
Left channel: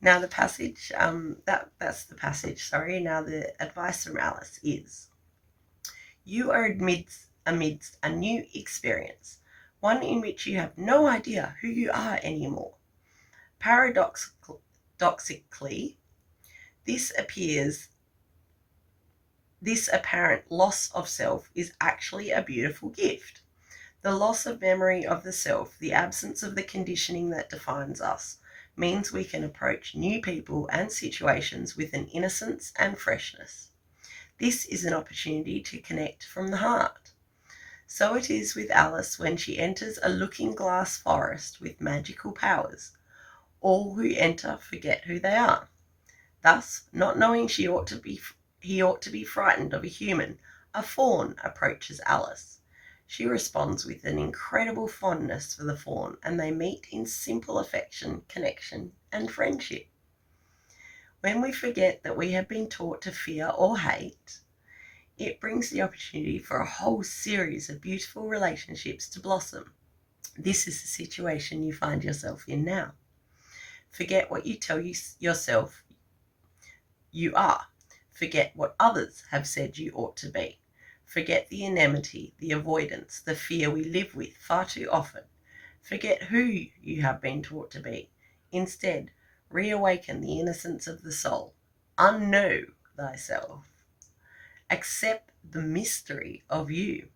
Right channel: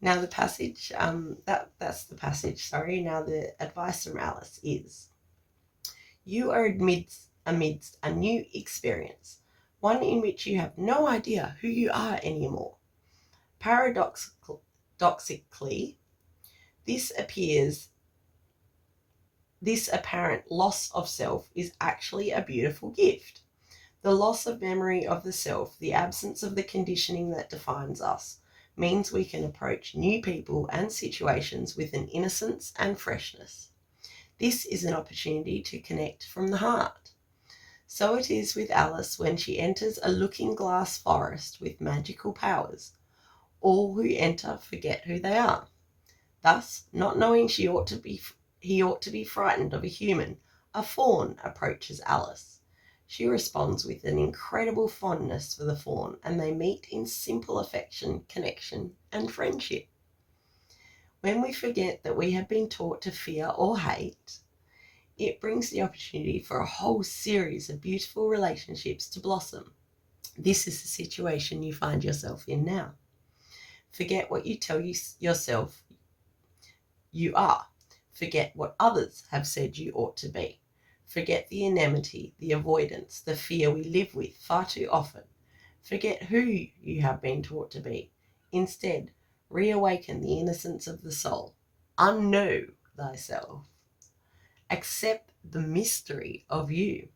Now the passage, that's the passage, sorry. Now the advice from Alice is, you are amidst a new experience, one in which you have no idea who you are anymore. Paradoxically, this apparent loss of self is actually a beautiful gift. The loss of memory of the self, the absence of the conditioning that defines us, means we can approach new people and situations with an innocence and freshness. This is an opportunity to connect from the heart. So it is with Alice when she enters a looking-glass forest with magical powers. All who enter forget who they are. Thus, not knowing he ought to be frightened of a human, a fawn approaches Alice. She responds with an incredible fondness for the fawn, and they meet in simple affection, connection, and friendship. When we forget that we have been taught to fear or hate, it brings the opportunity for a whole series of beautiful relationships to blossom. This is the situation you find yourself in now. Forget what you tell yourself you are. Forget what others have said you ought to be. Forget the enmity, the avoidance, the fear we live with far too often. Forget who you have been taught to be. Instead, reawaken the innocence of the soul. Unknow thyself. Accept the mystery of you.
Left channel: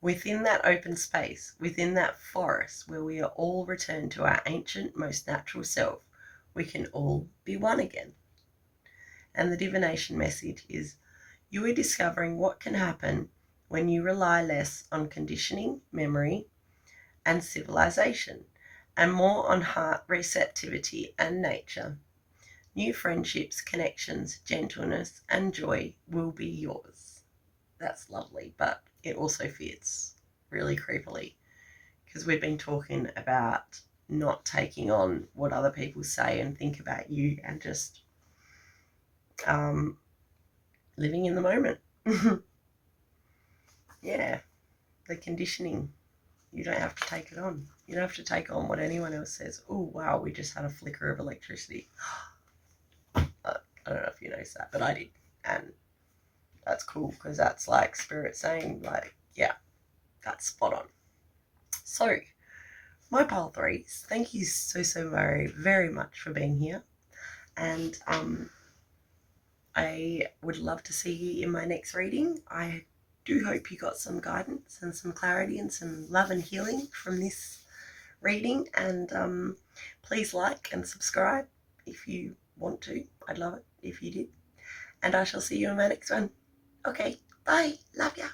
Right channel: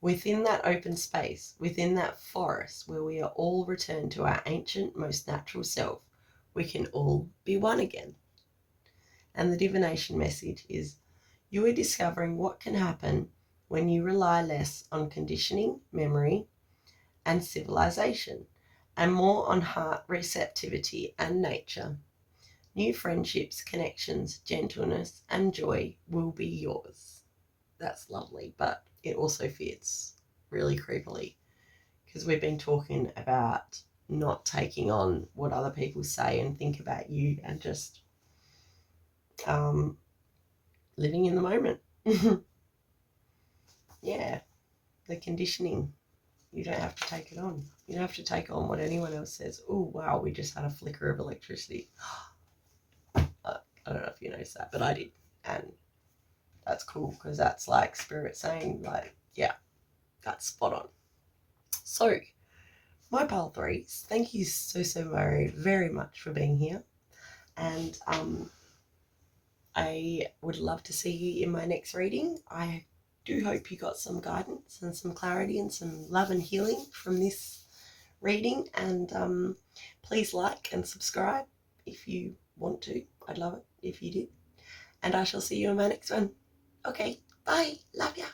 Within that open space, within that forest where we are all returned to our ancient, most natural self, we can all be one again. And the divination message is, you are discovering what can happen when you rely less on conditioning, memory, and civilization, and more on heart receptivity and nature. New friendships, connections, gentleness, and joy will be yours. That's lovely, but it also fits really creepily because we've been talking about not taking on what other people say and think about you and just living in the moment. Yeah, the conditioning. You don't have to take it on. You don't have to take on what anyone else says. Oh, wow, we just had a flicker of electricity. I don't know if you noticed that, but I did. And that's cool because that's like spirit saying, like, yeah, that's spot on. So, my pile threes, thank you so very, very much for being here. And I would love to see you in my next reading. I do hope you got some guidance and some clarity and some love and healing from this reading. And please like and subscribe if you want to. I'd love it if you did. And I shall see you in my next one. Okay, bye. Love ya.